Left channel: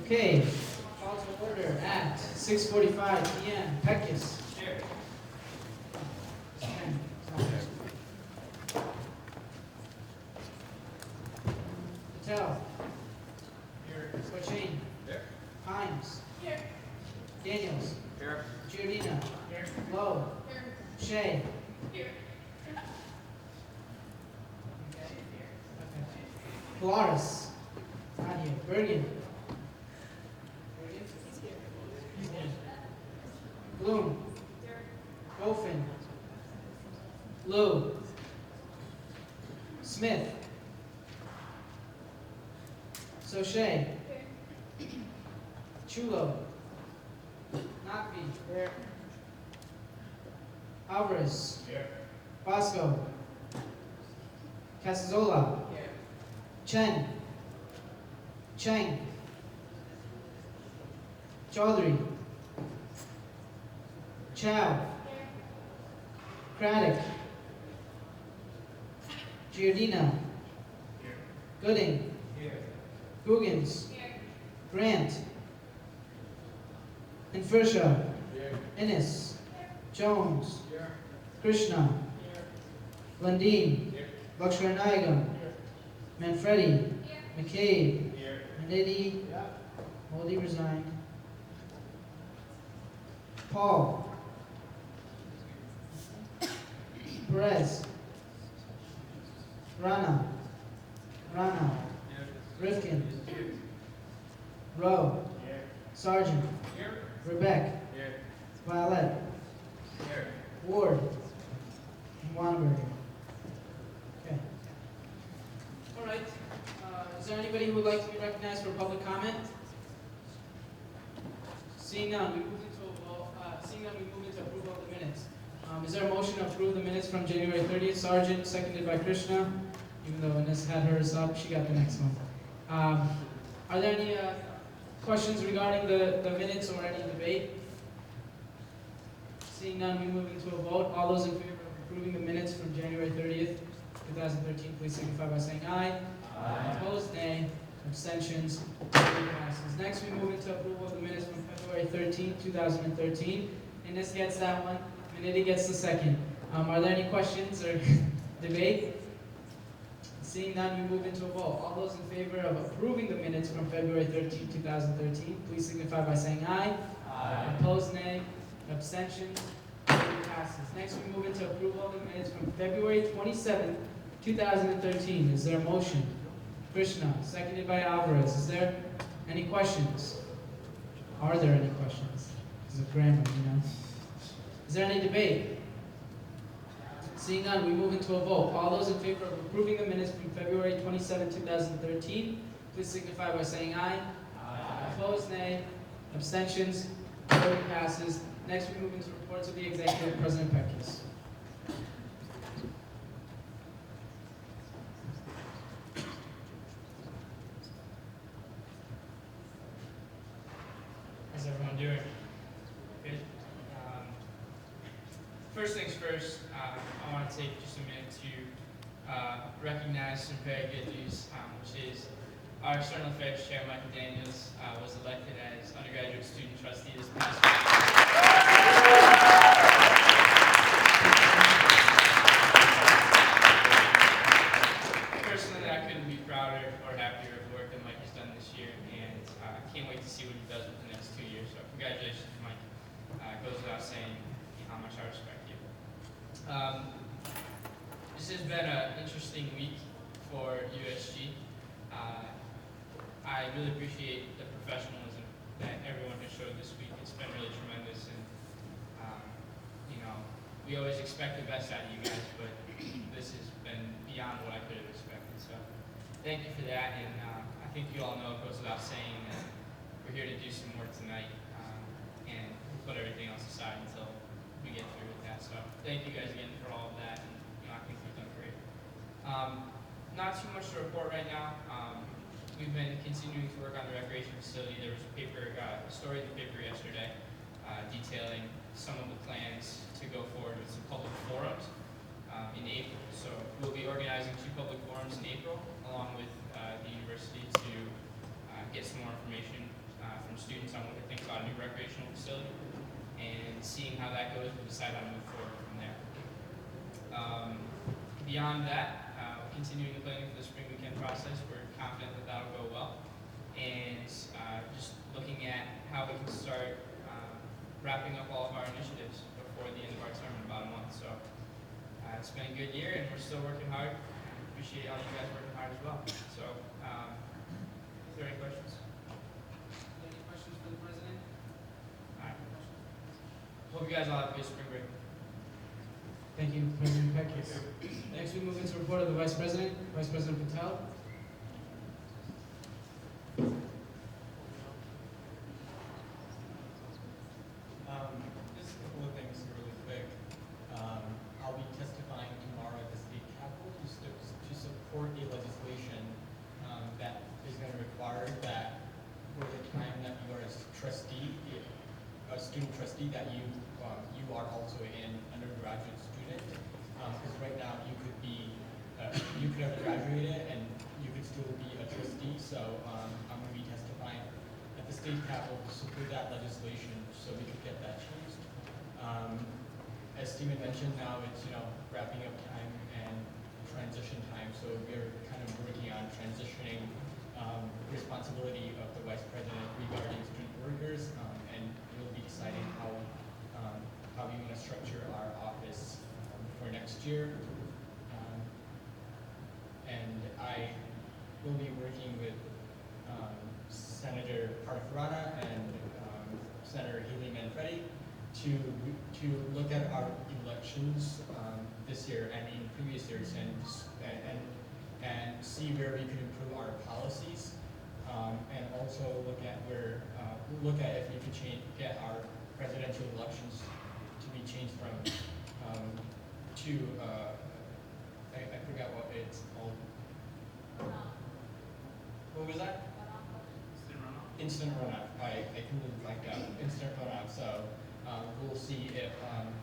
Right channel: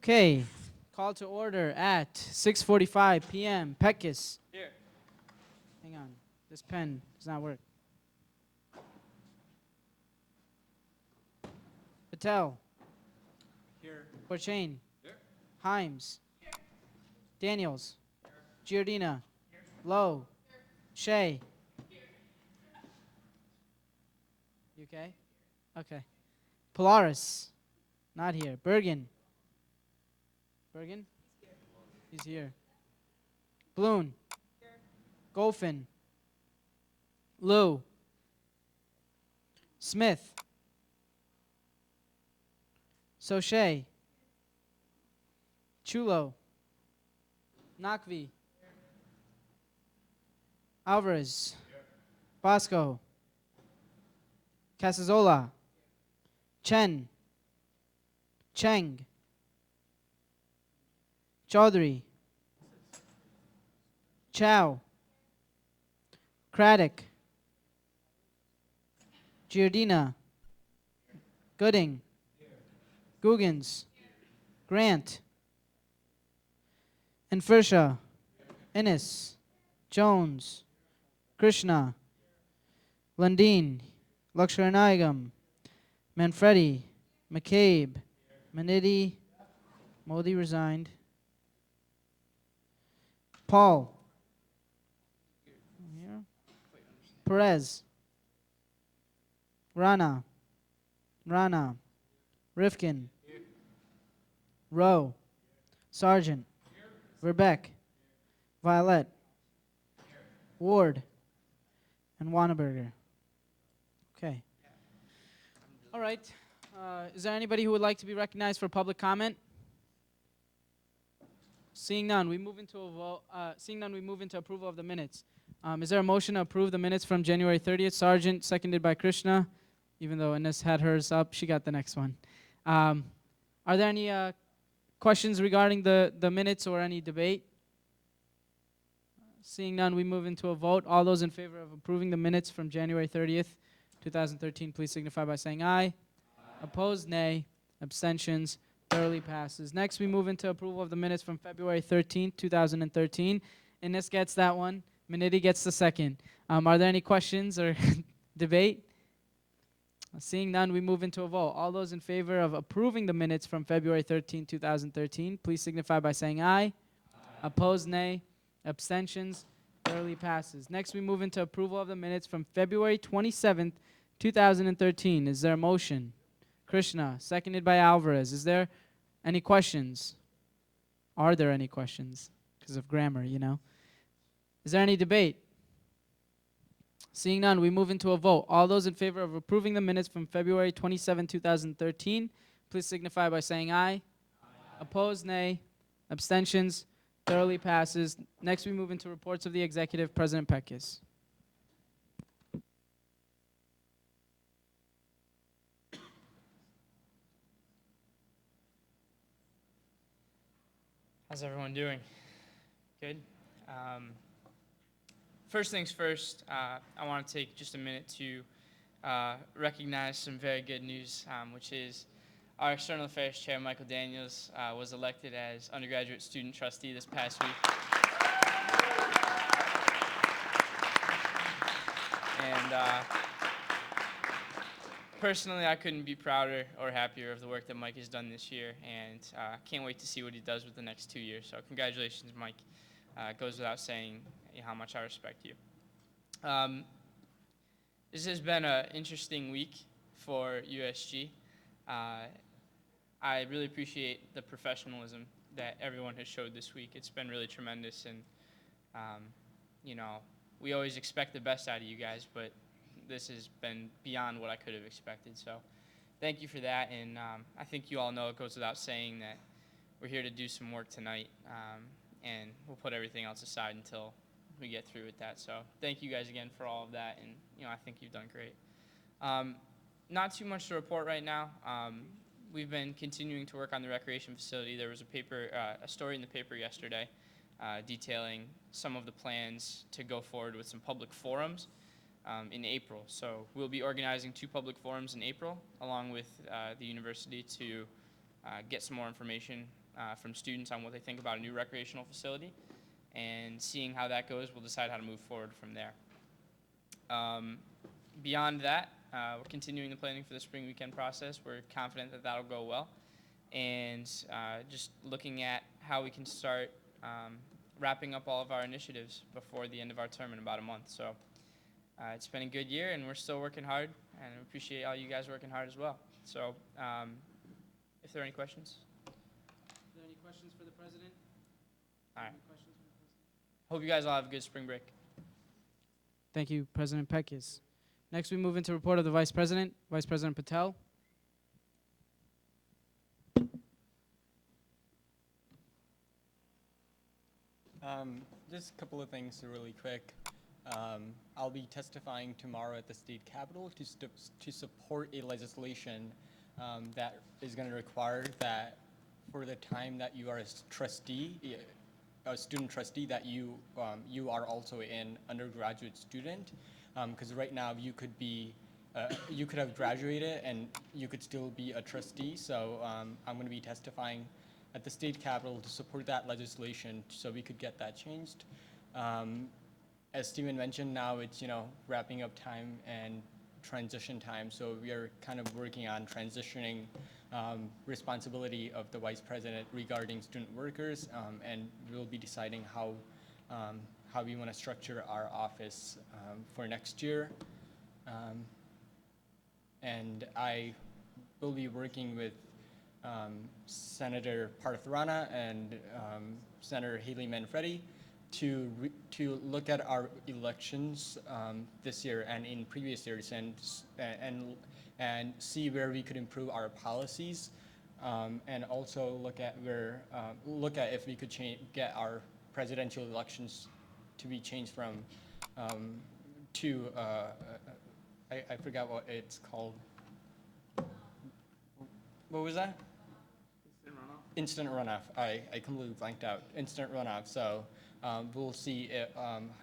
Okay, call to order at 6:45 p.m. Pekis. Here. It's pen. It's not working. Patel. Here. Forchain. Here. Himes. Here. Daniels. Here. Giordina. Here. Lowe. Here. Shea. Here. Okay. Okay. Polaris. Not here. Bergen. Bergen? He's here. Bloom. Golfin. Lou. Smith. Sochet. Chulo. Nakvi. Alvarez. Bosco. Casazola. Chen. Cheng. Chaudhry. Chow. Craddock. Giordina. Gooding. Googans. Grant. Infersha. Innes. Jones. Krishna. Lundeen. Laksharanayagam. Manfredi. McCabe. Manidi. Modi resigned. Paul. Perez. Rana. Rifkin. Rowe. Sargent. Verbeck. Violet. Ward. And Wanneberger. Okay. All right. Is there anybody who would like to be recognized for public comment? Seeing none, we move into a vote. Seeing none, we move into approval of the minutes. Is there a motion to approve the minutes from January 30th? Sargent, seconded by Krishna. Even though Ines had hers up, she got the next one. Are there any questions regarding the minutes or any debate? Seeing none, we move into a vote. All those in favor of approving the minutes from January 30th, 2013, please signify by saying aye. Opposed, nay. Abstentions, carried passes. Next, we move into approval of the minutes from February 13, 2013. Ines gets that one. Manidi gets the second. Are there any questions or debate? Seeing none, we move into a vote. All those in favor of approving the minutes from February 13, 2013, please signify by saying aye. Opposed, nay. Abstentions, carried passes. Next, we move into approval of the minutes from February 27, 2013. Is there a motion? Krishna, seconded by Alvarez. Is there any questions? Are there any questions? Because of grammar, you know. Is there any debate? Seeing none, we move into a vote. All those in favor of approving the minutes from February 27, 2013, please signify by saying aye. Opposed, nay. Abstentions, clearly passes. Next, we move into reports of the executive. President Pekis. How's everyone doing? Good? First things first, I want to take just a minute to recognize some very good news, which is our External Affairs Chair, Michael Daniels, was elected as undergraduate student trustee this past week. Personally, I couldn't be prouder or happier of the work that Mike has done this year, and can't wait to see what he does with the next 2 years. So congratulations, Mike. It goes without saying how much I respect you. This has been an interesting week for USG. I really appreciate the professionalism that everyone has showed this week. It's been really tremendous, and we always expect the best out of you guys, but this has been beyond what I could have expected. So thank you for that, and I think you all know it goes without saying that we're here to do some work tonight, and we'll put everything else aside until we get through with that. So thank you guys again for all of that, and I think you've done great. Not too much to report right now. We've been continuing to work on the recreation facility. There was a story in the paper yesterday detailing some of the plans to go forward with some public forums in April. So we'll be organizing 2 public forums in April, along with the university, to get some more information from students on what they think about a new recreational facility, and seeing how that goes, we'll decide how to move forward from there. Beyond that, continuing the planning for the spring weekend process, we're confident that that'll go well, and just looking at how we can start wrapping up all of our initiatives before the end of our term in about a month. So it's been a good year, and we're still working hard, and we appreciate all you guys working hard as well. So if there are any questions? Any questions for the president? All right. Hope you guys all have a good spring break. Thank you, President Peckus. Next, we move into report of the Vice President, Vice President Patel. Just a couple of things really quick. I'll be testifying tomorrow at the state capitol to support a legislation that is going to require that for the time that you are a trustee, a student trustee, that you are also an undergraduate student. Because right now you could have graduated and you could still be a trustee. So I'm going to be testifying at the state capitol to support that legislation so we could get that changed. As Stephen mentioned, now it's wrapping up time and transition time, so we are kind of working on transitioning responsibility of the vice president regarding student workers, and we'll be deciding how we want to structure our office for next year. And I will be working with Senator Partharana and Senator Haley Manfredi to look at our elections this year and in previous years, and see where we could improve our policies, and also look at if we could get our presidential elections to be changed from I forgot what it's called. What was that? Instant runoff. I completely blanked out. Instant runoff. So we'll see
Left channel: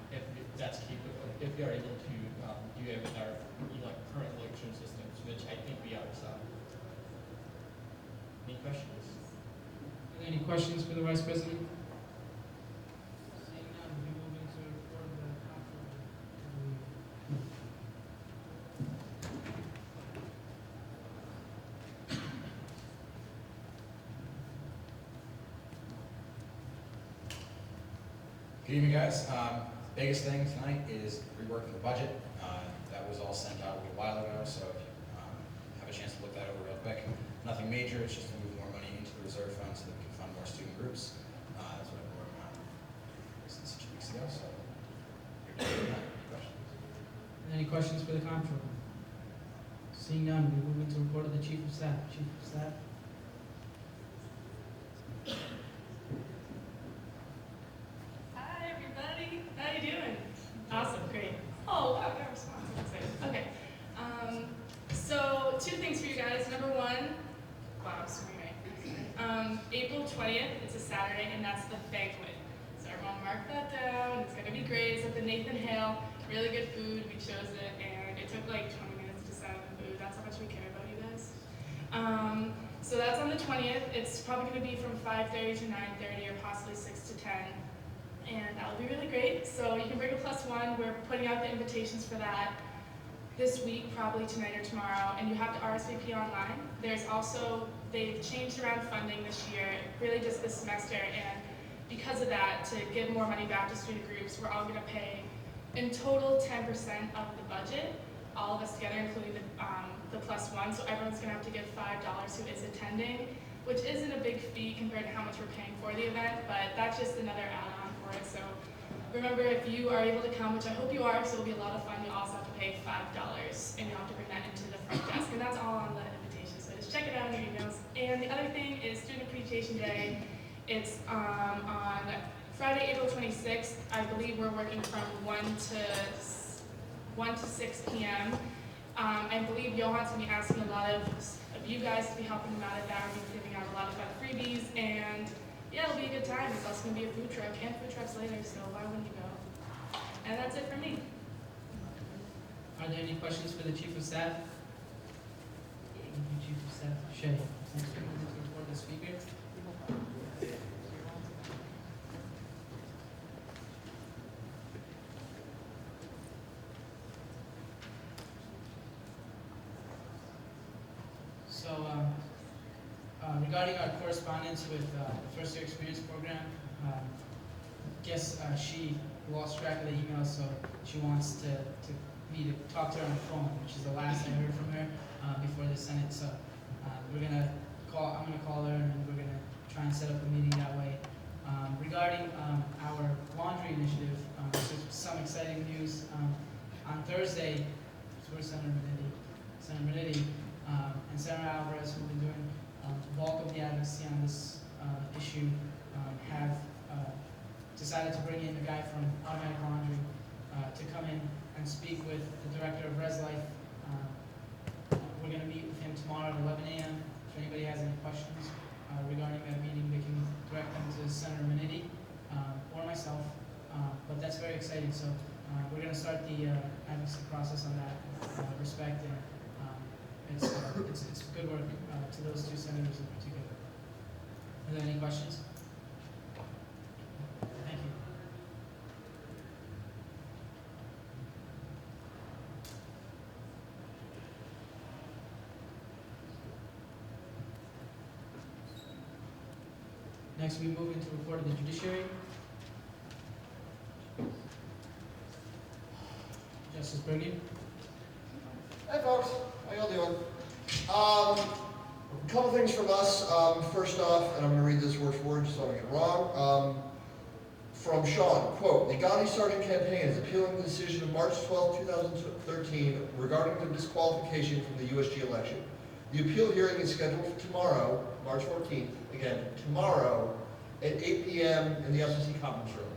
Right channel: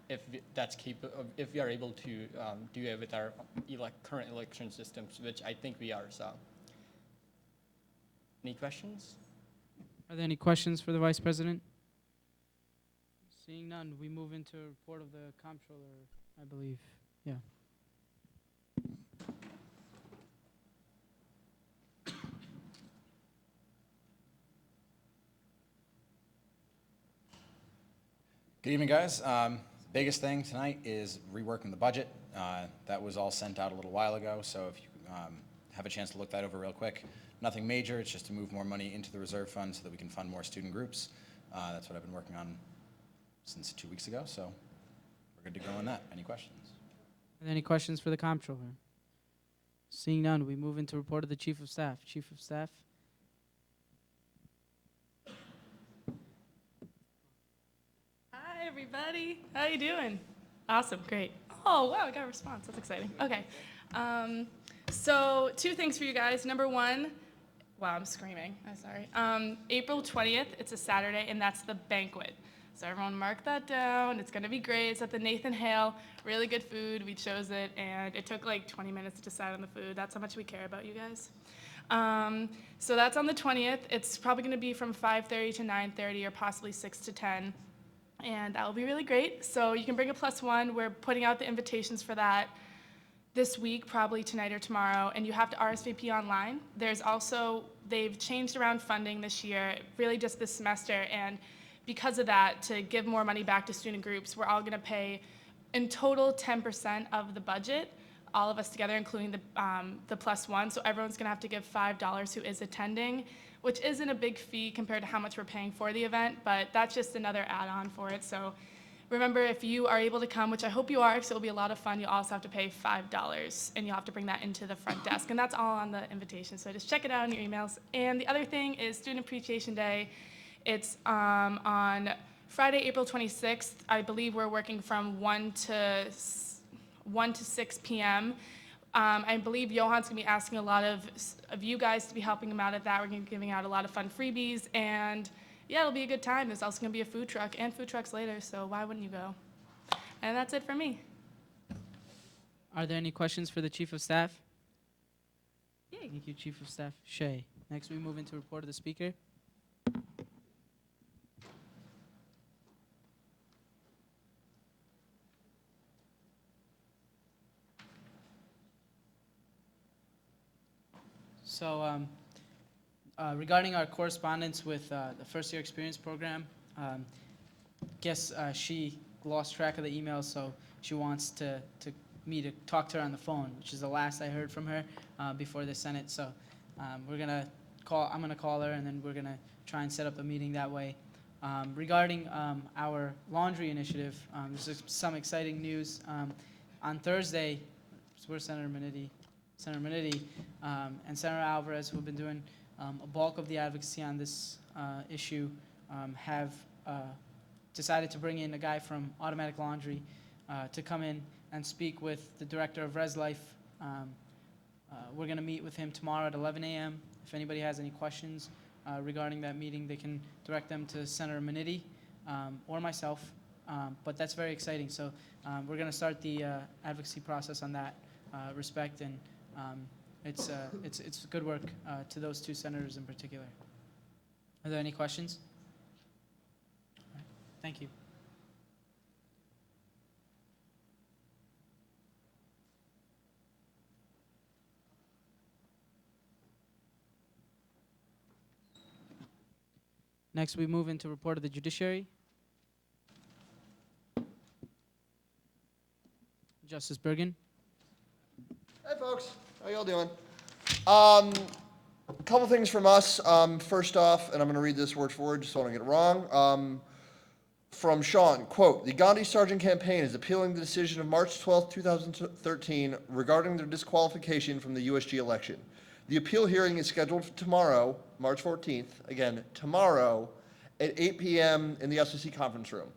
if that's capable, if we are able to do it with our current election systems, which I think we are. So, any questions? Are there any questions for the Vice President? Seeing none, we move into a report of the comptroller, I believe. Yeah. Good evening, guys. Biggest thing tonight is reworking the budget. That was all sent out a little while ago, so if you have a chance to look that over real quick. Nothing major, it's just to move more money into the reserve fund so that we can fund more student groups. That's what I've been working on since 2 weeks ago, so we're good to go on that. Any questions? Are there any questions for the comptroller? Seeing none, we move into report of the Chief of Staff. Chief of Staff? Hi, everybody. How you doing? Awesome, great. Oh, wow, got a response. I'm excited. Okay. So 2 things for you guys. Number 1, wow, I'm screaming. I'm sorry. April 20th, it's a Saturday, and that's the banquet. So everyone mark that down. It's going to be great. It's at the Nathan Hale. Really good food. We chose it, and it took like 20 minutes to decide on the food. That's how much we care about you guys. So that's on the 20th. It's probably going to be from 5:30 to 9:30, or possibly 6 to 10. And that'll be really great. So you can bring a +1. We're putting out the invitations for that this week, probably tonight or tomorrow, and you have to RSVP online. There's also, they've changed around funding this year, really just this semester, and because of that, to give more money back to student groups, we're all gonna pay in total 10% of the budget, all of us together, including the +1, so everyone's gonna have to give $5 who is attending, which isn't a big fee compared to how much we're paying for the event, but that's just another add-on for it. So remember, if you are able to come, which I hope you are, so it'll be a lot of fun, you'll also have to pay $5, and you'll have to bring that into the front desk, and that's all on the invitation, so just check it out in your emails. And the other thing is Student Appreciation Day. It's on Friday, April 26th. I believe we're working from 1 to 6 p.m. I believe Johan's going to be asking a lot of you guys to be helping him out at that. We're going to be giving out a lot of fun freebies, and yeah, it'll be a good time. There's also going to be a food truck and food trucks later, so why wouldn't you go? And that's it for me. Are there any questions for the Chief of Staff? Yay. Thank you, Chief of Staff Shea. Next, we move into report of the Speaker. So, regarding our correspondence with the First Year Experience Program, she lost track of the emails, so she wants me to talk to her on the phone, which is the last I heard from her before the Senate. So, I'm gonna call her, and then we're gonna try and set up a meeting that way. Regarding our laundry initiative, there's some exciting news. On Thursday, where's Senator Minetti, and Senator Alvarez, who've been doing the bulk of the advocacy on this issue, have decided to bring in a guy from Automatic Laundry to come in and speak with the director of Res Life. We're going to meet with him tomorrow at 11 a.m. If anybody has any questions regarding that meeting, they can direct them to Senator Minetti or myself. But that's very exciting. So we're going to start the advocacy process on that respect, and it's good work to those two senators in particular. Are there any questions? Thank you. Next, we move into report of the judiciary. Justice Bergen. Hey folks, how y'all doing? Couple things from us. First off, and I'm going to read this word for word just so I don't get it wrong. From Sean, quote, the Gandhi Sargent campaign is appealing the decision of March 12, 2013 regarding the disqualification from the USG election. The appeal hearing is scheduled for tomorrow, March 14th, again, tomorrow at 8 p.m. in the SEC conference room.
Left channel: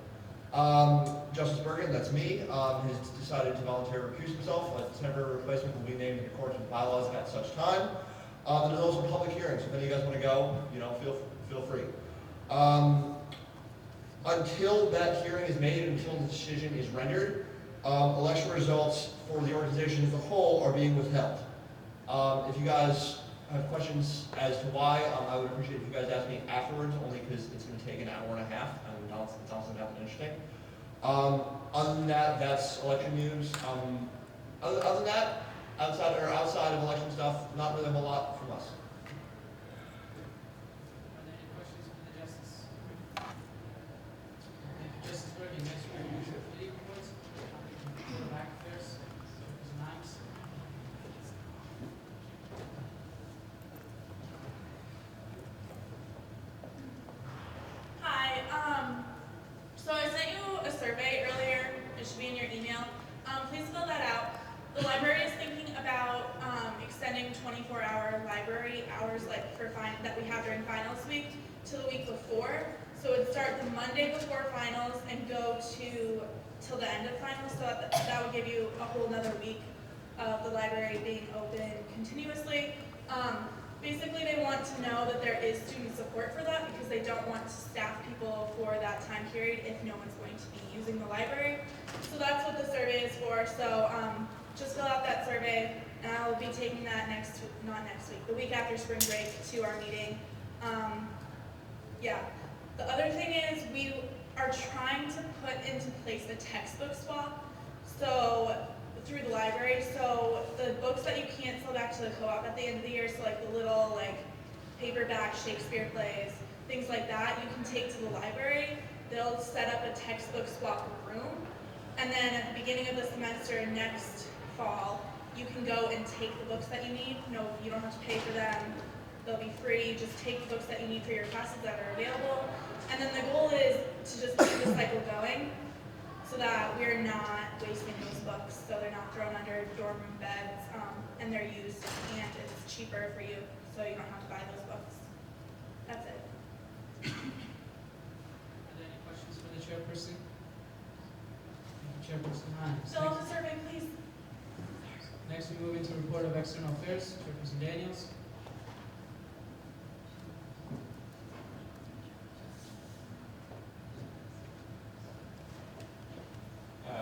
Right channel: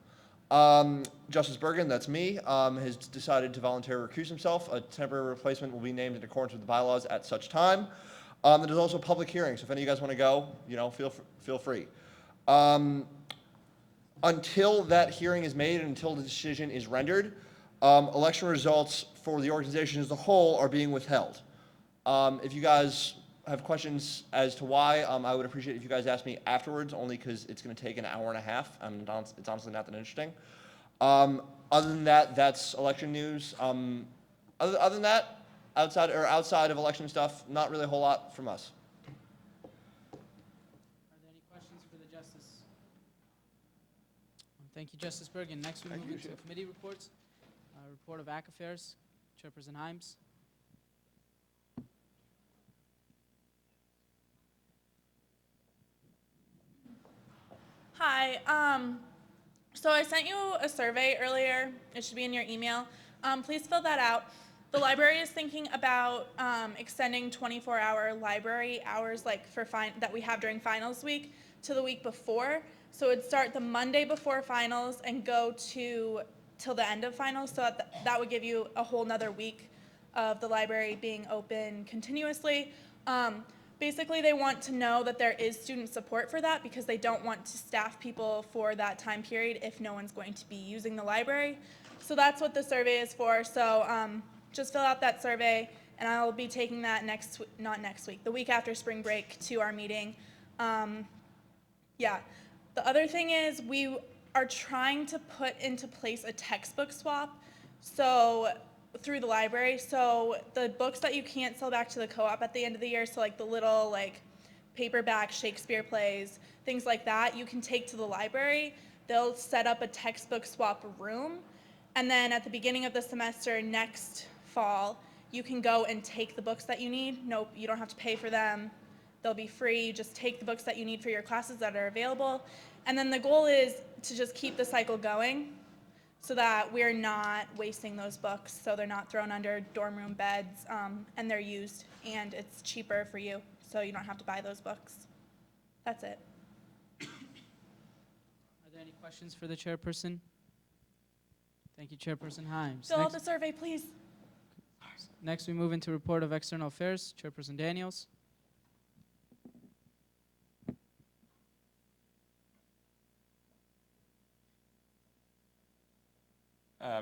Justice Bergen, that's me, has decided to voluntarily recuse himself. A temporary replacement will be named in accordance with bylaws at such time. There's also public hearings. If any of you guys want to go, feel free. Until that hearing is made and until the decision is rendered, election results for the organization as a whole are being withheld. If you guys have questions as to why, I would appreciate if you guys ask me afterwards, only because it's going to take an hour and a half, and it's honestly not that interesting. Other than that, that's election news. Other than that, outside of election stuff, not really a whole lot from us. Thank you, Justice Bergen. Next, we're going to move to committee reports. Board of Act Affairs, Chairperson Himes. Hi, so I sent you a survey earlier. It should be in your email. Please fill that out. The library is thinking about extending 24-hour library hours that we have during finals week to the week before. So it would start the Monday before finals and go till the end of finals. So that would give you a whole nother week of the library being open continuously. Basically, they want to know that there is student support for that because they don't want to staff people for that time period if no one's going to be using the library. So that's what the survey is for. So just fill out that survey, and I'll be taking that the week after spring break to our meeting. The other thing is we are trying to put into place a textbook swap. So through the library, so the books that you can't sell back to the co-op at the end of the year, so like the little paperback Shakespeare plays, things like that, you can take to the library. They'll set up a textbook swap room, and then at the beginning of the semester next fall, you can go and take the books that you need. No, you don't have to pay for them. They'll be free. You just take the books that you need for your classes that are available. And then the goal is to just keep the cycle going, so that we're not wasting those books, so they're not thrown under dorm room beds, and they're used, and it's cheaper for you, so you don't have to buy those books. That's it. Are there any questions for the chairperson? Thank you, Chairperson Himes. Fill out the survey, please. Next, we move into report of external affairs. Chairperson Daniels.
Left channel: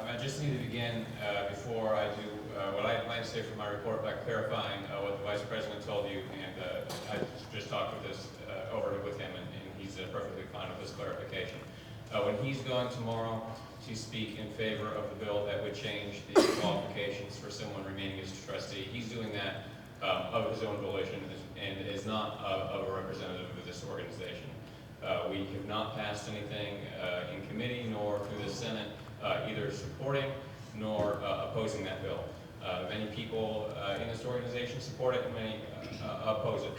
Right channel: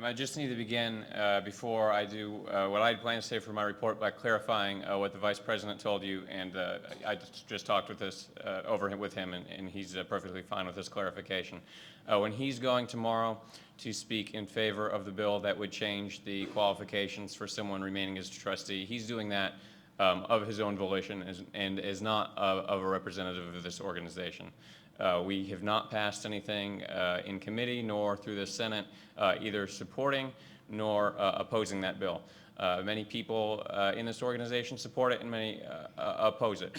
I just need to begin before I do what I plan to say for my report by clarifying what the Vice President told you, and I just talked with him, and he's perfectly fine with this clarification. When he's going tomorrow to speak in favor of the bill that would change the qualifications for someone remaining as a trustee, he's doing that of his own volition and is not of a representative of this organization. We have not passed anything in committee nor through the Senate either supporting nor opposing that bill. Many people in this organization support it and many oppose it.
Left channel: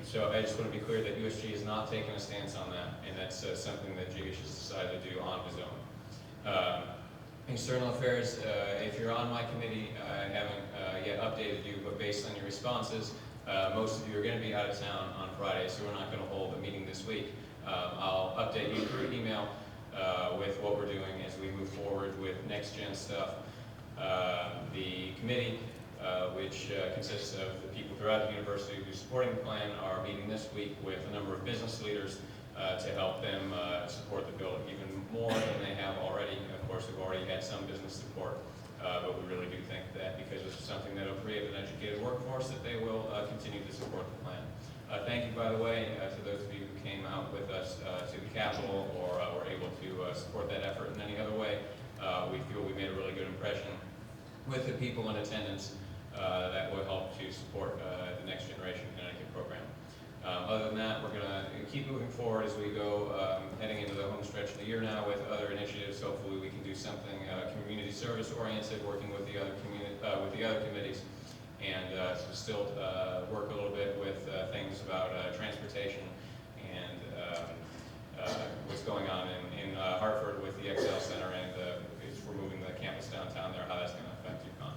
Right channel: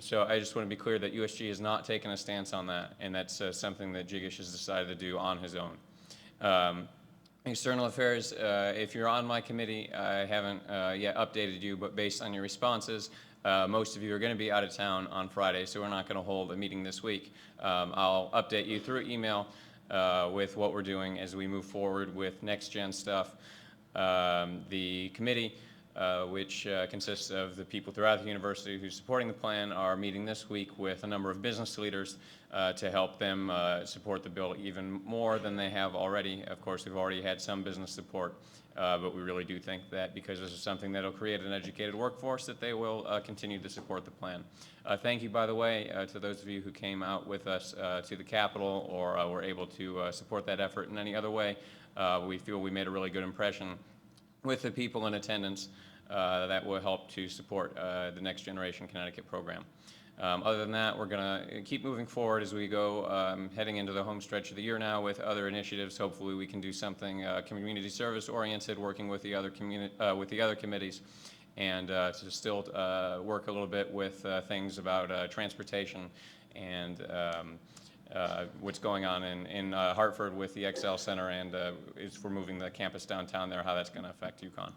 So I just want to be clear that USG has not taken a stance on that, and that's something that Jigish has decided to do on his own. External Affairs, if you're on my committee, I haven't yet updated you, but based on your responses, most of you are going to be out of town on Friday, so we're not going to hold a meeting this week. I'll update you through email with what we're doing as we move forward with next gen stuff. The committee, which consists of the people throughout the university who are supporting the plan, are meeting this week with a number of business leaders to help them support the bill even more than they have already. Of course, we've already had some business support, but we really do think that because this is something that will create an educated workforce, that they will continue to support the plan. Thank you, by the way, to those of you who came out with us to the Capitol or were able to support that effort in any other way. We feel we made a really good impression with the people in attendance that will help to support the Next Generation Connecticut program. Other than that, we're going to keep moving forward as we go, heading into the home stretch of the year now with other initiatives. Hopefully we can do something community service oriented, working with the other committees, and to still work a little bit with things about transportation and what's going on in Hartford with the Excel Center, and if we're moving the campus downtown there, how that's going to affect UConn.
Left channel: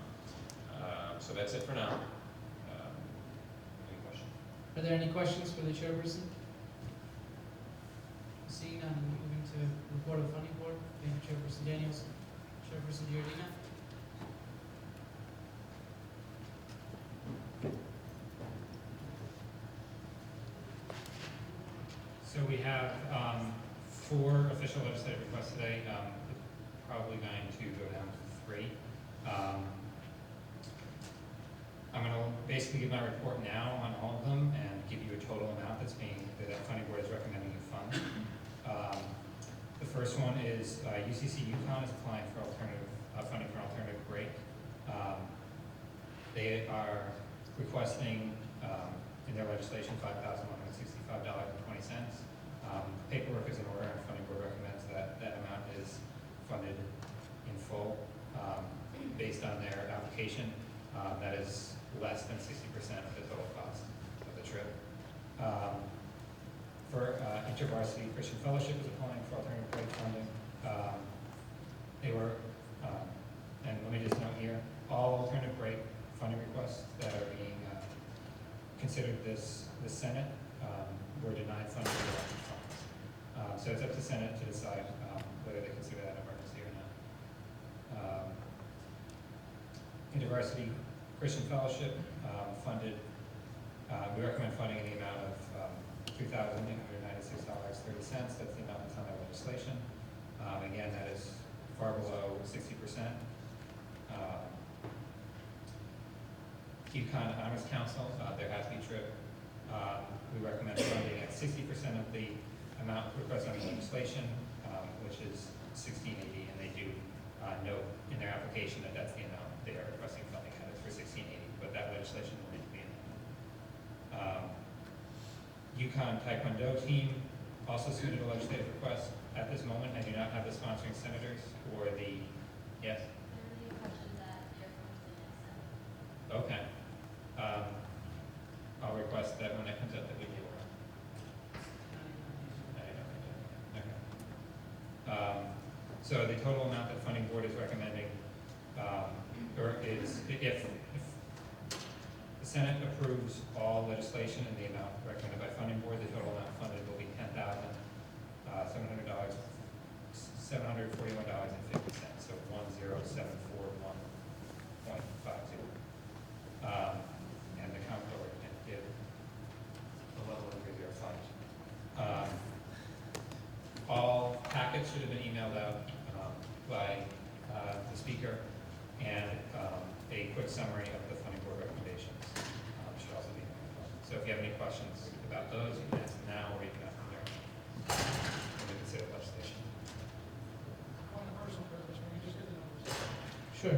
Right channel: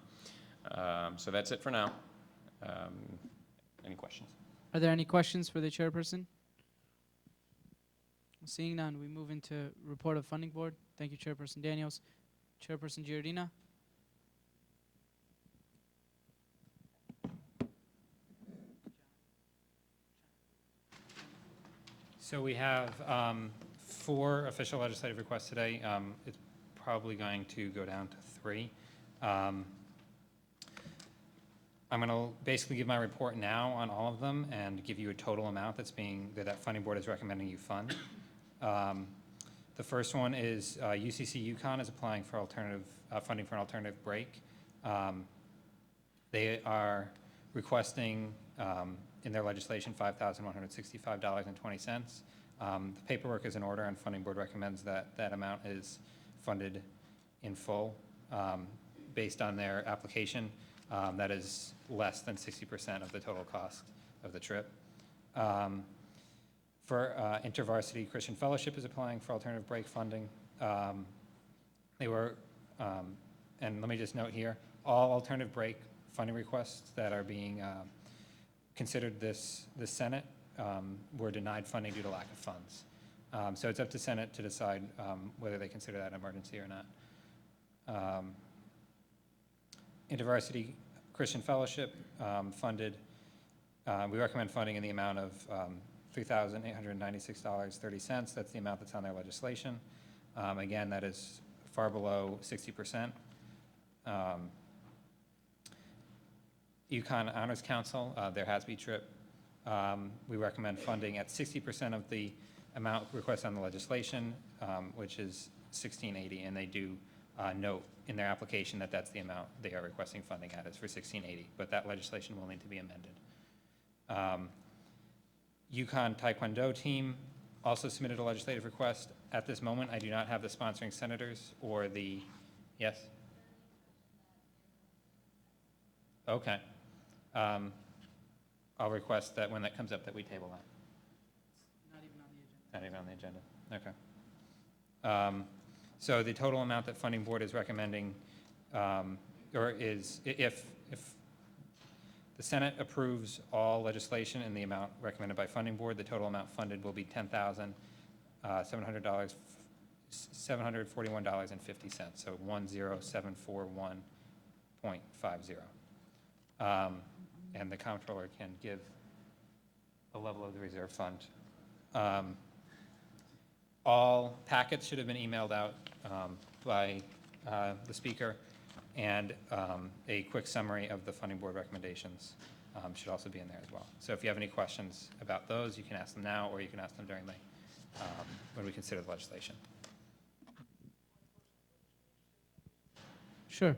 So that's it for now. Any questions? Are there any questions for the chairperson? Seeing none, we move into report of funding board. Thank you, Chairperson Daniels. Chairperson Giordina. So we have 4 official legislative requests today. It's probably going to go down to 3. I'm going to basically give my report now on all of them and give you a total amount that funding board is recommending you fund. The first one is UCC UConn is applying for funding for an alternative break. They are requesting in their legislation $5,165.20. Paperwork is in order, and funding board recommends that that amount is funded in full based on their application. That is less than 60% of the total cost of the trip. For InterVarsity Christian Fellowship is applying for alternative break funding. And let me just note here, all alternative break funding requests that are being considered the Senate were denied funding for the funds. So it's up to Senate to decide whether they consider that an emergency or not. InterVarsity Christian Fellowship funded, we recommend funding in the amount of $3,896.30. That's the amount that's on their legislation. Again, that is far below 60%. UConn Honors Council, their HASB trip, we recommend funding at 60% of the amount requested on the legislation, which is $1,680, and they do note in their application that that's the amount they are requesting funding at, is for $1,680, but that legislation will need to be amended. UConn Taekwondo team also submitted a legislative request. At this moment, I do not have the sponsoring senators or the, yes? Okay. I'll request that when that comes up that we table it. Okay. So the total amount that funding board is recommending, or is, if the Senate approves all legislation in the amount recommended by funding board, the total amount funded will be $10,741.50. So 10741.50. And the comptroller can give the level of the reserve fund. All packets should have been emailed out by the speaker, and a quick summary of the funding board recommendations should also be in there as well. So if you have any questions about those, you can ask them now, or you can ask them during when we consider the legislation. Sure.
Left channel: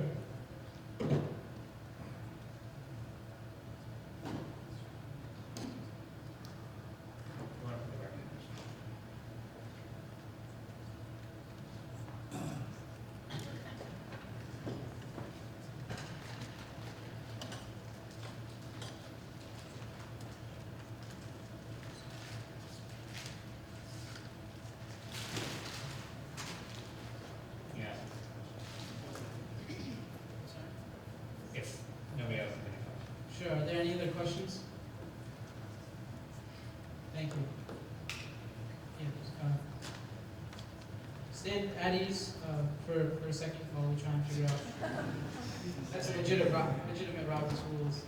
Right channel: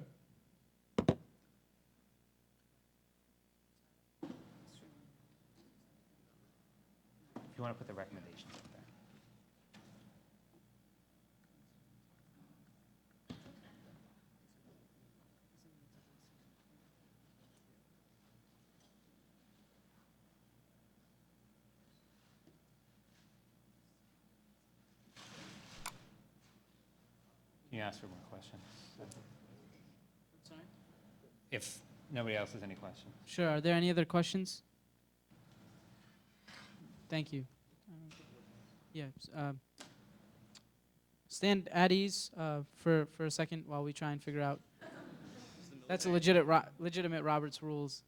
if nobody else has any questions. Sure, are there any other questions? Thank you. Yes, stand at ease for a second while we try and figure out. That's a legitimate Robert's rules.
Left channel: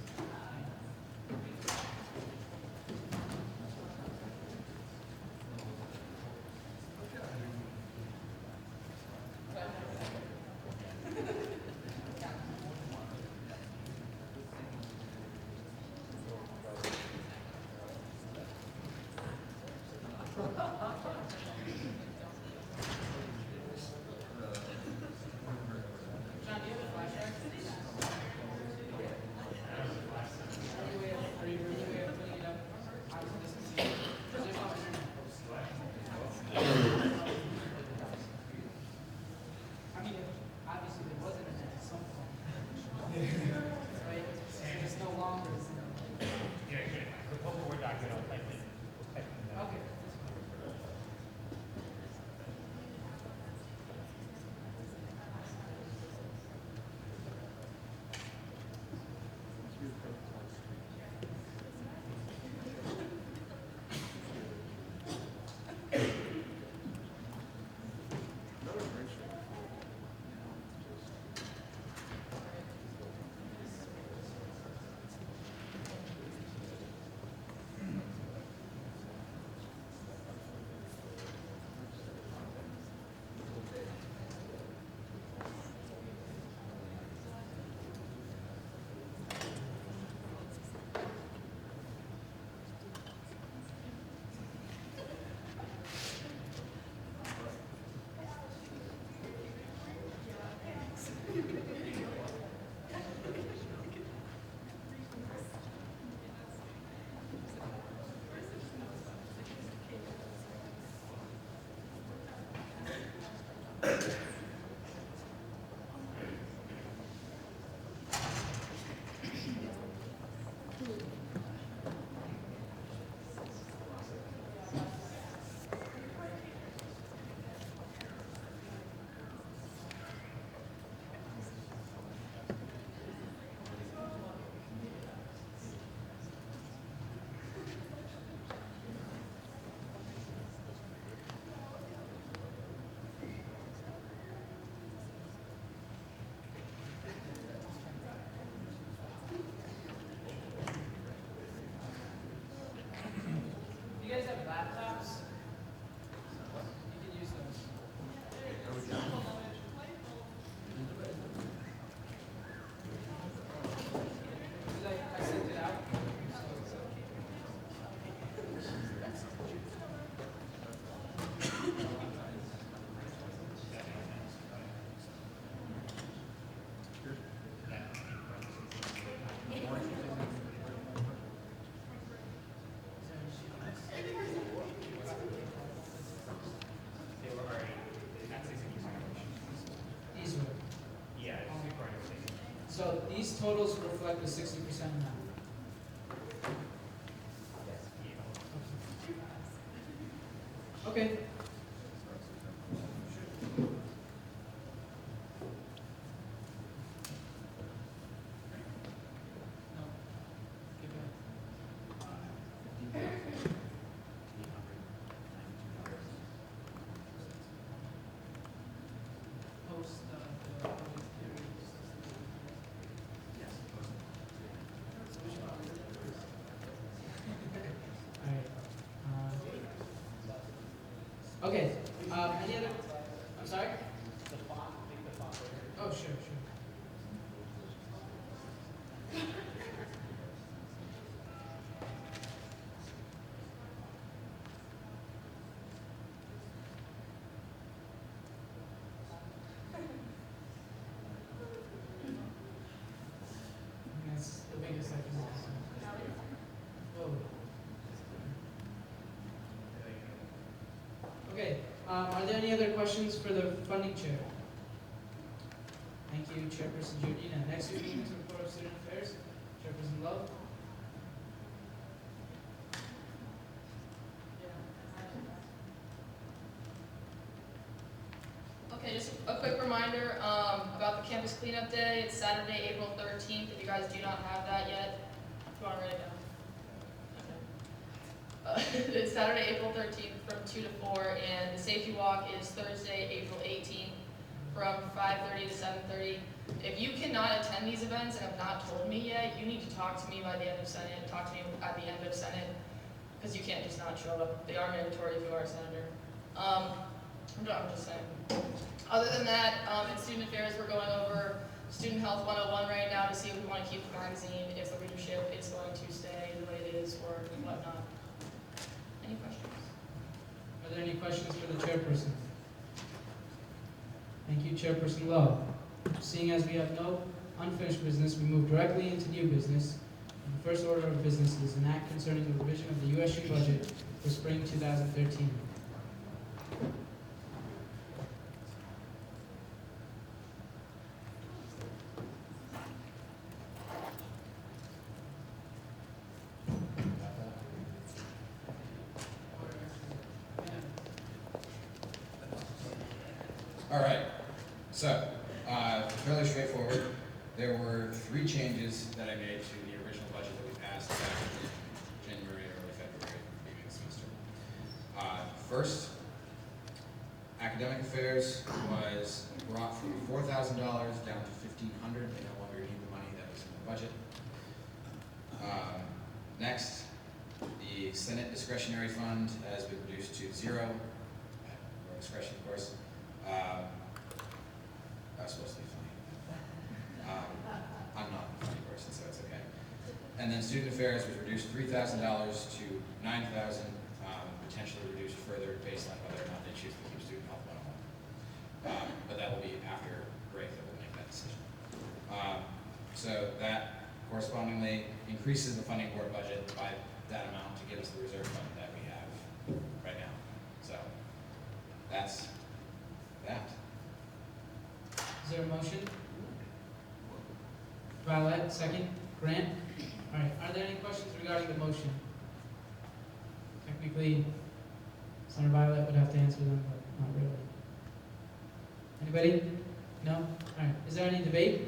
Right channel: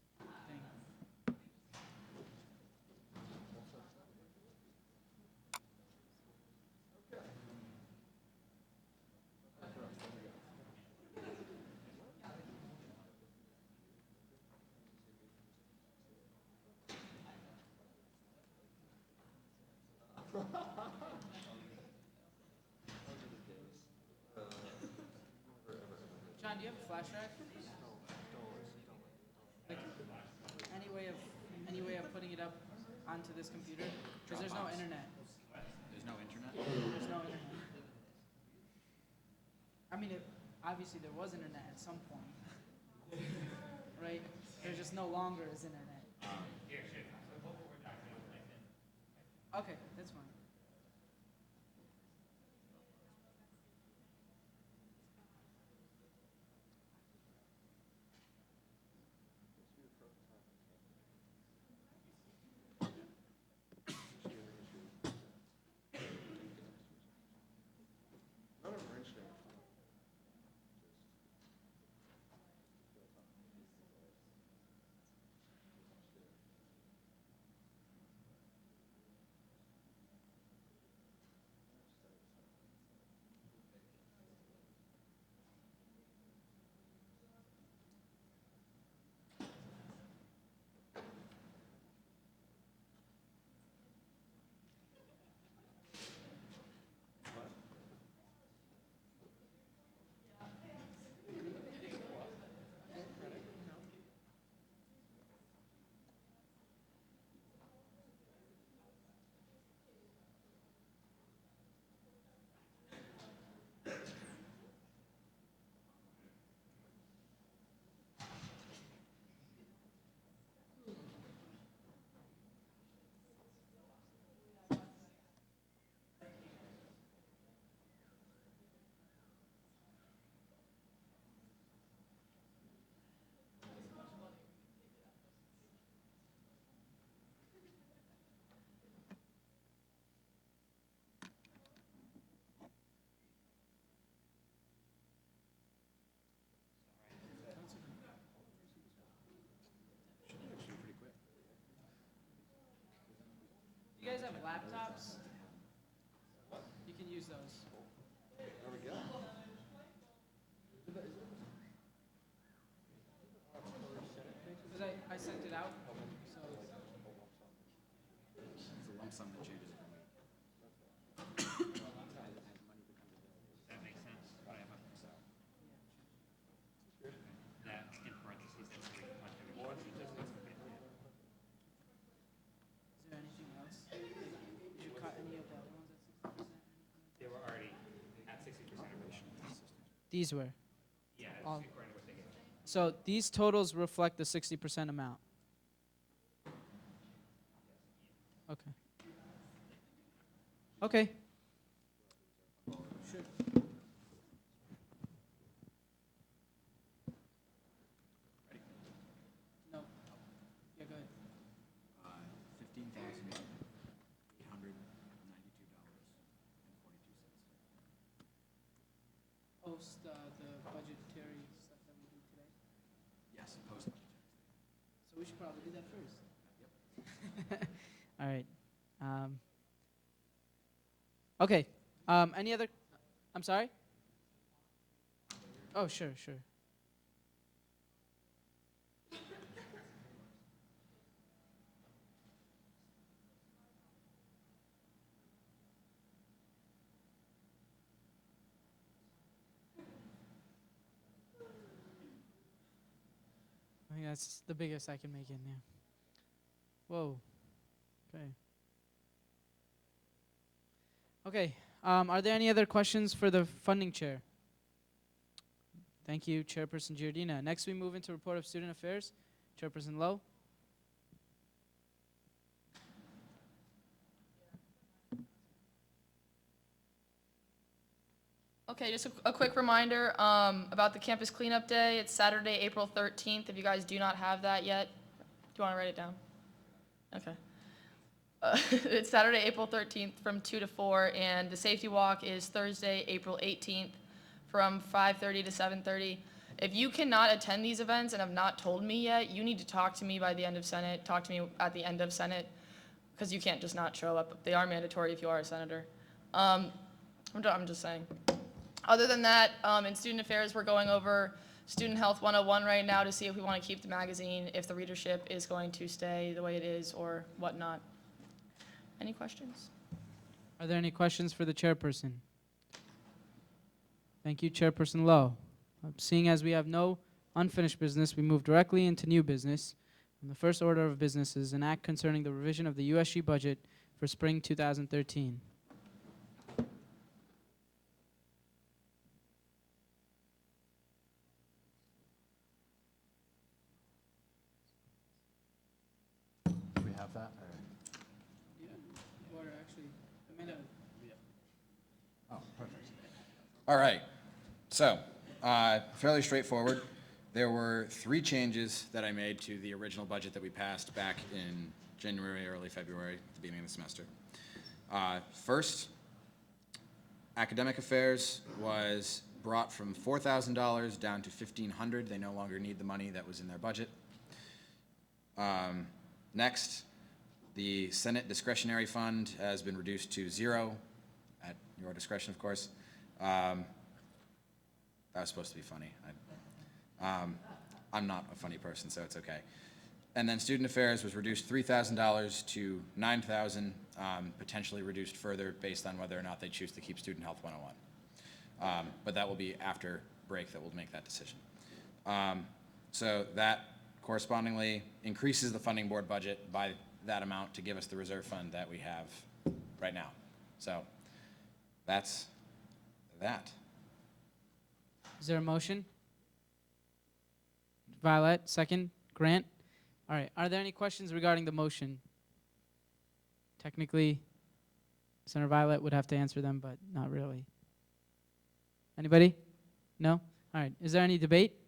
These were. Yeah. So these totals reflect the 60% amount. Okay. All right. Okay. Any other? I'm sorry. Oh, sure, sure. Yeah, it's the biggest I can do. Whoa. Okay. Are there any other questions for the funding chair? Thank you, Chairperson Giordina. Next, we move into report of student affairs. Chairperson Lowe. Okay, just a quick reminder, reminder about the campus cleanup day. It's Saturday, April 13th. If you guys do not have that yet, if you want to write it down. Okay. It's Saturday, April 13th from 2 to 4, and the safety walk is Thursday, April 18th from 5:30 to 7:30. If you cannot attend these events and have not told me yet, you need to talk to me by the end of Senate. Talk to me at the end of Senate, because you can't just not show up. They are mandatory if you are a senator. I'm just saying. Other than that, in student affairs, we're going over Student Health 101 right now to see if we want to keep the magazine, if the readership is going to stay the way it is, or whatnot. Any questions? Are there any questions for the chairperson? Thank you, Chairperson Lowe. Seeing as we have no unfinished business, we move directly into new business. The first order of business is an act concerning the revision of the USG budget for spring 2013. All right, so, fairly straightforward. There were 3 changes that I made to the original budget that we passed back in January, early February, at the beginning of the semester. First, academic affairs was brought from $4,000 down to $1,500. They no longer need the money that was in their budget. Next, the Senate discretionary fund has been reduced to 0, at your discretion, of course. That was supposed to be funny. I'm not a funny person, so it's okay. And then student affairs was reduced $3,000 to $9,000, potentially reduced further based on whether or not they choose to keep Student Health 101. But that will be after break that we'll make that decision. So that correspondingly increases the funding board budget by that amount to give us the reserve fund that we have right now. So that's that. Is there a motion? Violet, second. Grant? All right, are there any questions regarding the motion? Technically, Senator Violet would have to answer them, but not really. Anybody? No? All right, is there any debate?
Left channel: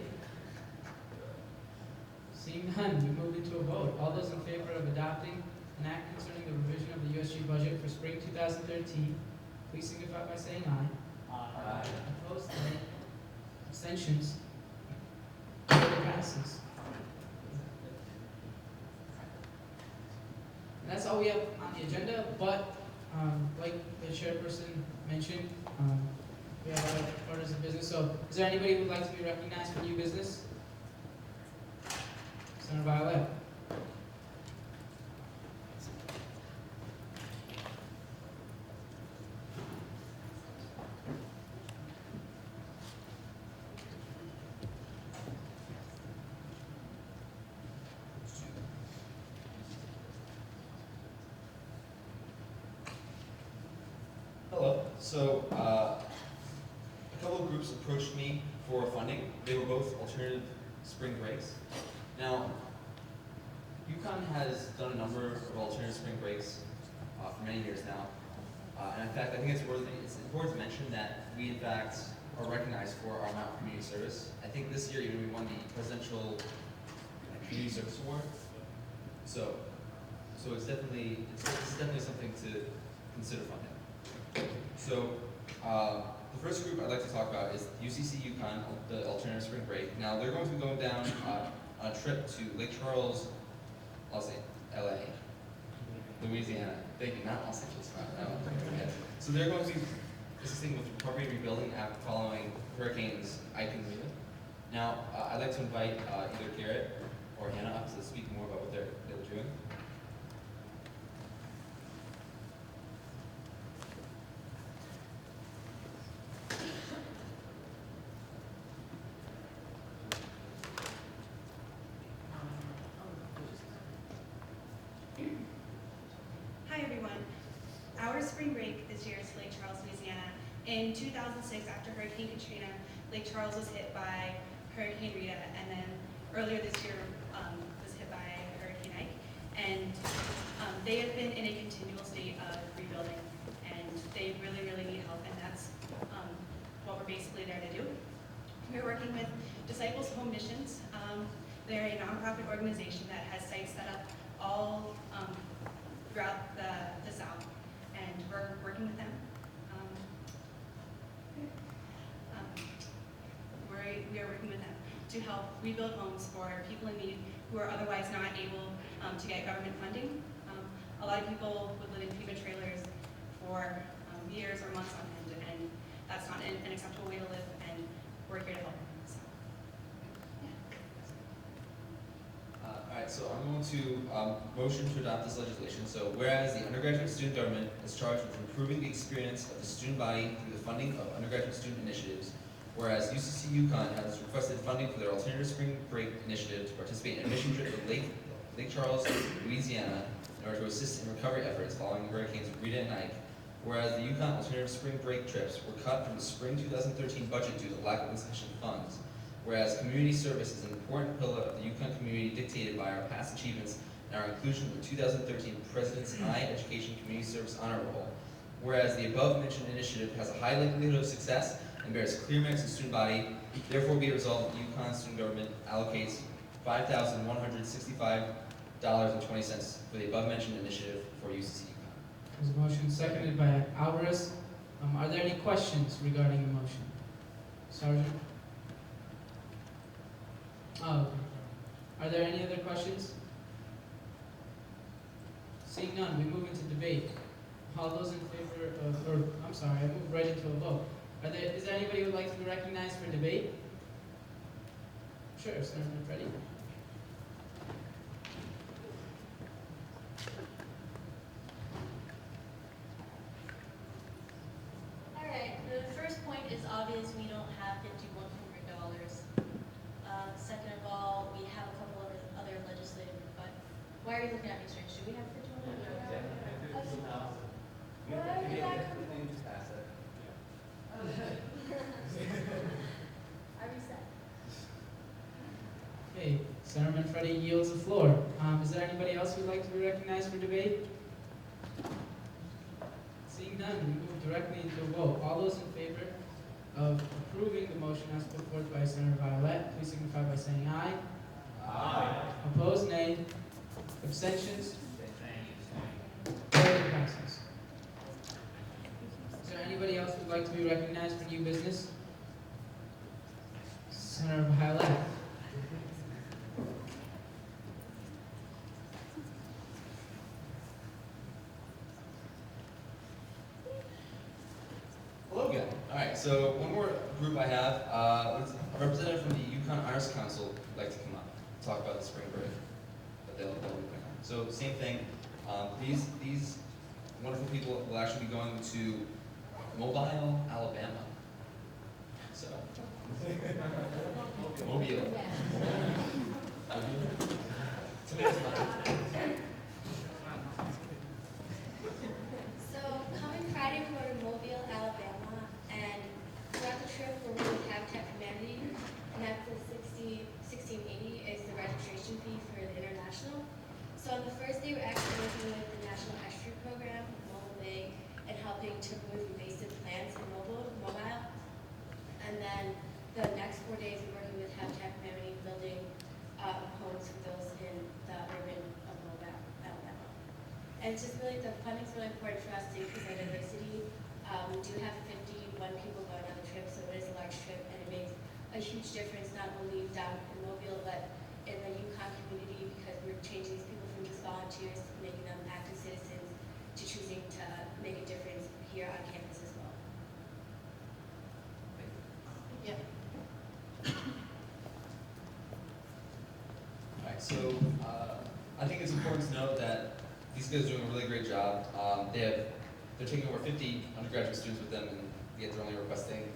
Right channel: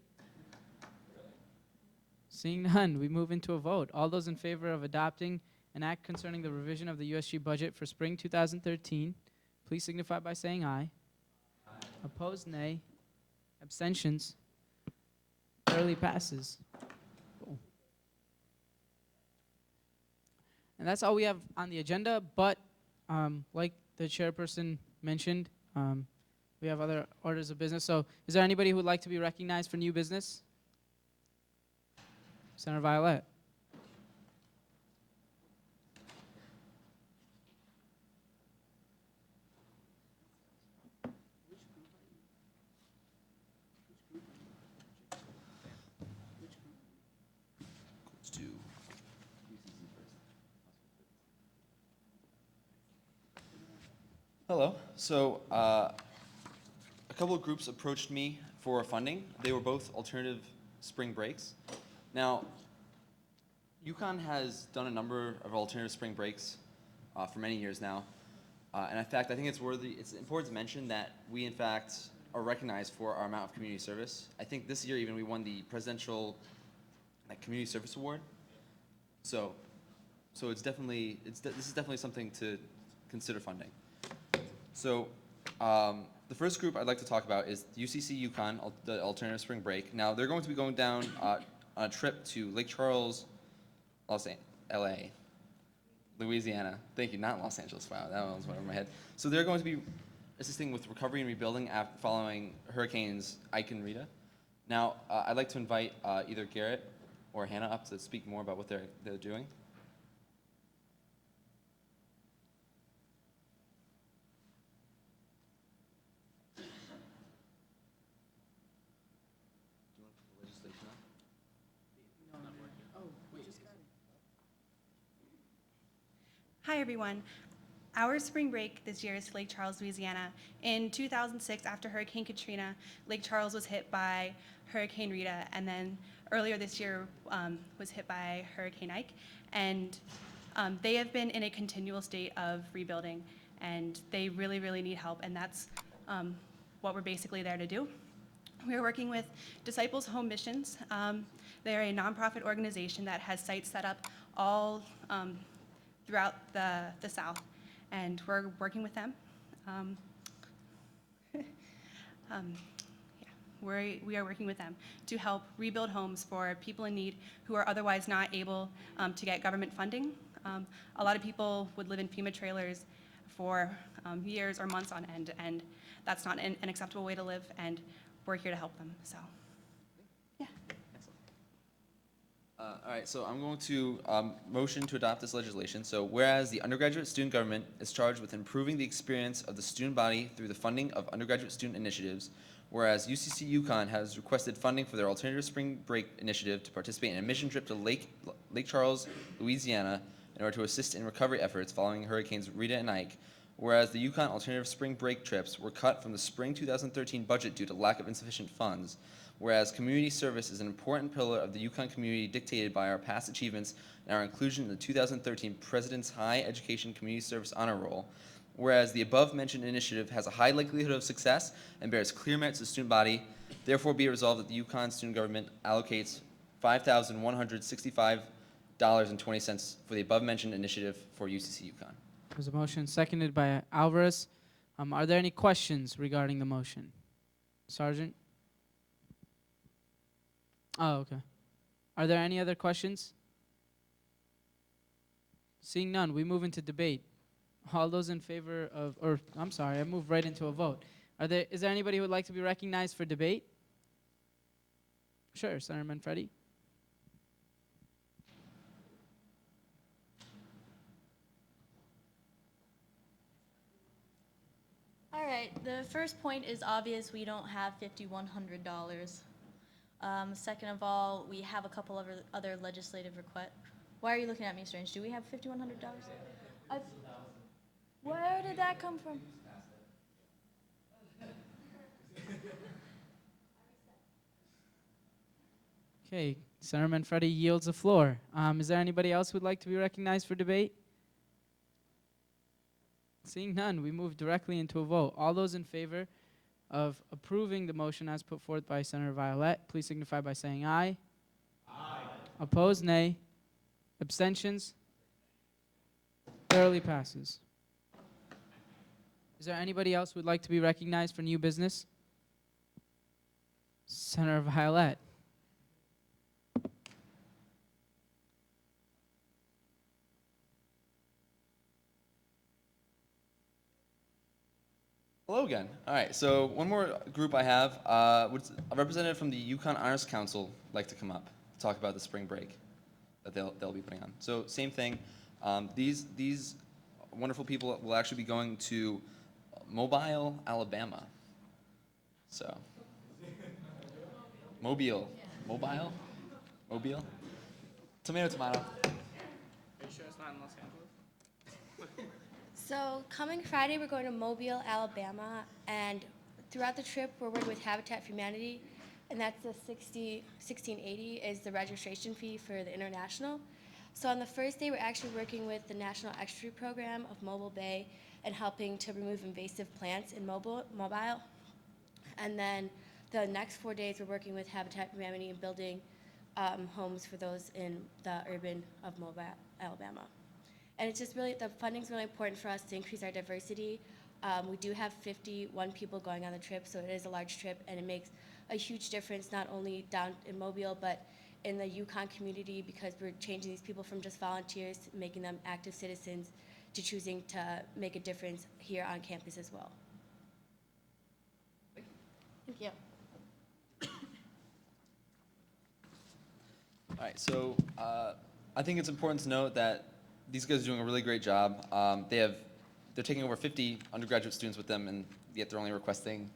Seeing none, we move into a vote. All those in favor of adopting an act concerning the revision of the USG budget for spring 2013, please signify by saying aye. Aye. Opposed, nay. Abstentions? Clearly passes. And that's all we have on the agenda, but like the chairperson mentioned, we have other orders of business. So is there anybody who would like to be recognized for new business? Senator Violet. Hello. So a couple of groups approached me for funding. They were both alternative spring breaks. Now, UConn has done a number of alternative spring breaks for many years now. And in fact, I think it's important to mention that we in fact are recognized for our amount of community service. I think this year even we won the Presidential Community Service Award. So this is definitely something to consider funding. So the first group I'd like to talk about is UCC UConn, the alternative spring break. Now they're going to be going down on a trip to Lake Charles, LA, Louisiana. Thank you, not Los Angeles. Wow, that was right in my head. So they're going to be assisting with recovery and rebuilding following hurricanes Ike and Rita. Now I'd like to invite either Garrett or Hannah up to speak more about what they're doing. Hi everyone. Our spring break this year is Lake Charles, Louisiana. In 2006, after Hurricane Katrina, Lake Charles was hit by Hurricane Rita, and then earlier this year was hit by Hurricane Ike. And they have been in a continual state of rebuilding, and they really, really need help, and that's what we're basically there to do. We are working with Disciples Home Missions. They're a nonprofit organization that has sites set up all throughout the South, and we're working with them. We are working with them to help rebuild homes for people in need who are otherwise not able to get government funding. A lot of people would live in FEMA trailers for years or months on end, and that's not an acceptable way to live, and we're here to help them. So, yeah. Alright, so I'm going to motion to adopt this legislation. So whereas the undergraduate student government is charged with improving the experience of the student body through the funding of undergraduate student initiatives, whereas UCC Yukon has requested funding for their alternative spring break initiative to participate in a mission trip to Lake Charles, Louisiana, in order to assist in recovery efforts following Hurricanes Rita and Ike, whereas the Yukon alternative spring break trips were cut from the spring 2013 budget due to lack of insufficient funds, whereas community service is an important pillar of the Yukon community dictated by our past achievements and our inclusion in the 2013 President's High Education Community Service Honor Roll, whereas the above-mentioned initiative has a high likelihood of success and bears clear merit to the student body, therefore be it resolved that the Yukon student government allocates $5,165.20 for the above-mentioned initiative for UCC Yukon. There's a motion seconded by Alvarez. Are there any questions regarding the motion? Sergeant? Oh, okay. Are there any other questions? Seeing none, we move into debate. All those in favor of, or I'm sorry, I moved right into a vote. Is there anybody who would like to be recognized for debate? Sure, Senator Manfredi. Alright, the first point is obvious, we don't have $5,100. Second of all, we have a couple of other legislative requests. Why are you looking at me strange? Do we have $5,100? Where did that come from? I reset. Okay, Senator Manfredi yields the floor. Is there anybody else who would like to be recognized for debate? Seeing none, we move directly into a vote. All those in favor of approving the motion as put forth by Senator Violet, please signify by saying aye. Aye. Opposed, nay. Abstentions? Thoroughly passes. Is there anybody else who would like to be recognized for new business? Senator Violet. Hello again. Alright, so one more group I have. Would a representative from the Yukon Honors Council like to come up to talk about the spring break that they'll be putting on? So same thing. These wonderful people will actually be going to Mobile, Alabama. So Mobile. Tomato, tomato. So coming Friday, we're going to Mobile, Alabama, and throughout the trip, we're working with Habitat for Humanity, and that's the $16.80 is the registration fee for the international. So on the first day, we're actually working with the National Extra Program of Mobile Bay and helping to remove invasive plants in mobile. And then the next 4 days, we're working with Habitat for Humanity, building homes for those in the urban of Mobile, Alabama. And it's just really, the funding's really important for us to increase our diversity. We do have 51 people going on the trip, so it is a large trip, and it makes a huge difference not only down in Mobile, but in the Yukon community, because we're changing these people from just volunteers, making them active citizens, to choosing to make a difference here on campus as well. Yeah. Alright, so I think it's important to note that these guys are doing a really great job. They're taking over 50 undergraduate students with them, and yet they're only requesting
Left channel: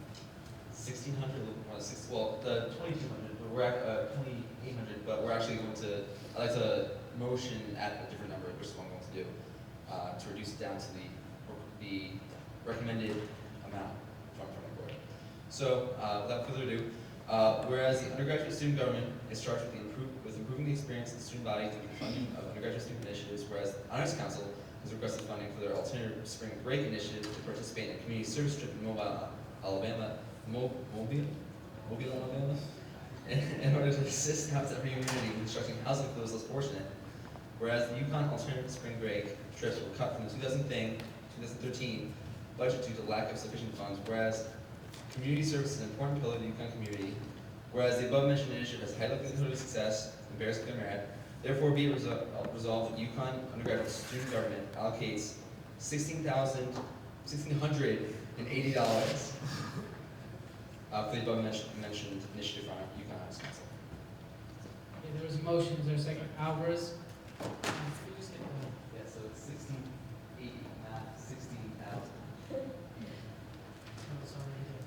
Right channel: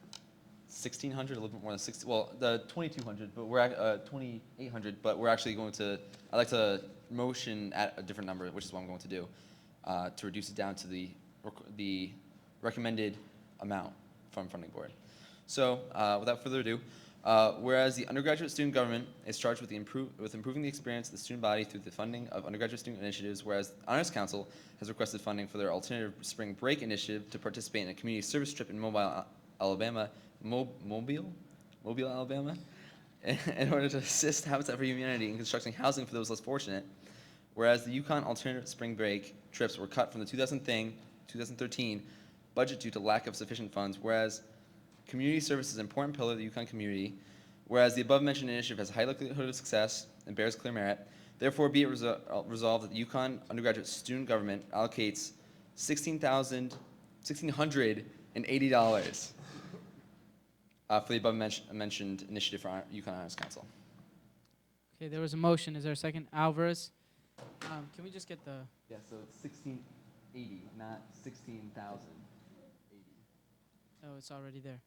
1,600, a little bit more than 6. Well, the 2,200, but we're at 2,800. But we're actually going to. I'd like to motion at a different number, which is what I'm going to do, to reduce it down to the recommended amount from funding board. So, without further ado. Whereas the undergraduate student government is charged with improving the experience of the student body through the funding of undergraduate student initiatives, whereas the Honors Council has requested funding for their alternative spring break initiative to participate in a community service trip in Mobile, Alabama, Mobile, Mobile, Alabama, in order to assist Habitat for Humanity in constructing housing for those less fortunate. Whereas the Yukon alternative spring break trips were cut from the 2013 budget due to lack of sufficient funds. Whereas community service is an important pillar of the Yukon community. Whereas the above mentioned initiative has high likelihood of success and bears clear merit. Therefore, be it resolved that Yukon undergraduate student government allocates $1,680 for the above mentioned initiative for Yukon Honors Council. Okay, there was a motion. Is there a second? Alvarez? Can we just get the... Yeah, so it's 1680, not 16,000. Oh, it's already there.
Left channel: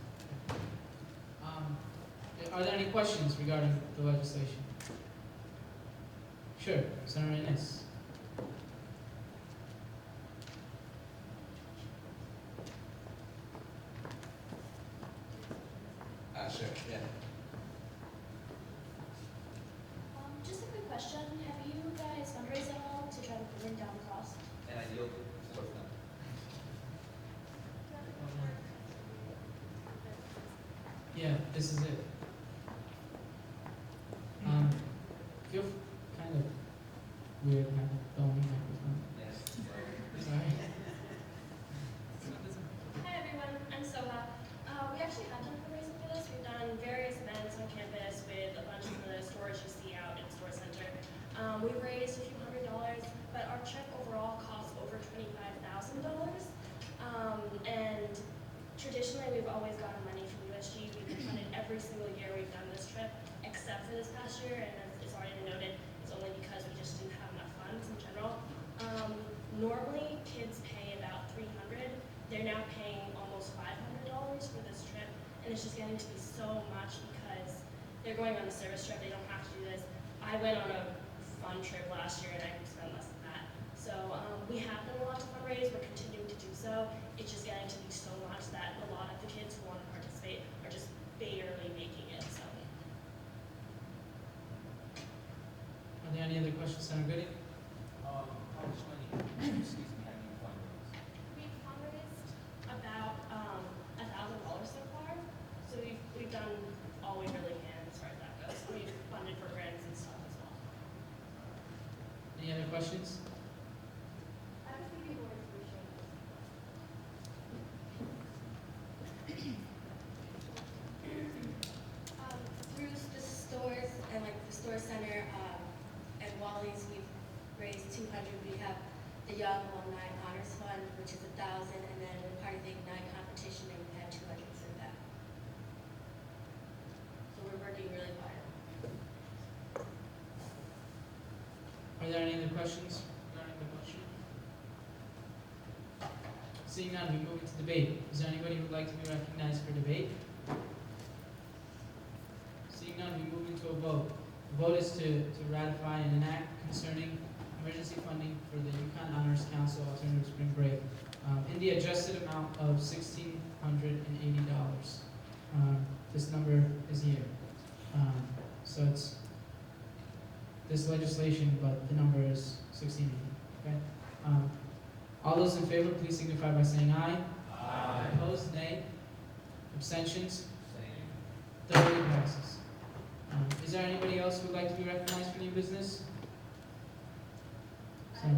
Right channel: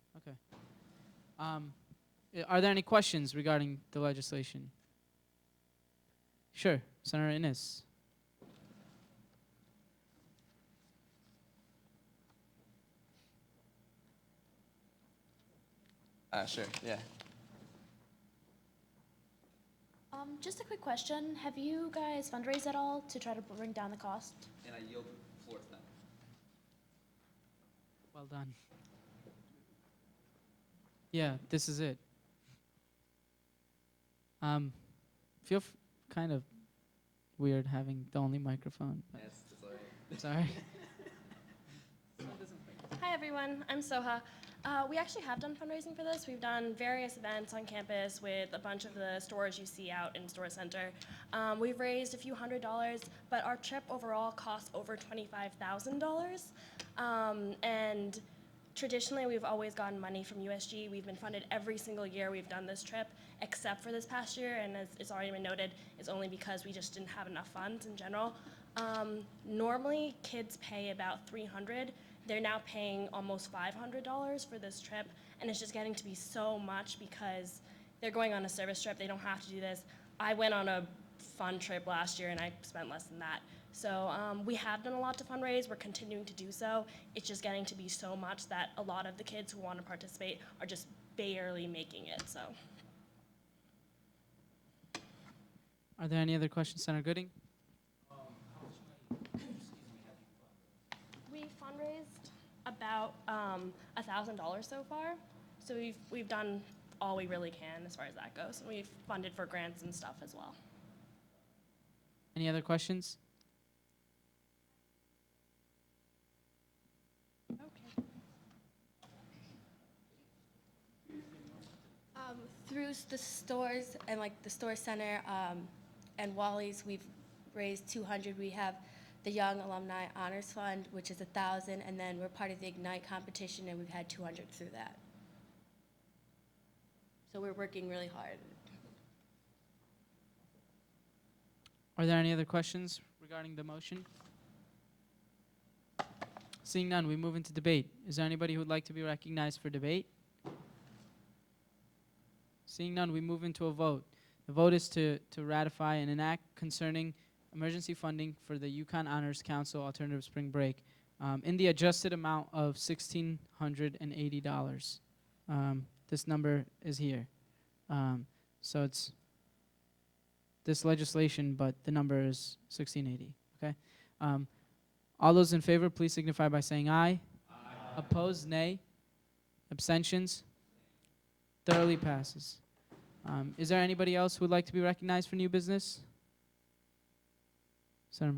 Okay. Are there any questions regarding the legislation? Sure, Senator Innes. Sure, yeah. Just a quick question. Have you guys fundraised at all to try to bring down the cost? And you'll sort them. Hold on. Yeah, this is it. Feel kind of weird having the only microphone. Yes. It's alright. Hi everyone, I'm Soha. We actually have done fundraising for this. We've done various events on campus with a bunch of the stores you see out in Store Center. We've raised a few $100s, but our trip overall costs over $25,000. And traditionally, we've always gotten money from USG. We've been funded every single year we've done this trip, except for this past year, and as it's already been noted, it's only because we just didn't have enough funds in general. Normally, kids pay about $300. They're now paying almost $500 for this trip, and it's just getting to be so much because they're going on a service trip. They don't have to do this. I went on a fun trip last year, and I spent less than that. So we have done a lot to fundraise. We're continuing to do so. It's just getting to be so much that a lot of the kids who want to participate are just barely making it. So. Are there any other questions, Senator Goody? How much money, excuse me, have you fundraised? We've fundraised about $1,000 so far. So we've done all we really can as far as that goes. We've funded for grants and stuff as well. Any other questions? Through the stores and like the store center and Wally's, we've raised 200. We have the Young Alumni Honors Fund, which is 1,000, and then we're part of the Ignite competition, and we've had 200 through that. So we're working really hard. Are there any other questions regarding the motion? Seeing none, we move into debate. Is there anybody who would like to be recognized for debate? Seeing none, we move into a vote. The vote is to ratify and enact concerning emergency funding for the Yukon Honors Council Alternative Spring Break in the adjusted amount of $1,680. This number is here. So it's this legislation, but the number is 1680. Okay. All those in favor, please signify by saying aye. Aye. Opposed, nay. Abstentions. The vote passes. Is there anybody else who would like to be recognized for new business? Senator.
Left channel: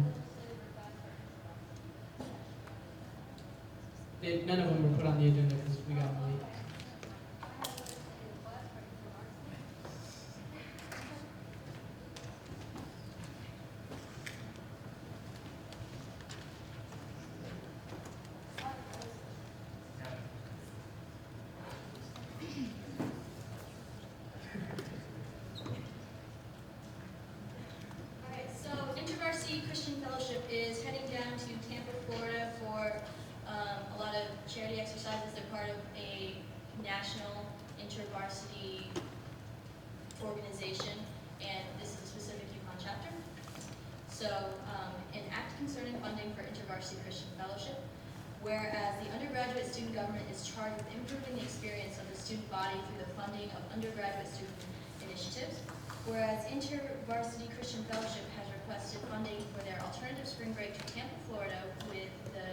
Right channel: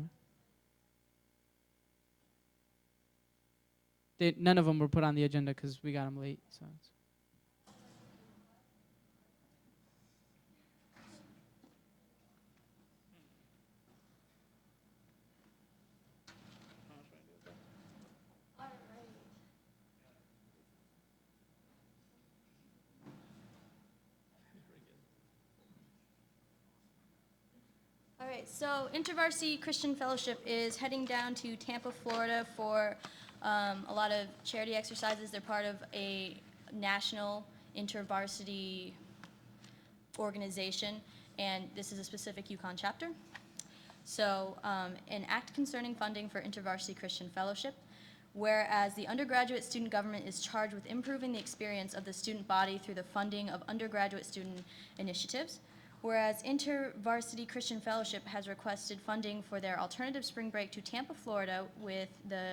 None of them were put on the agenda because we got them late. So InterVarsity Christian Fellowship is heading down to Tampa, Florida for a lot of charity exercises. They're part of a national InterVarsity organization, and this is a specific Yukon chapter. So an act concerning funding for InterVarsity Christian Fellowship, whereas the undergraduate student government is charged with improving the experience of the student body through the funding of undergraduate student initiatives. Whereas InterVarsity Christian Fellowship has requested funding for their alternative spring break to Tampa, Florida with the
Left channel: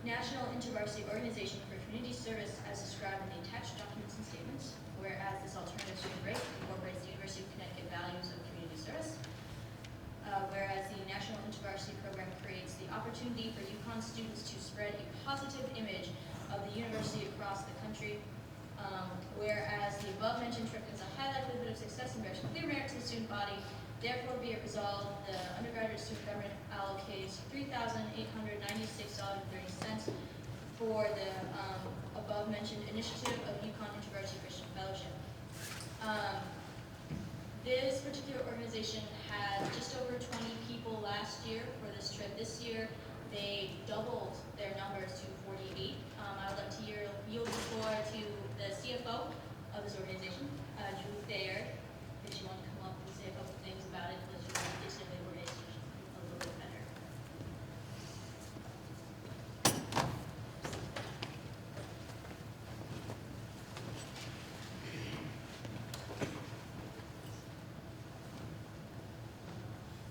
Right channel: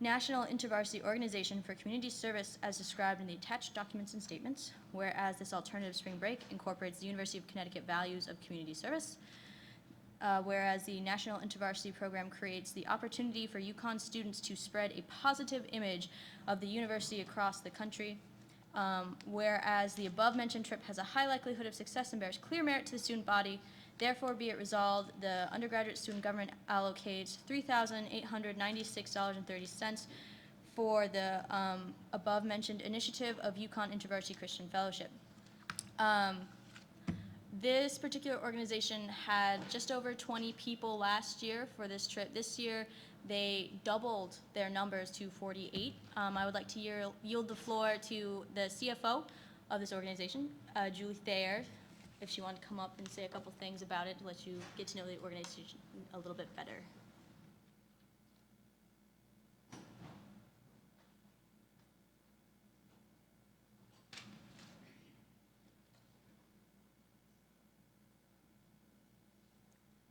National InterVarsity Organization for Community Service as described in the attached documents and statements. Whereas this alternative spring break incorporates the University of Connecticut values of community service. Whereas the National InterVarsity program creates the opportunity for UConn students to spread a positive image of the university across the country. Whereas the above-mentioned trip has a high likelihood of success and bears clear merit to the student body, therefore be it resolved, the undergraduate student government allocates $3,896.30 for the above-mentioned initiative of UConn InterVarsity Christian Fellowship. This particular organization had just over 20 people last year for this trip. This year, they doubled their numbers to 48. I would like to yield the floor to the CFO of this organization, Julie Thayer, if she wanted to come up and say a couple things about it and let you get to know the organization a little bit better.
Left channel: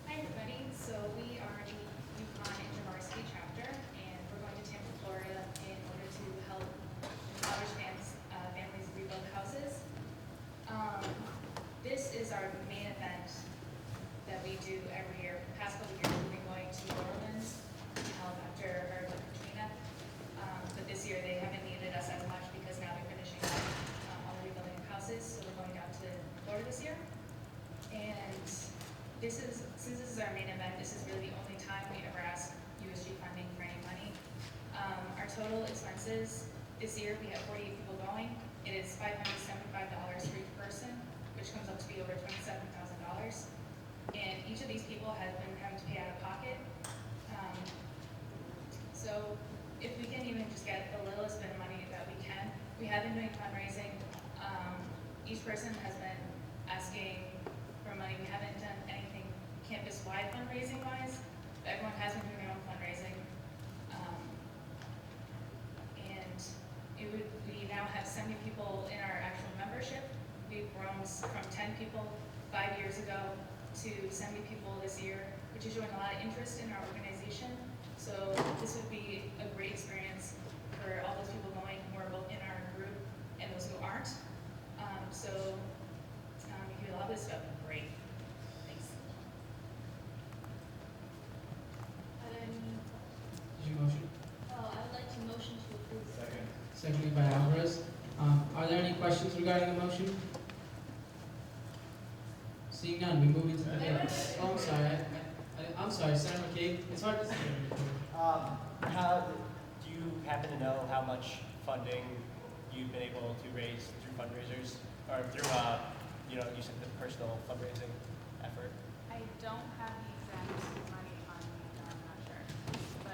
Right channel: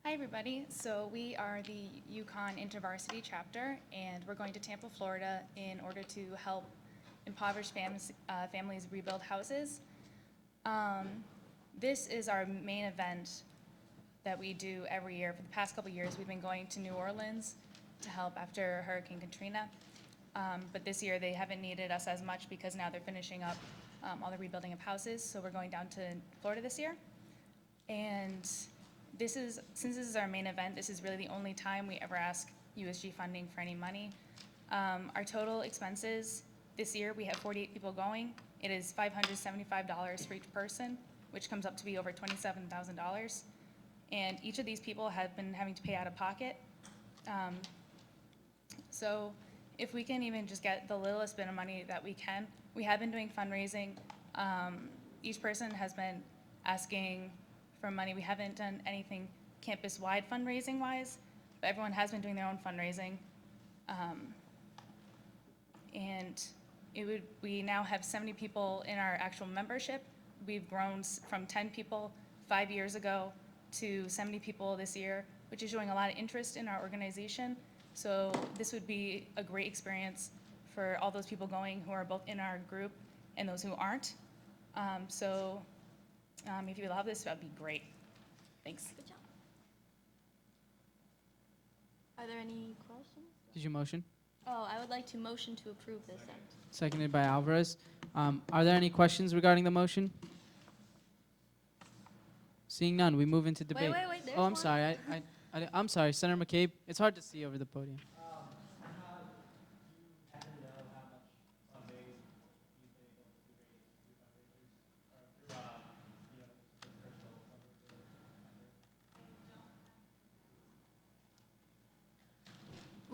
Hi everybody, so we are the UConn InterVarsity chapter and we're going to Tampa, Florida in order to help impoverished families rebuild houses. This is our main event that we do every year. For the past couple of years we've been going to New Orleans to help after Hurricane Katrina, but this year they haven't needed us as much because now they're finishing up all the rebuilding of houses, so we're going down to Florida this year. And since this is our main event, this is really the only time we ever ask USG funding for any money. Our total expenses this year, we have 48 people going. It is $575 for each person, which comes up to be over $27,000. And each of these people has been having to pay out of pocket. So if we can even just get the littlest bit of money that we can, we have been doing fundraising. Each person has been asking for money. We haven't done anything campus-wide fundraising-wise, but everyone has been doing their own fundraising. We now have 70 people in our actual membership. We've grown from 10 people 5 years ago to 70 people this year, which is showing a lot of interest in our organization. So this would be a great experience for all those people going who are both in our group and those who aren't. If you allow this, that would be great. Thanks. Are there any? Did you motion? Oh, I would like to motion to approve this. Seconded by Alvarez. Are there any questions regarding the motion? Seeing none, we move into debate. Wait. Oh, I'm sorry. I'm sorry, Senator McCabe. It's hard to see over the podium. Do you happen to know how much funding you've been able to raise through fundraisers or through, you said the personal fundraising effort? I don't have the exact money on me, I'm not sure.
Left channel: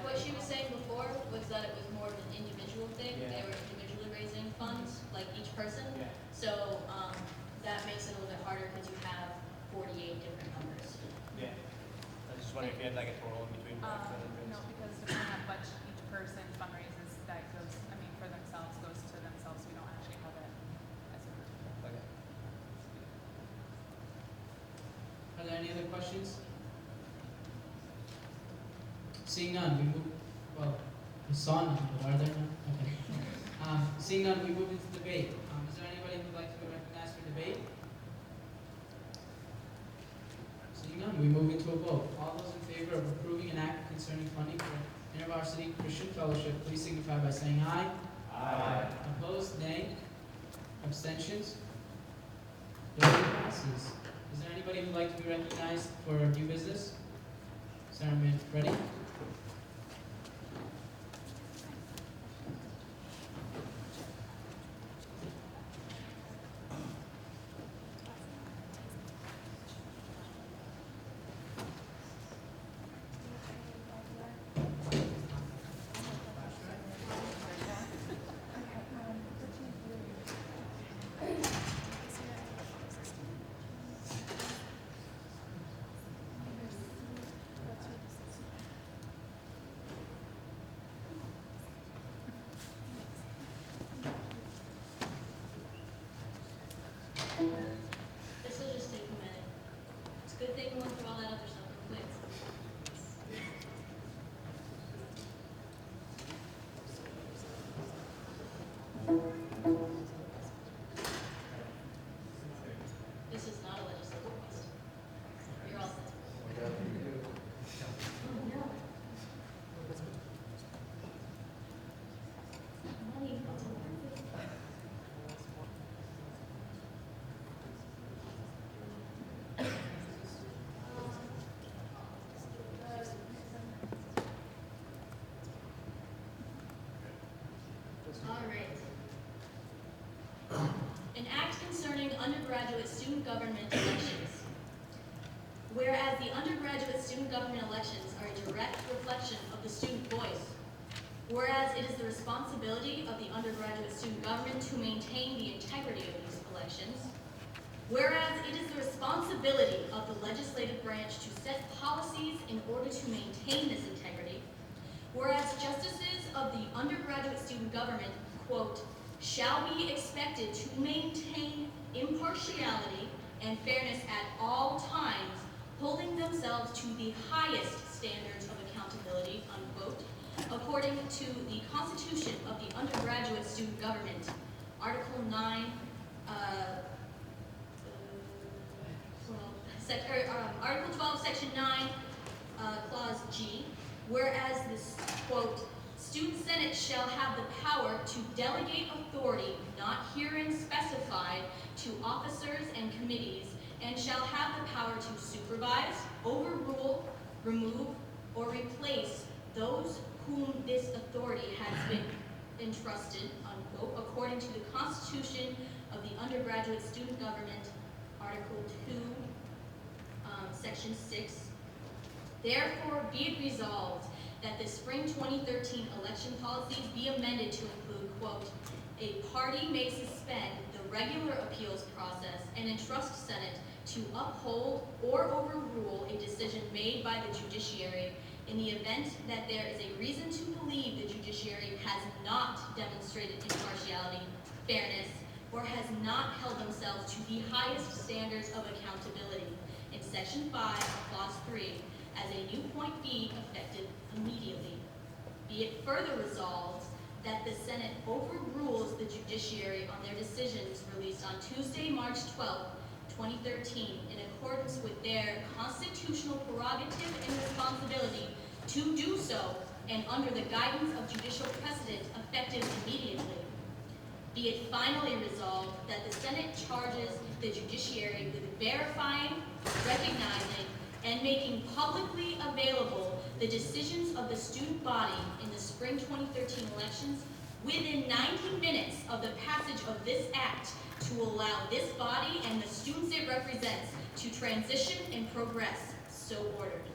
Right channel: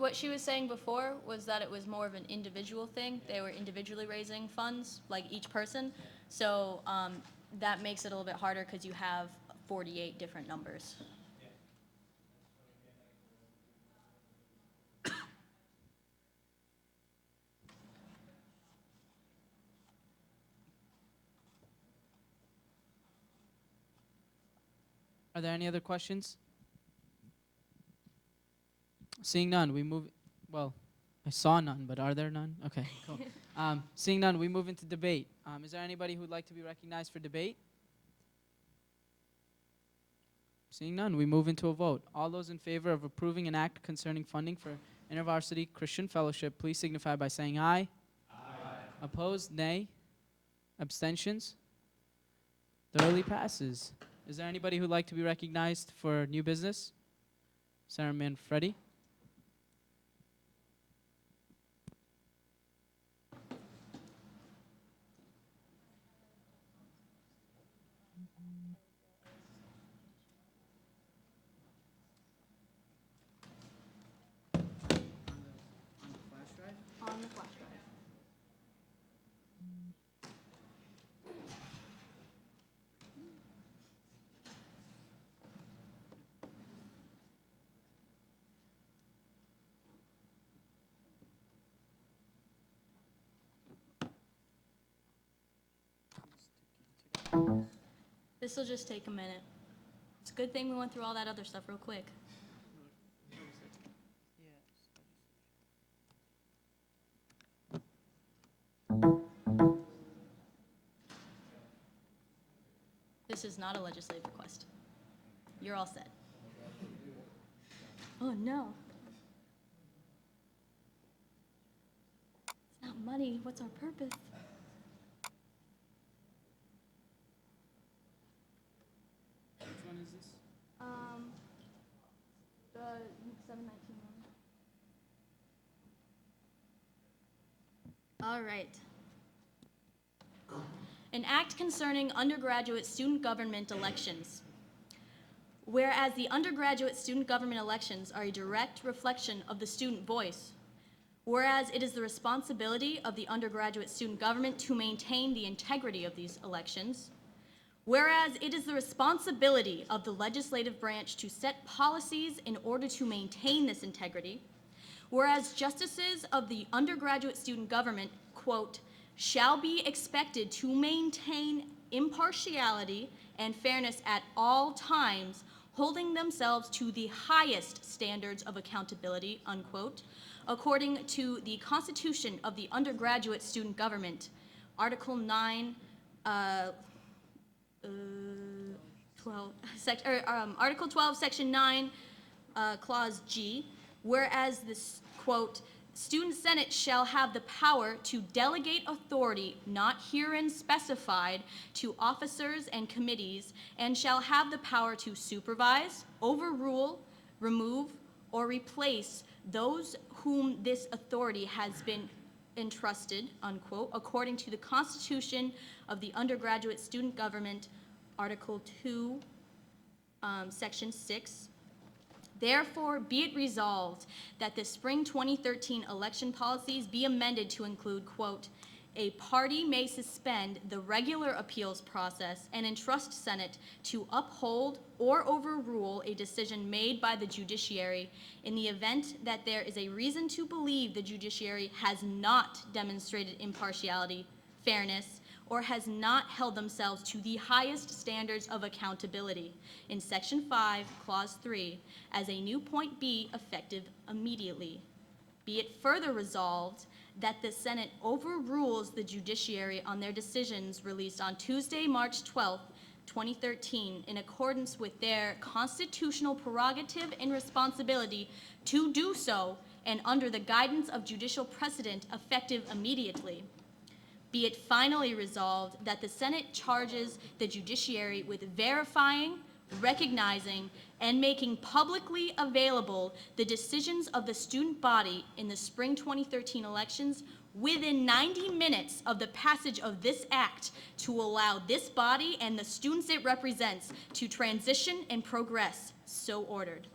But What she was saying before was that it was more of an individual thing. Yeah. They were individually raising funds, like each person. Yeah. So that makes it a little bit harder because you have 48 different numbers. Yeah. I was just wondering if you had like a total in between. no, because we don't have much each person fundraises that goes, for themselves, goes to themselves. We don't actually have it as a group. Okay. Are there any other questions? Seeing none, we move. Well, I saw none, but are there none? Okay. Seeing none, we move into debate. Is there anybody who would like to be recognized for debate? Seeing none, we move into a vote. All those in favor of approving an act concerning funding for InterVarsity Christian Fellowship, please signify by saying aye. Aye. Opposed, nay. Abstentions? The vote passes. Is there anybody who would like to be recognized for new business? Senator Manfredi. This will just take a minute. good thing we went through all that other stuff real quick. This is not a legislative request. You're all set. Oh no. It's not money, what's on purpose? All right. An act concerning undergraduate student government elections. Whereas the undergraduate student government elections are a direct reflection of the student voice. Whereas it is the responsibility of the undergraduate student government to maintain the integrity of these elections. Whereas it is the responsibility of the legislative branch to set policies in order to maintain this integrity. Whereas justices of the undergraduate student government, quote, shall be expected to maintain impartiality and fairness at all times, holding themselves to the highest standards of accountability, unquote, according to the Constitution of the Undergraduate Student Government, Article 9, Article 12, Section 9, Clause G, whereas this, quote, Student Senate shall have the power to delegate authority not herein specified to officers and committees, and shall have the power to supervise, overrule, remove, or replace those whom this authority has been entrusted, unquote, according to the Constitution of the Undergraduate Student Government, Article 2, Section 6. Therefore, be it resolved that the spring 2013 election policies be amended to include, quote, a party may suspend the regular appeals process and entrust Senate to uphold or overrule a decision made by the judiciary in the event that there is a reason to believe the judiciary has not demonstrated impartiality, fairness, or has not held themselves to the highest standards of accountability in Section 5, Clause 3, as a new point be effective immediately. Be it further resolved that the Senate overrules the judiciary on their decisions released on Tuesday, March 12, 2013, in accordance with their constitutional prerogative and responsibility to do so, and under the guidance of judicial precedent effective immediately. Be it finally resolved that the Senate charges the judiciary with verifying, recognizing, and making publicly available the decisions of the student body in the spring 2013 elections within 90 minutes of the passage of this act, to allow this body and the students it represents to transition and progress, so ordered.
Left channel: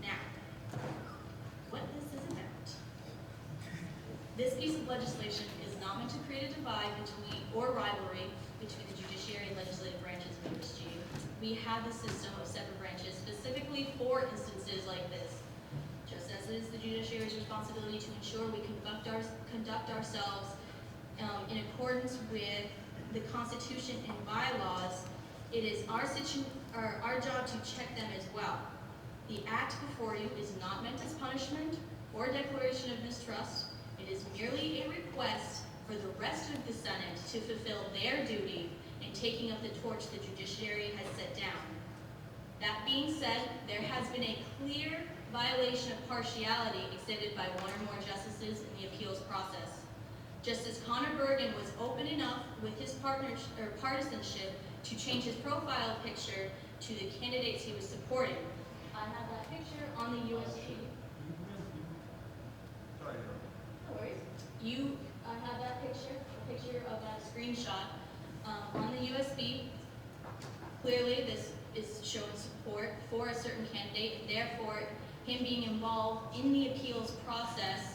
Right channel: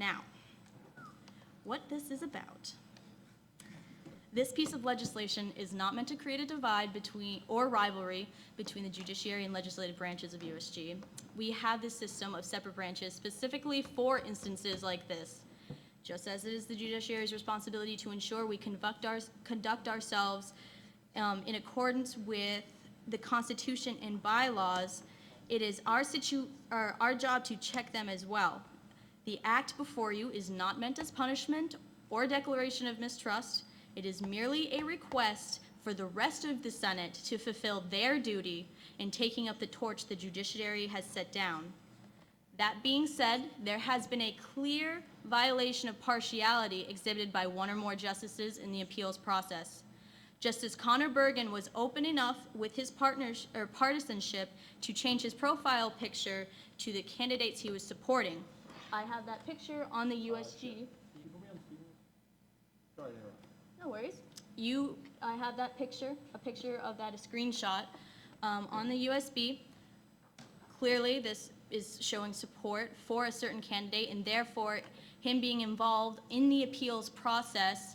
Now, what this is about. This piece of legislation is not meant to create a divide between, or rivalry between the judiciary and legislative branches of USG. We have the system of separate branches specifically for instances like this. Just as it is the judiciary's responsibility to ensure we conduct ourselves in accordance with the Constitution and bylaws, it is our job to check them as well. The act before you is not meant as punishment or declaration of mistrust. It is merely a request for the rest of the Senate to fulfill their duty in taking up the torch the judiciary has set down. That being said, there has been a clear violation of partiality exhibited by one or more justices in the appeals process. Justice Connor Bergen was open enough with his partisanship to change his profile picture to the candidates he was supporting. I have that picture on the USG. No worries. I have that picture, a picture of that, a screenshot on the USB. Clearly, this is showing support for a certain candidate, and therefore, him being involved in the appeals process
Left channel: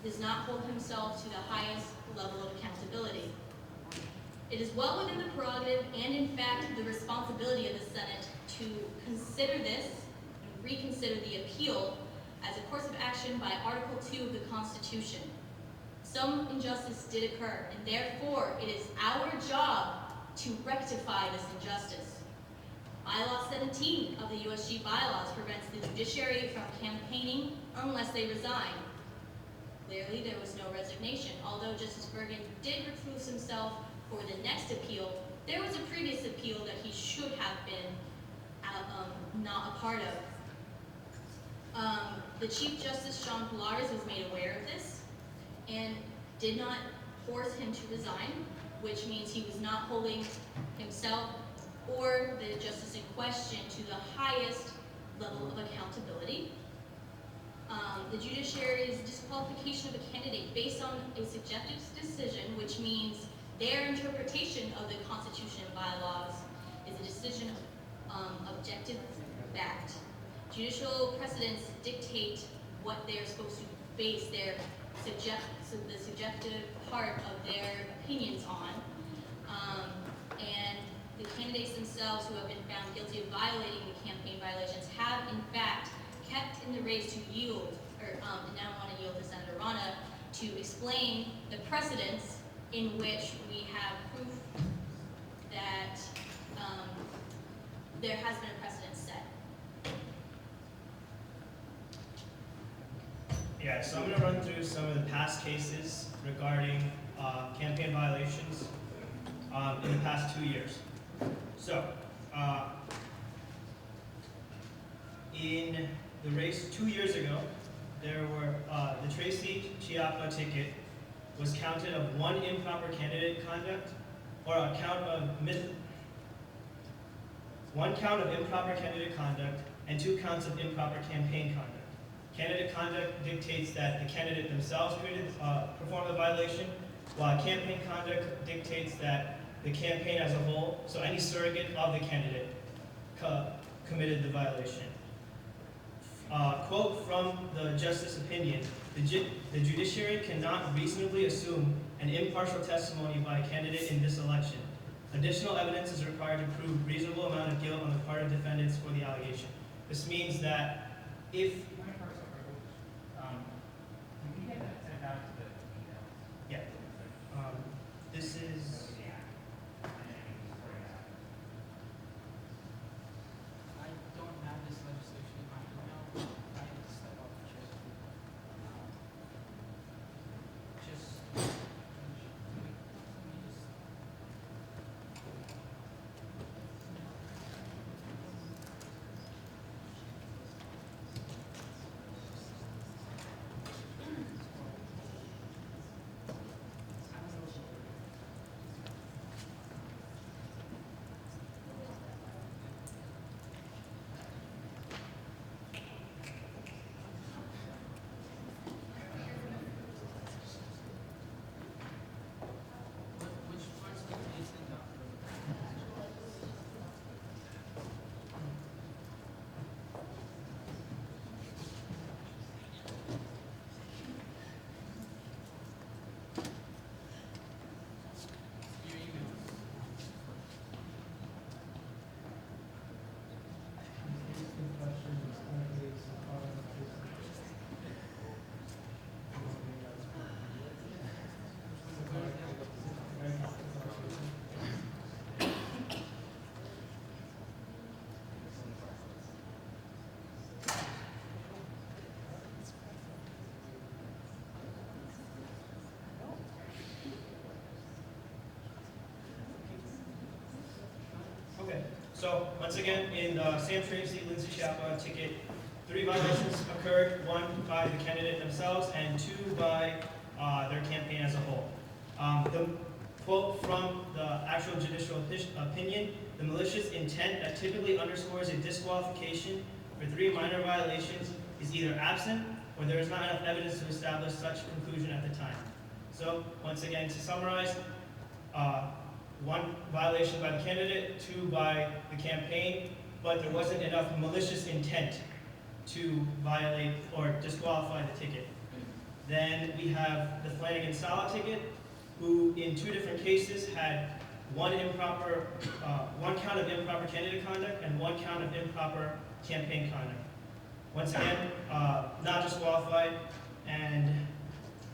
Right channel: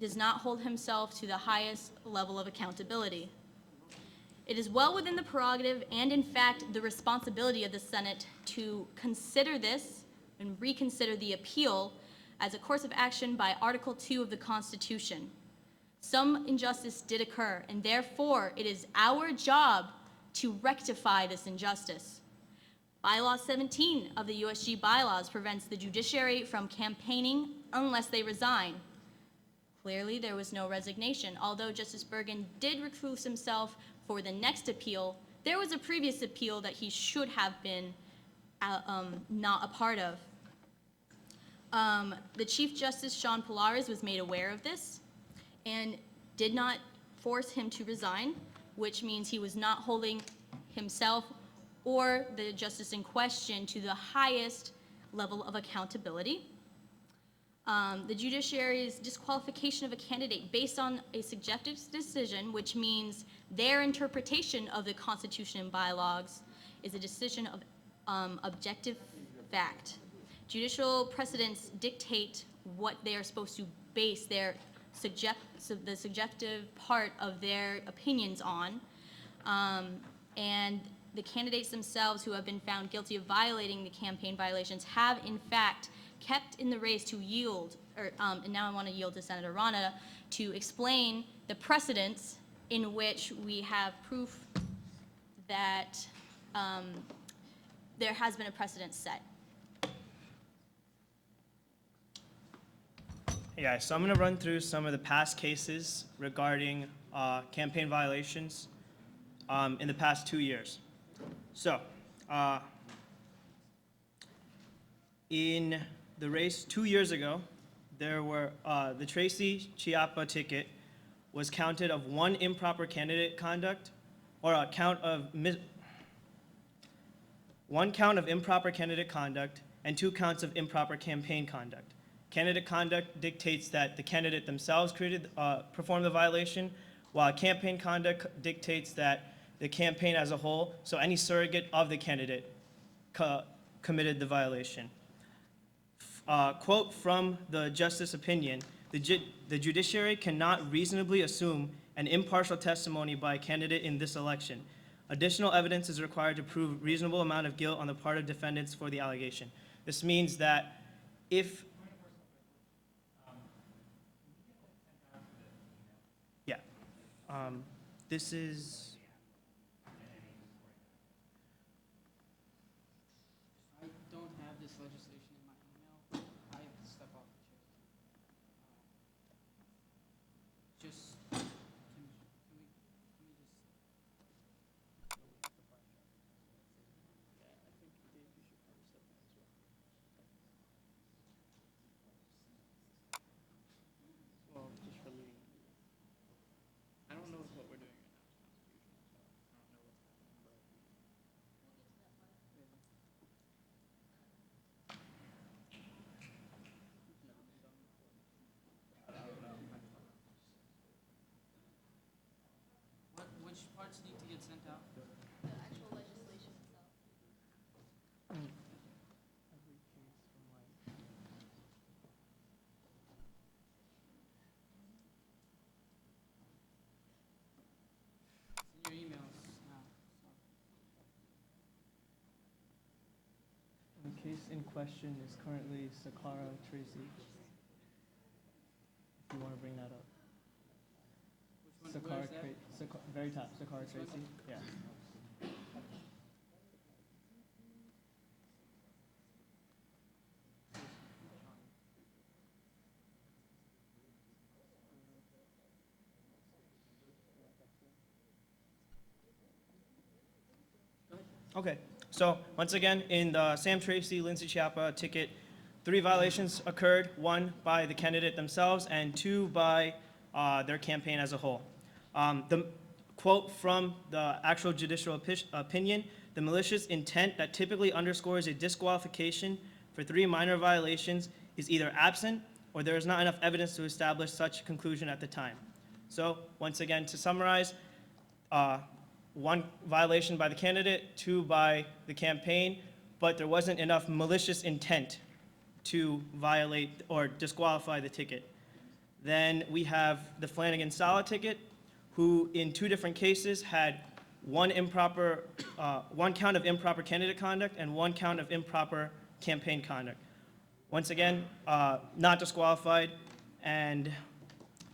does not hold himself to the highest level of accountability. It is well within the prerogative and, in fact, the responsibility of the Senate to consider this and reconsider the appeal as a course of action by Article 2 of the Constitution. Some injustice did occur, and therefore it is our job to rectify this injustice. Bylaw 17 of the USG bylaws prevents the judiciary from campaigning unless they resign. Clearly, there was no resignation. Although Justice Bergen did recuse himself for the next appeal, there was a previous appeal that he should have been not a part of. The Chief Justice Sean Pilares was made aware of this and did not force him to resign, which means he was not holding himself or the justice in question to the highest level of accountability. The judiciary's disqualification of a candidate based on a subjective decision, which means their interpretation of the Constitution and bylaws, is a decision of objective fact. Judicial precedents dictate what they are supposed to base their the subjective part of their opinions on, and the candidates themselves who have been found guilty of violating the campaign violations have in fact kept in the race to yield, and now I want to yield to Senator Rana to explain the precedents in which we have proof that there has been a precedent set. Yeah, so I'm going to run through some of the past cases regarding campaign violations in the past 2 years. So, in the race 2 years ago, there were the Tracy Chiappa ticket was counted of one improper candidate conduct, or a count of one count of improper candidate conduct and 2 counts of improper campaign conduct. Candidate conduct dictates that the candidate themselves performed the violation, while campaign conduct dictates that the campaign as a whole, so any surrogate of the candidate, committed the violation. Quote from the justice opinion, the judiciary cannot reasonably assume an impartial testimony by a candidate in this election. Additional evidence is required to prove reasonable amount of guilt on the part of defendants for the allegation. This means that if this is I don't have this legislation in front of me now. I step off the chair. Just okay, so once again, in the Sam Tracy, Lindsay Chiappa ticket, 3 violations occurred, 1 by the candidate themselves and 2 by their campaign as a whole. The quote from the actual judicial opinion, the malicious intent that typically underscores a disqualification for 3 minor violations is either absent or there is not enough evidence to establish such a conclusion at the time. So once again, to summarize, 1 violation by the candidate, 2 by the campaign, but there wasn't enough malicious intent to violate or disqualify the ticket. Then we have the Flanagan-Sala ticket, who in 2 different cases had 1 count of improper candidate conduct and 1 count of improper campaign conduct. Once again, not disqualified, and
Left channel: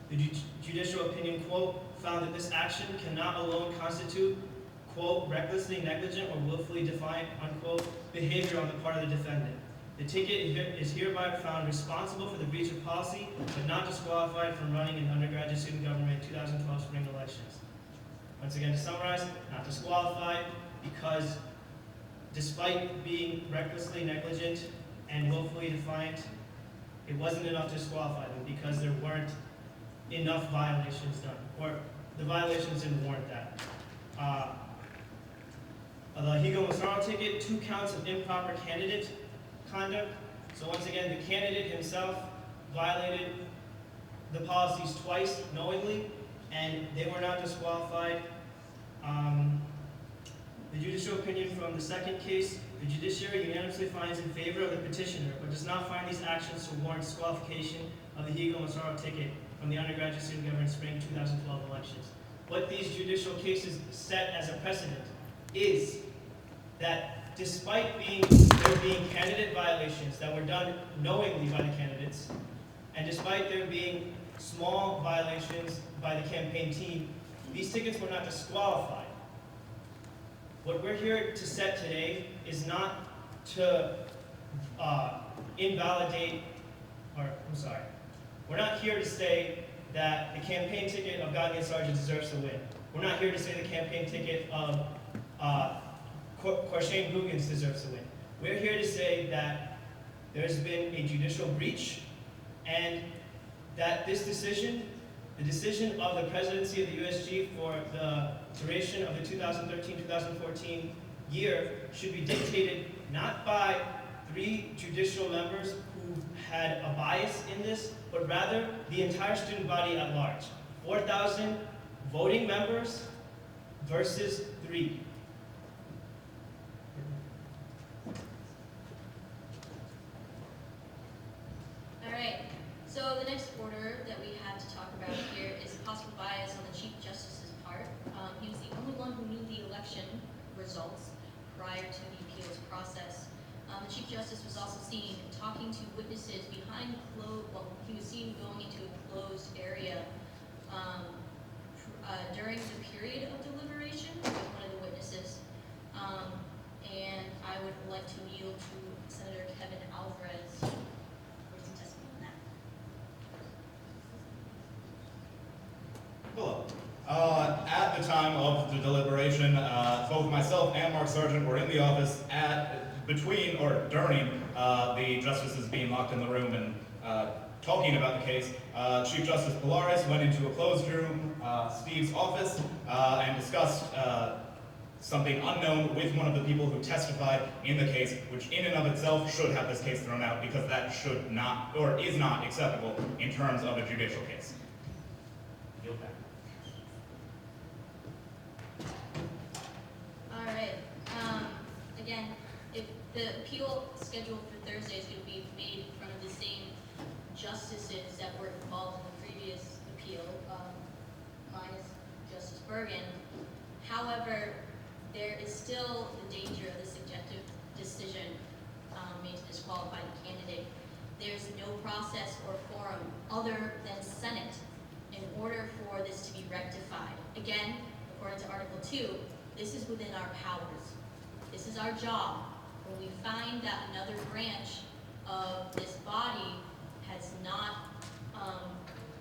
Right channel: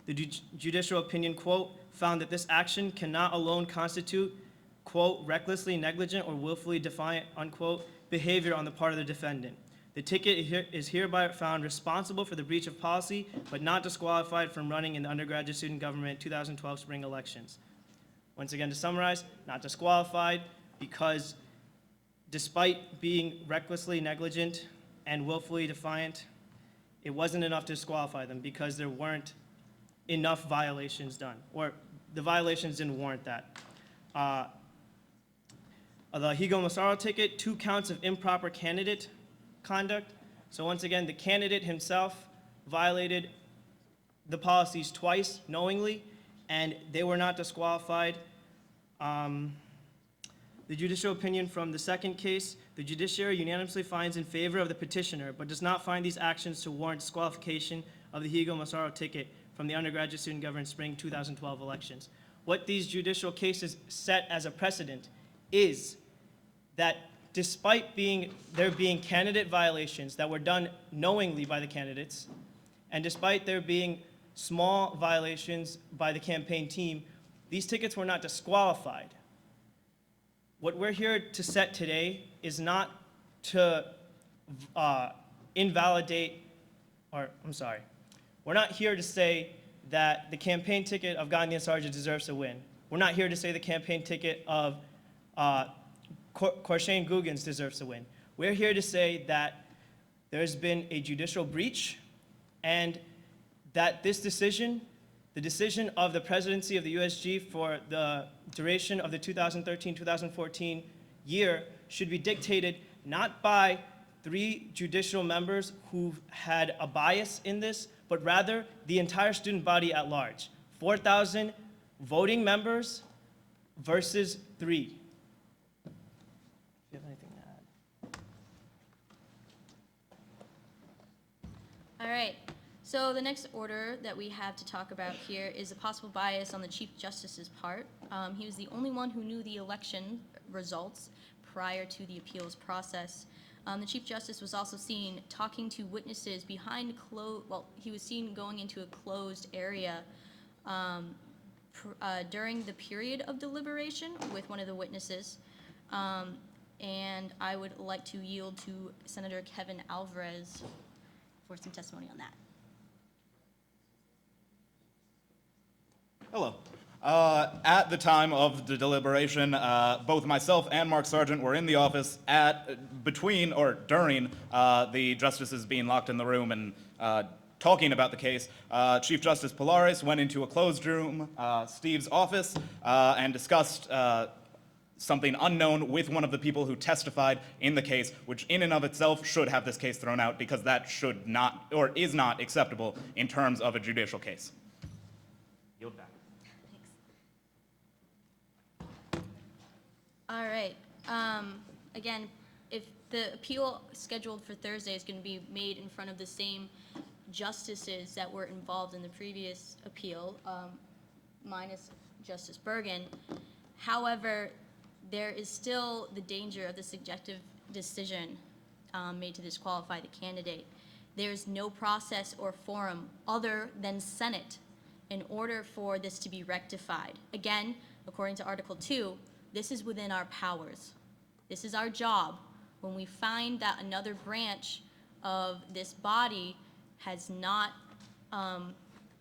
the judicial opinion quote found that this action cannot alone constitute quote, recklessly negligent or willfully defiant, unquote, behavior on the part of the defendant. The ticket is hereby found responsible for the breach of policy, but not disqualified from running in the undergraduate student government 2012 spring elections. Once again, to summarize, not disqualified because despite being recklessly negligent and willfully defiant, it wasn't enough to disqualify them because there weren't enough violations done, or the violations didn't warrant that. The Higo Massaro ticket, 2 counts of improper candidate conduct. So once again, the candidate himself violated the policies twice knowingly, and they were not disqualified. The judicial opinion from the second case, the judiciary unanimously finds in favor of the petitioner, but does not find these actions to warrant disqualification of the Higo Massaro ticket from the undergraduate student government spring 2012 elections. What these judicial cases set as a precedent is that despite there being candidate violations that were done knowingly by the candidates, and despite there being small violations by the campaign team, these tickets were not disqualified. What we're here to set today is not to invalidate, we're not here to say that the campaign ticket of Gandhi and Sargent deserves to win. We're not here to say the campaign ticket of Korshane Guggens deserves to win. We're here to say that there's been a judicial breach and that this decision, the decision of the presidency of the USG for the duration of the 2013-2014 year should be dictated not by 3 judicial members who had a bias in this, but rather the entire student body at large. 4,000 voting members versus 3. All right, so the next order that we have to talk about here is possible bias on the Chief Justice's part. He was the only one who knew the election results prior to the appeals process. The Chief Justice was also seen talking to witnesses behind he was seen going into a closed area during the period of deliberation with one of the witnesses. And I would like to yield to Senator Kevin Alvarez for some testimony on that. Hello. At the time of the deliberation, both myself and Mark Sargent were in the office between or during the justices being locked in the room and talking about the case. Chief Justice Pilares went into a closed room, Steve's office, and discussed something unknown with one of the people who testified in the case, which in and of itself should have this case thrown out because that should not or is not acceptable in terms of a judicial case. All right. Again, if the appeal scheduled for Thursday is going to be made in front of the same justices that were involved in the previous appeal, minus Justice Bergen. However, there is still the danger of the subjective decision made to disqualify the candidate. There's no process or forum other than Senate in order for this to be rectified. Again, according to Article 2, this is within our powers. This is our job. When we find that another branch of this body has not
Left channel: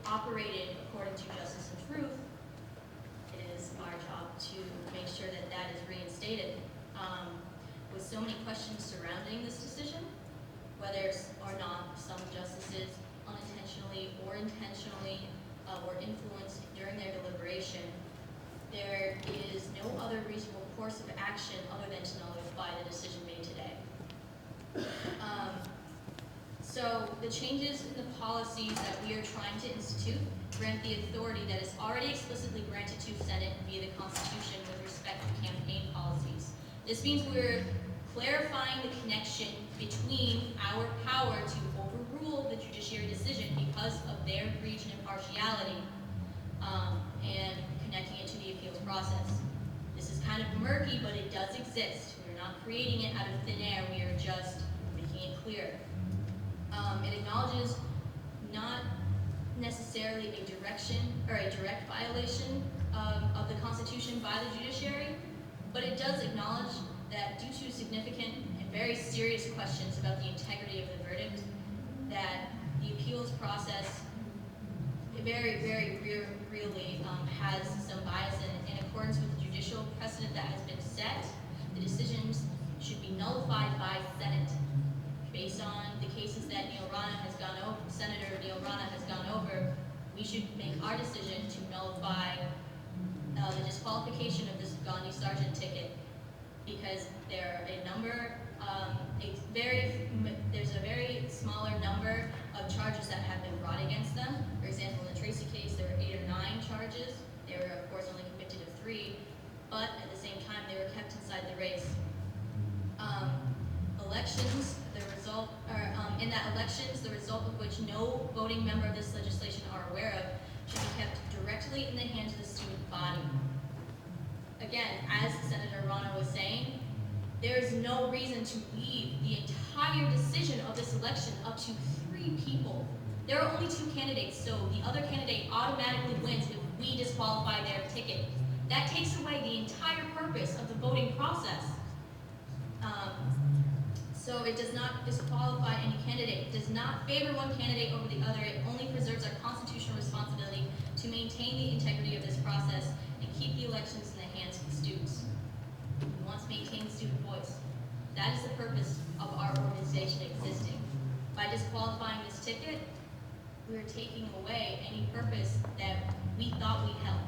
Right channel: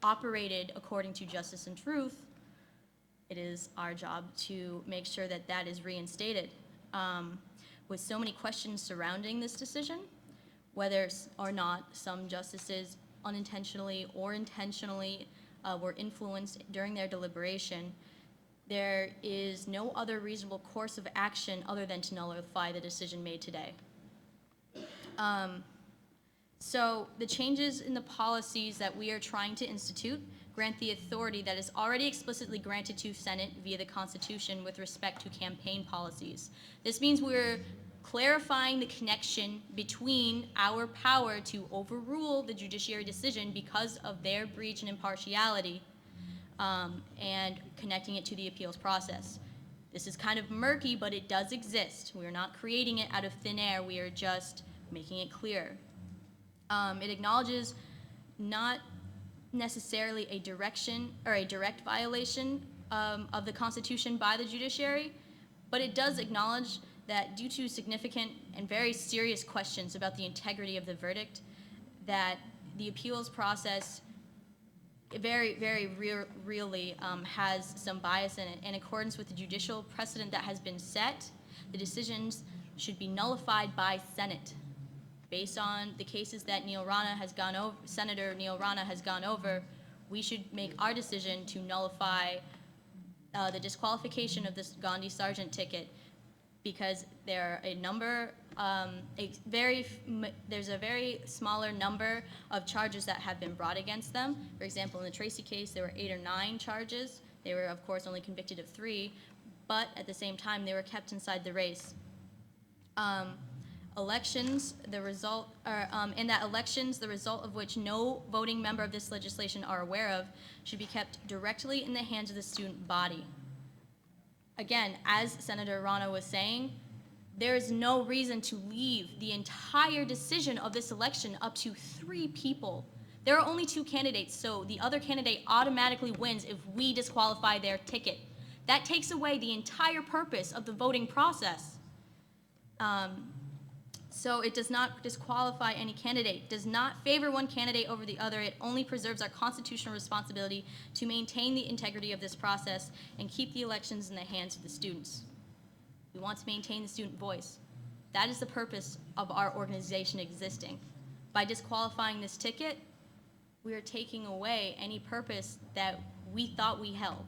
operated according to justice and truth, it is our job to make sure that that is reinstated. With so many questions surrounding this decision, whether or not some justices unintentionally or intentionally were influenced during their deliberation, there is no other reasonable course of action other than to nullify the decision made today. So the changes in the policies that we are trying to institute grant the authority that is already explicitly granted to Senate via the Constitution with respect to campaign policies. This means we're clarifying the connection between our power to overrule the judiciary decision because of their breach and impartiality, and connecting it to the appeals process. This is kind of murky, but it does exist. We're not creating it out of thin air. We are just making it clear. It acknowledges not necessarily a direct violation of the Constitution by the judiciary, but it does acknowledge that due to significant and very serious questions about the integrity of the verdict, that the appeals process really has some bias in it. In accordance with the judicial precedent that has been set, the decisions should be nullified by Senate. Based on the cases that Senator Neil Rana has gone over, we should make our decision to nullify the disqualification of this Gandhi Sargent ticket, because there are a number, there's a very smaller number of charges that have been brought against them. For example, in the Tracy case, there were 8 or 9 charges. They were, of course, only convicted of 3, but at the same time, they were kept inside the race. Elections, the result of which no voting member of this legislation are aware of, should be kept directly in the hands of the student body. Again, as Senator Rana was saying, there is no reason to leave the entire decision of this election up to 3 people. There are only 2 candidates, so the other candidate automatically wins if we disqualify their ticket. That takes away the entire purpose of the voting process. So it does not disqualify any candidate. It does not favor one candidate over the other. It only preserves our constitutional responsibility to maintain the integrity of this process and keep the elections in the hands of the students. We want to maintain the student voice. That is the purpose of our organization existing. By disqualifying this ticket, we are taking away any purpose that we thought we held.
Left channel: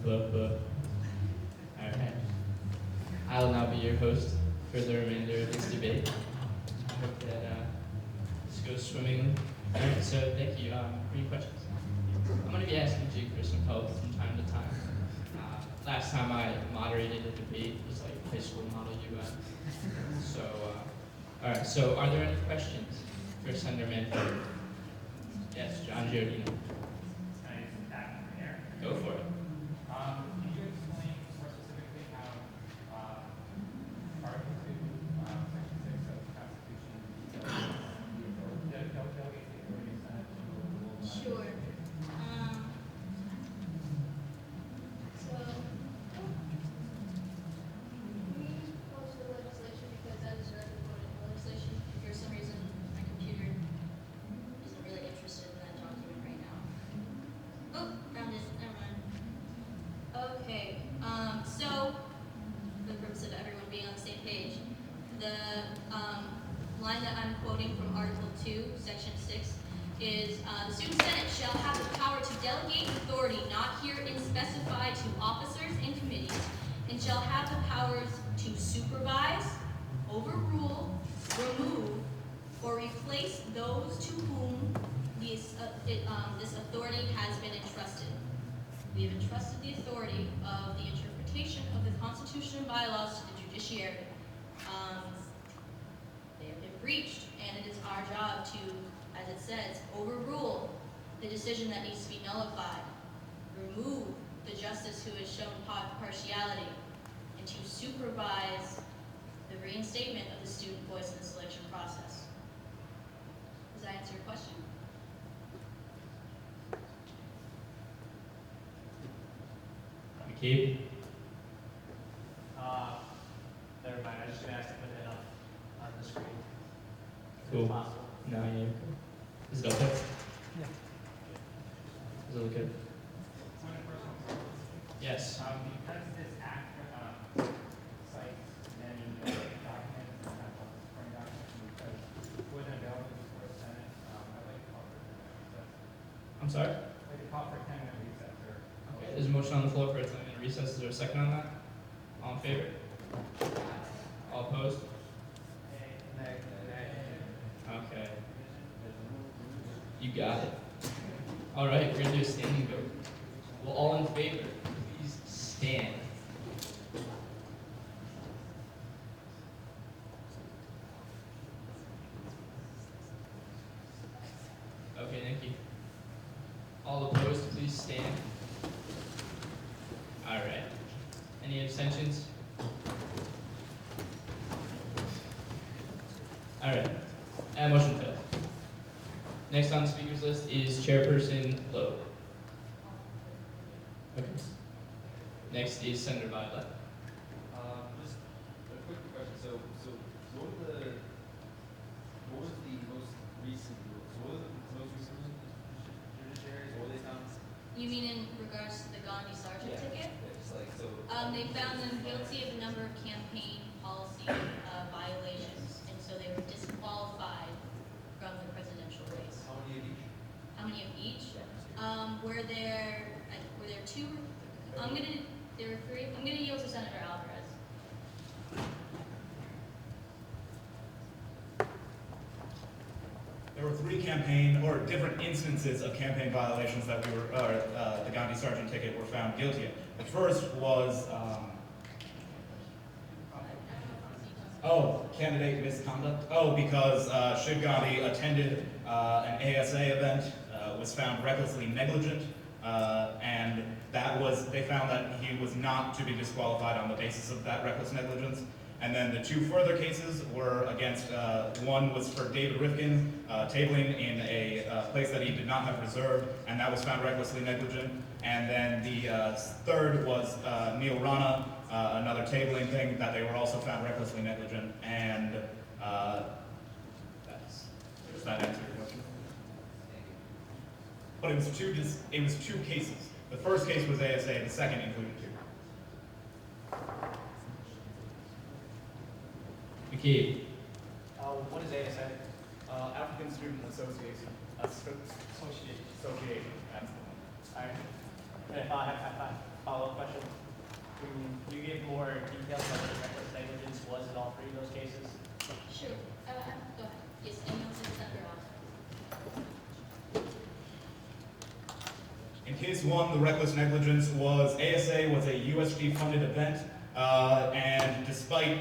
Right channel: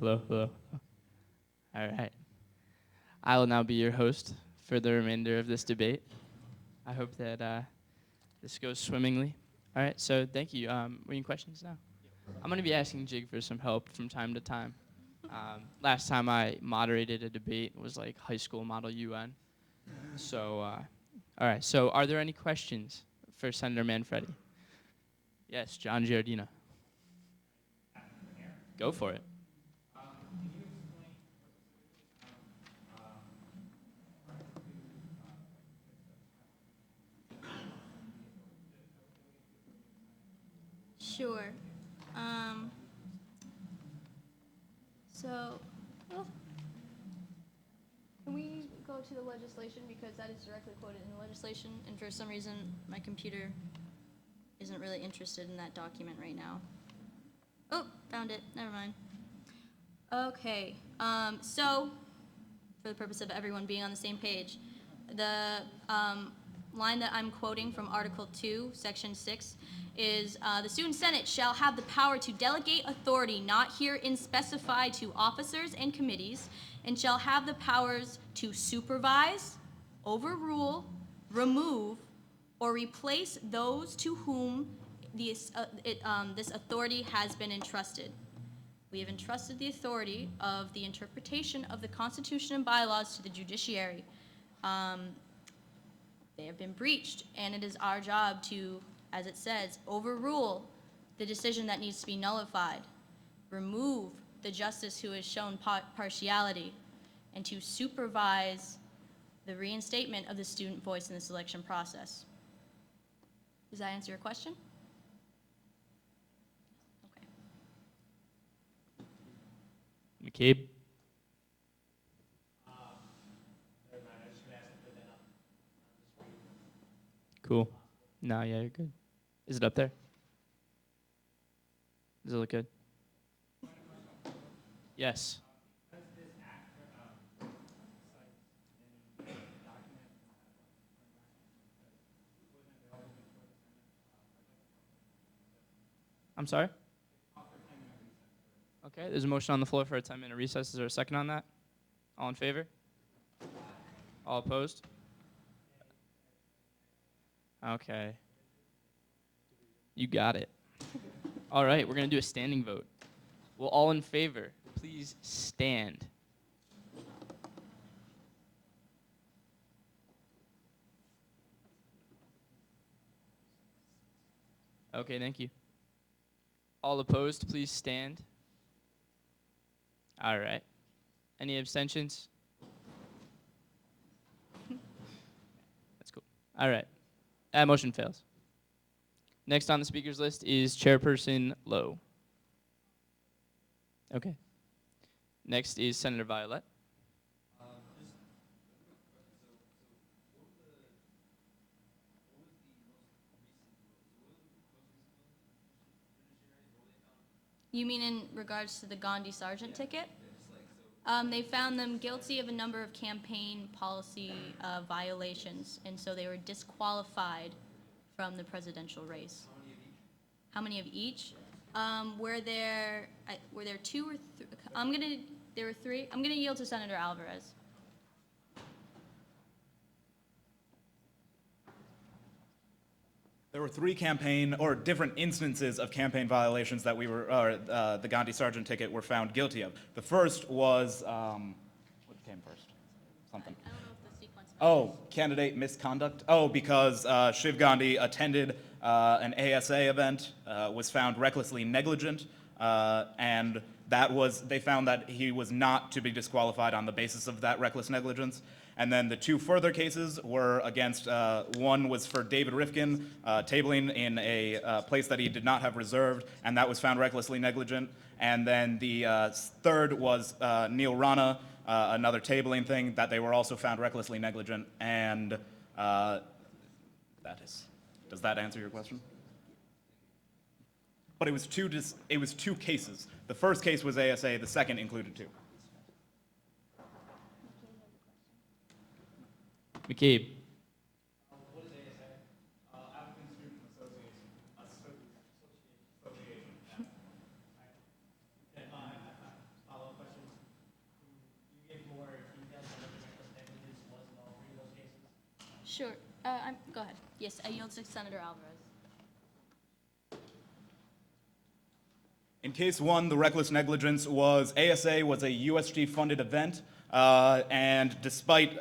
Hello. All right. I will now be your host for the remainder of this debate. I hope that this goes swimmingly. All right, so thank you. Any questions? I'm going to be asking Jake for some help from time to time. Last time I moderated a debate was like high school model UN. So, all right, so are there any questions for Senator Manfred? Yes, John Giordino. Go for it. Can you explain more specifically how Article 2, Section 6 of the Constitution delegates the authority of Senate to overrule? Sure. Can we go to the legislation, because that is directly quoted in the legislation, and for some reason my computer isn't really interested in that document right now. Oh, found it. Never mind. Okay. So for the purpose of everyone being on the same page, the line that I'm quoting from Article 2, Section 6 is, the Student Senate shall have the power to delegate authority not herein specified to officers and committees, and shall have the powers to supervise, overrule, remove, or replace those to whom this authority has been entrusted. We have entrusted the authority of the interpretation of the Constitution and bylaws to the judiciary. They have been breached, and it is our job to, as it says, overrule the decision that needs to be nullified, remove the justice who has shown partiality, and to supervise the reinstatement of the student voice in the selection process. Does that answer your question? McCabe? Never mind, I was just gonna ask to put it up on the screen. Cool. If possible. No, yeah, you're good. Is it up there? Yeah. Does it look good? Yes. Because this act cites many documents, and not all supporting documents, because it wasn't available before the Senate, I'd like to call for 10 minute recess. I'm sorry? I'd like to call for 10 minute recess, or. Okay, there's a motion on the floor for a 10-minute recess. Is there a second on that? All in favor? All opposed? Okay. You got it. All right, we're going to do a standing vote. Will all in favor please stand? Okay, thank you. All opposed, please stand. All right. Any abstentions? All right. That motion failed. Next on the speakers list is Chairperson Lowe. Okay. Next is Senator Violet. Just a quick question. So what was the most recent rules? So what was the most recent judiciaries? What were they found? You mean in regards to the Gandhi Sargent ticket? It's like, so. They found them guilty of a number of campaign policy violations, and so they were disqualified from the presidential race. How many of each? How many of each? Were there two or there were three. I'm gonna yield to Senator Alvarez. There were 3 campaign or different instances of campaign violations that the Gandhi Sargent ticket were found guilty of. The first was, candidate misconduct. Because Shiv Gandhi attended an ASA event, was found recklessly negligent, and they found that he was not to be disqualified on the basis of that reckless negligence. And then the 2 further cases were against, one was for David Rifkin, tabling in a place that he did not have reserved, and that was found recklessly negligent. And then the third was Neil Rana, another tabling thing that they were also found recklessly negligent. And does that answer your question? But it was 2 cases. The first case was ASA, the second included 2. McCabe. What is ASA? African Student Association. Association. That's the one. Alright. And if I have a follow-up question, you gave more details on what the reckless negligence was in all 3 of those cases? Sure. Go ahead. Yes, I yield to Senator Alvarez. In case 1, the reckless negligence was ASA was a USG funded event. And despite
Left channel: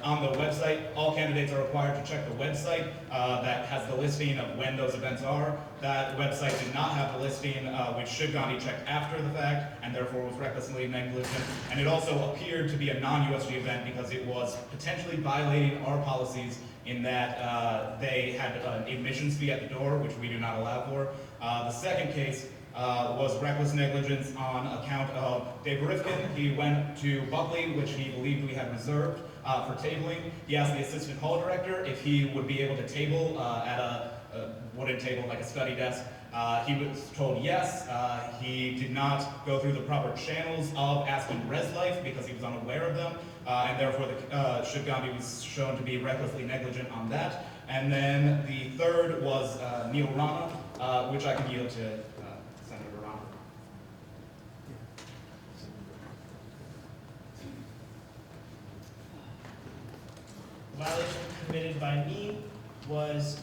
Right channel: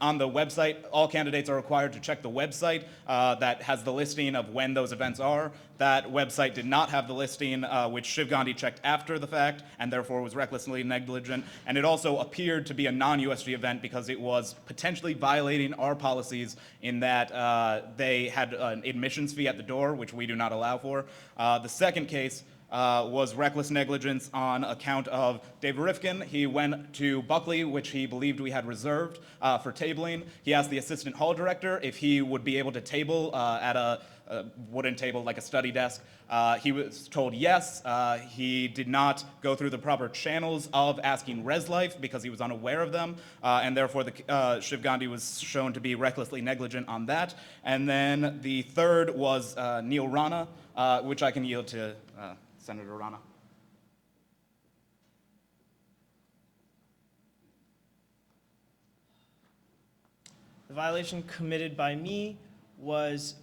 on the website, all candidates are required to check the website that has the listing of when those events are. That website did not have the listing, which Shiv Gandhi checked after the fact, and therefore was recklessly negligent. And it also appeared to be a non-USG event because it was potentially violating our policies in that they had an admissions fee at the door, which we do not allow for. The second case was reckless negligence on account of David Rifkin. He went to Buckley, which he believed we had reserved for tabling. He asked the assistant hall director if he would be able to table at a wooden table, like a study desk. He was told yes. He did not go through the proper channels of asking Res Life because he was unaware of them, and therefore Shiv Gandhi was shown to be recklessly negligent on that. And then the third was Neil Rana, which I can yield to Senator Rana. The violation committed by me was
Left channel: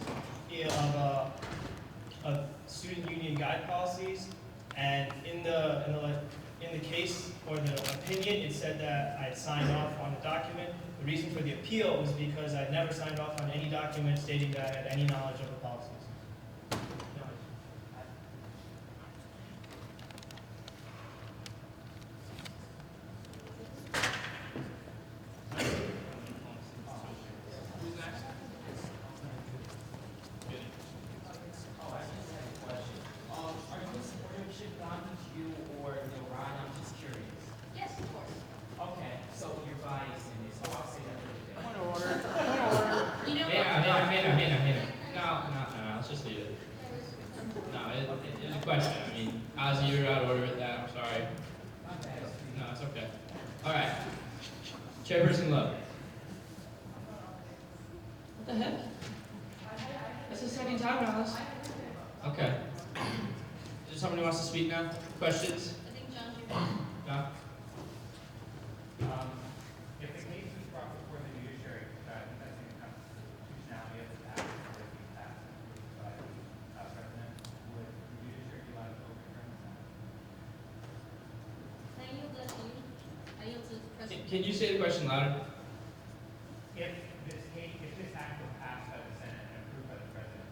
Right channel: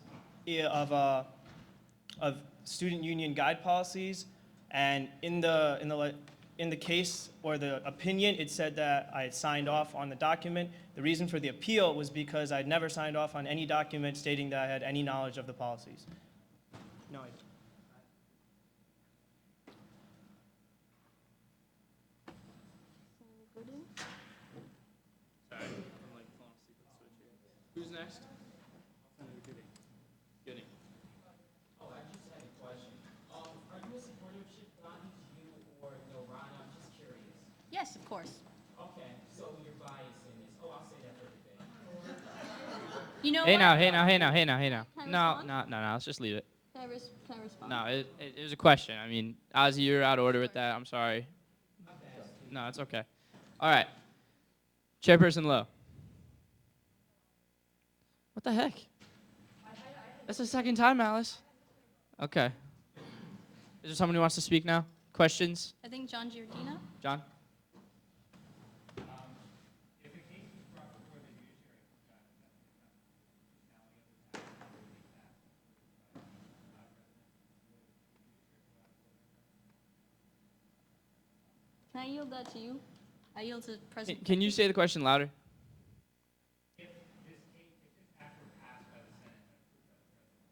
of student union guide policies, and in the case or the opinion, it said that I had signed off on the document. The reason for the appeal was because I'd never signed off on any document stating that I had any knowledge of the policies. Yes, of course. Okay, so you're biased in this, so I'll say that You know Hey what? now. No, let's just leave it. No, it was a question. I mean, Ozzy, you're out of order with that. I'm sorry. No, it's okay. All right. Chairperson Lowe. What the heck? That's the second time, Alice. Okay. Is there someone who wants to speak now? Questions? I think John's your John? If the case was brought before the judiciary, contesting the constitutionality of the act or the act by the president, would the judiciary be allowed to overturn this act? Can I yield that to you? I yield to President. Can you say the question louder? If this act were passed by the Senate and approved by the president,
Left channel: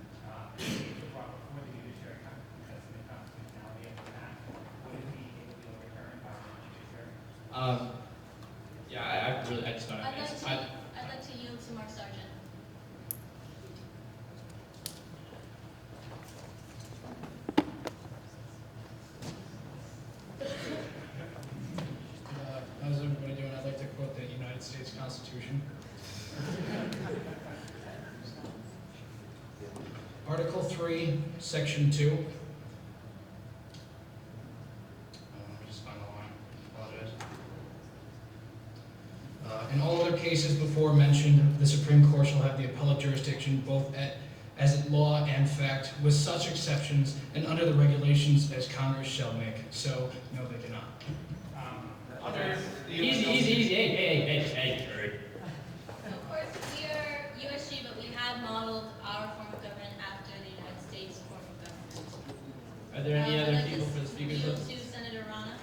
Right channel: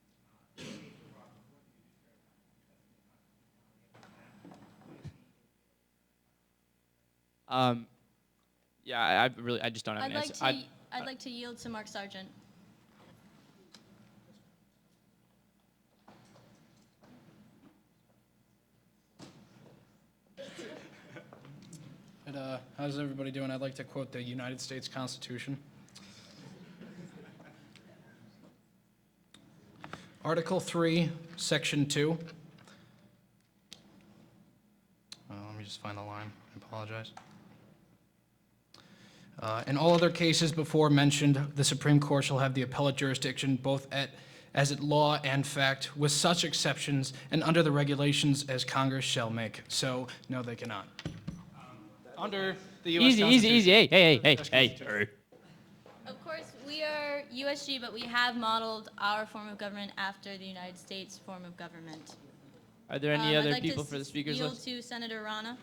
if the case were brought before the Yeah, I just don't have I'd an like answer. to, I'd like to yield to Mark Sargent. How's everybody doing? I'd like to quote the United States Constitution. Article 3, Section 2. Let me just find the line. I apologize. In all other cases before mentioned, the Supreme Court shall have the appellate jurisdiction both as at law and fact, with such exceptions and under the regulations as Congress shall make. So, no, they cannot. Under the U.S. Easy. Hey. Of course, we are USG, but we have modeled our form of government after the United States form of government. Are there any I'd other like people to for the speakers yield list? to Senator Rana.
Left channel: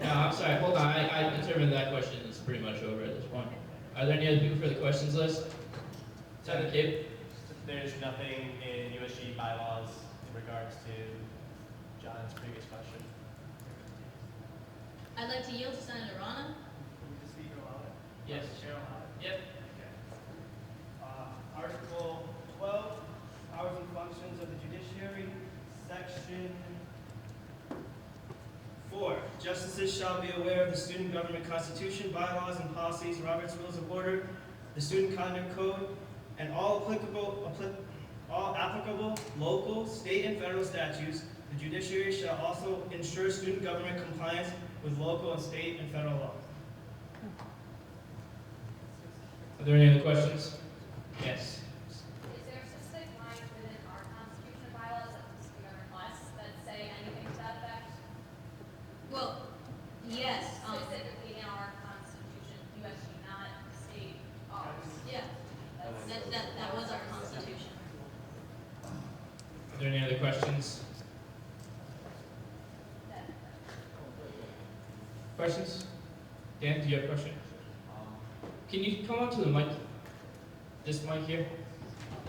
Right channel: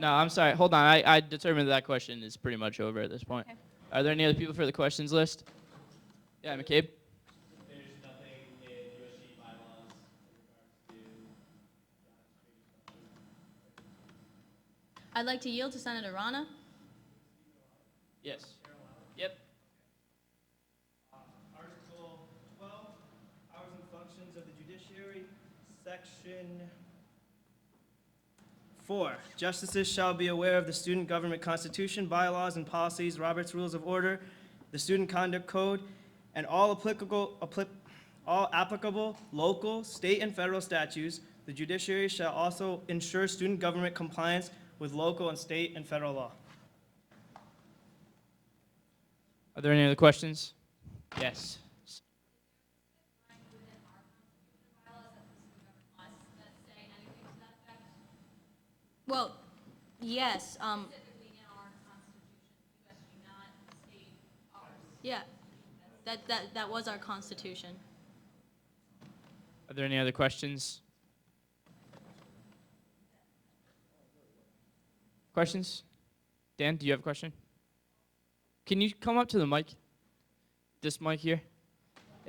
No, I'm sorry. Hold on. I determined that question is pretty much over at this point. Are there any other people for the questions list? Yeah, Gabe? There's nothing in USG bylaws in regards to John's previous question. I'd like to yield to Senator Rana. Yes. Yep. Article 12, powers and functions of the judiciary, section 4. Justices shall be aware of the student government constitution, bylaws and policies, Robert's Rules of Order, the Student Conduct Code, and all applicable local, state, and federal statutes. The judiciary shall also ensure student government compliance with local and state and federal law. Are there any other questions? Yes. Is there a specific line within our constitution and bylaws that we request that say anything to that effect? Well, yes. Specifically in our constitution, USG, not state ours. Yeah. That was our constitution. Are there any other questions? Questions? Dan, do you have a question? Can you come up to the mic? This mic here?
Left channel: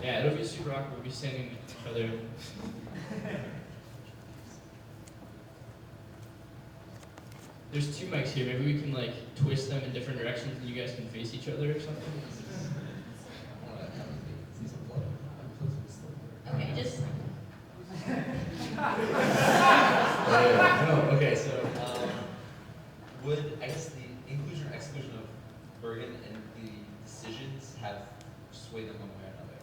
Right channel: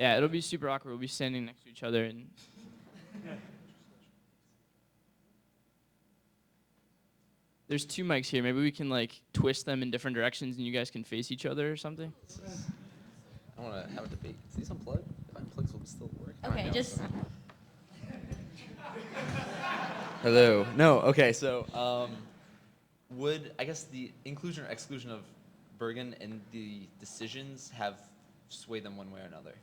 Yeah, it'll be super awkward. We'll be standing next to each other. There's 2 mics here. Maybe we can like twist them in different directions and you guys can face each other or something. I want to have the baby see some blood. My plugs will still work. Okay, just. Hello. No. Okay. So, would I guess the inclusion or exclusion of Bergen in the decisions have swayed them one way or another?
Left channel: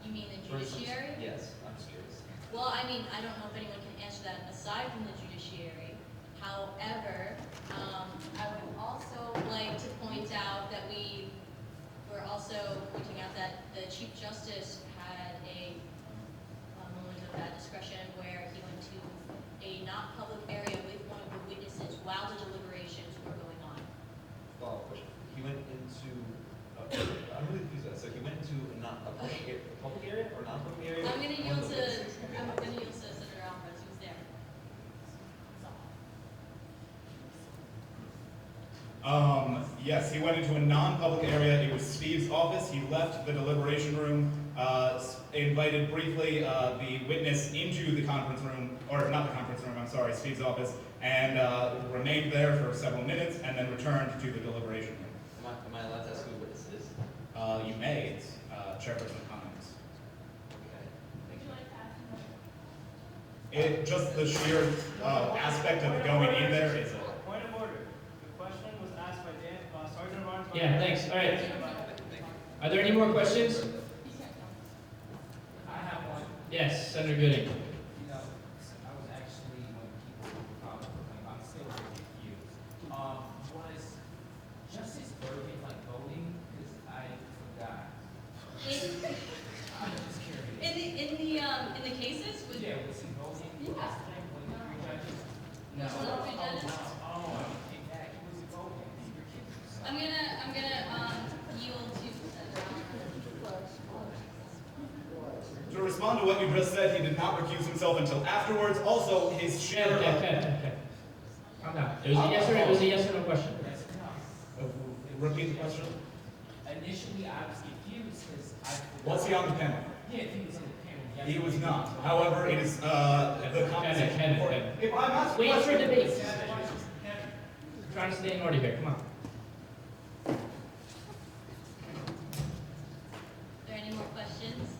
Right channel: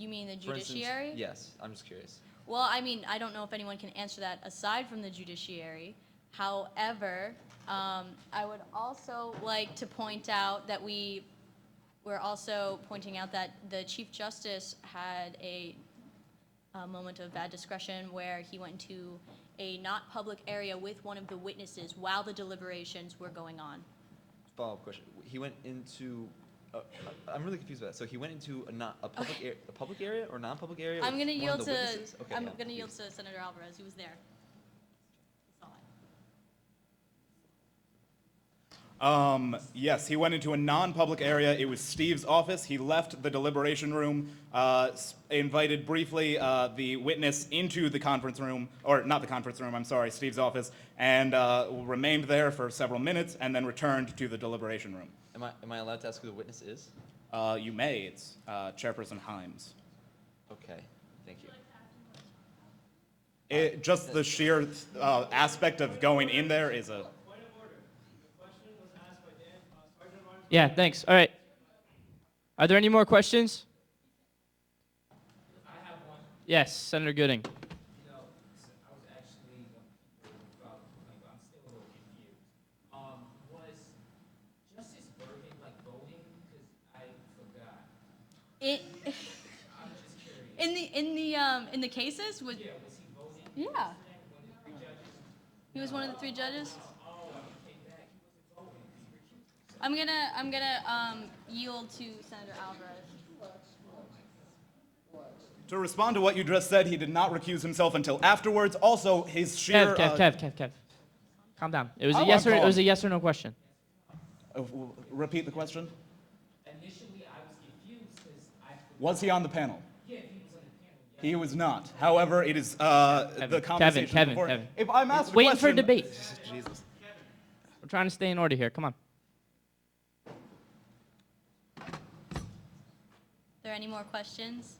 You mean the For instance, judiciary? yes. I'm just curious. Well, I mean, I don't know if anyone can answer that aside from the judiciary. However, I would also like to point out that we're also pointing out that the Chief Justice had a moment of bad discretion where he went to a not public area with one of the witnesses while the deliberations were going on. Follow-up question. He went into. I'm really confused with that. So he went into a public area or non-public area? I'm gonna yield to Okay. Senator Alvarez, who's there. Yes, he went into a non-public area. It was Steve's office. He left the deliberation room, invited briefly the witness into the conference room, or not the conference room, I'm sorry, Steve's office, and remained there for several minutes, and then returned to the deliberation room. Am I allowed to ask who the witness is? You may. It's Chairperson Hines. Okay. Thank you. It just the sheer aspect of going in there is a. Point of order. The question was asked by Sergeant Rana. Yeah, thanks. All right. Are there any more questions? I have one. Yes, Senator Gooding. You know, I was actually, when people I'm still very confused. Was Justice Bergen like voting? Because I forgot. I'm just curious. In the cases with. Yeah, was he voting? Yeah. He was one of the 3 judges. I'm gonna yield to Senator Alvarez. To respond to what you just said, he did not recuse himself until afterwards. Also, his sheer. Kev. Calm down. It was a yes or no question. Repeat the question. Initially, I was confused because I. Was he on the panel? Yeah, he was on the panel. He was not. However, it is the conversation. Kevin. If I'm asked a Wait for question- debate. I'm trying to stay in order here. Come on. Are there any more questions?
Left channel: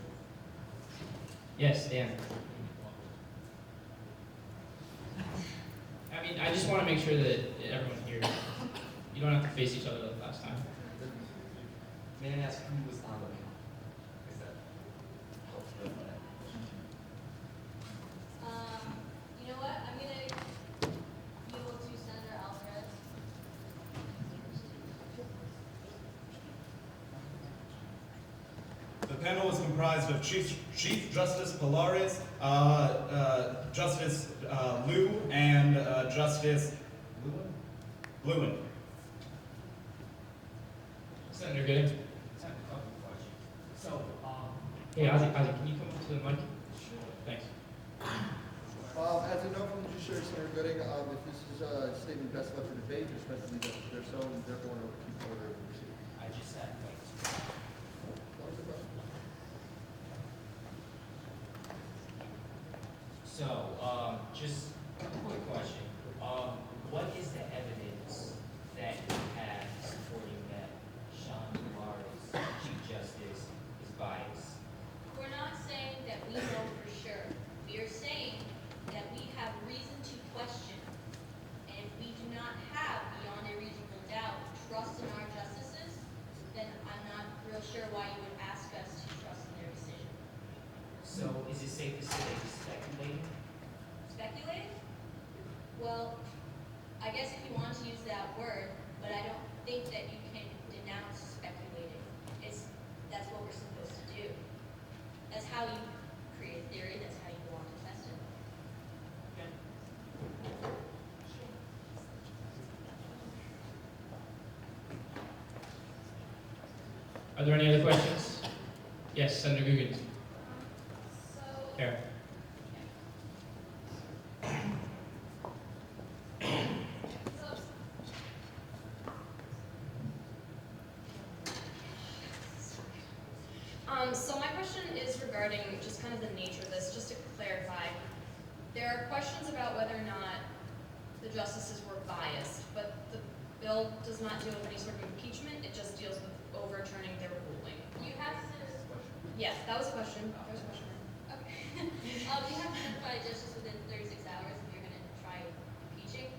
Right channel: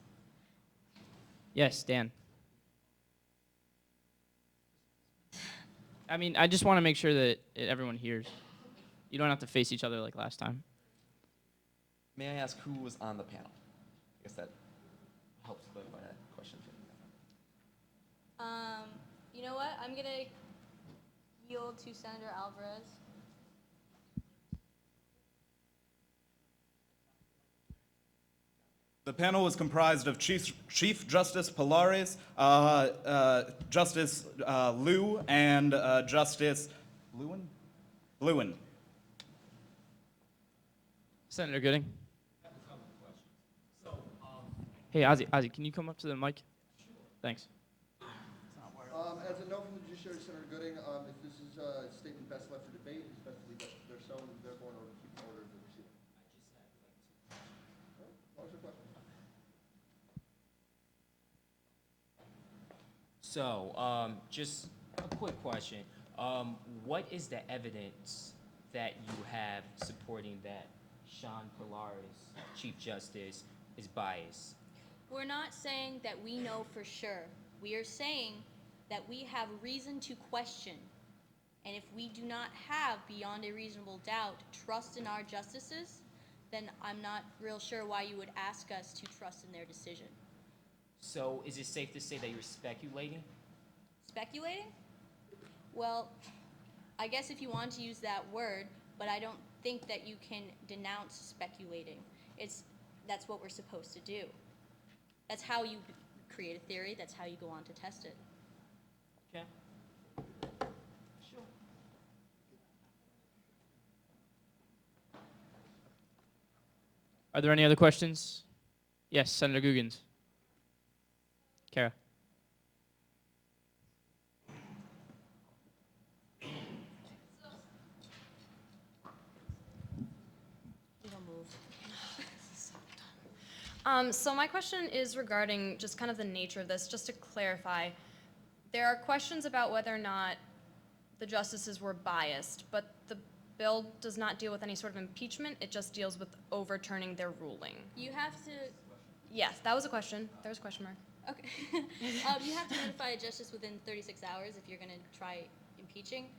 Yes, Dan. I mean, I just want to make sure that everyone hears. You don't have to face each other like last time. May I ask who was on the panel? I guess that helps with that question. You know what? I'm gonna go to Senator Alvarez. The panel was comprised of Chief Justice Pilares, Justice Liu, and Justice Lewin. Senator Gooding. I have a couple of questions. So, Hey, Ozzy, can you come up to the mic? Thanks. As I know from the judiciary, Senator Gooding, if this is a statement best left for debate, there's meant to be justice there, so therefore no keep order of the proceeding. I just said, wait. That was the question. So, just a quick question. What is the evidence that you have supporting that Sean Pilares, Chief Justice, is biased? We're not saying that we know for sure. We are saying that we have reason to question. And if we do not have, beyond a reasonable doubt, trust in our justices, then I'm not real sure why you would ask us to trust in their decision. So, is it safe to say that you're speculating? Speculating? Well, I guess if you want to use that word, but I don't think that you can denounce speculating. That's what we're supposed to do. That's how you create a theory, that's how you go on to test it. Are there any other questions? Yes, Senator Guggens. Kara. So my question is regarding just kind of the nature of this, just to clarify. There are questions about whether or not the justices were biased, but the bill does not deal with any sort of impeachment, it just deals with overturning their ruling. You have to, Yes, that was a question. There's a question mark. okay. You have to notify a justice within 36 hours if you're gonna try impeaching.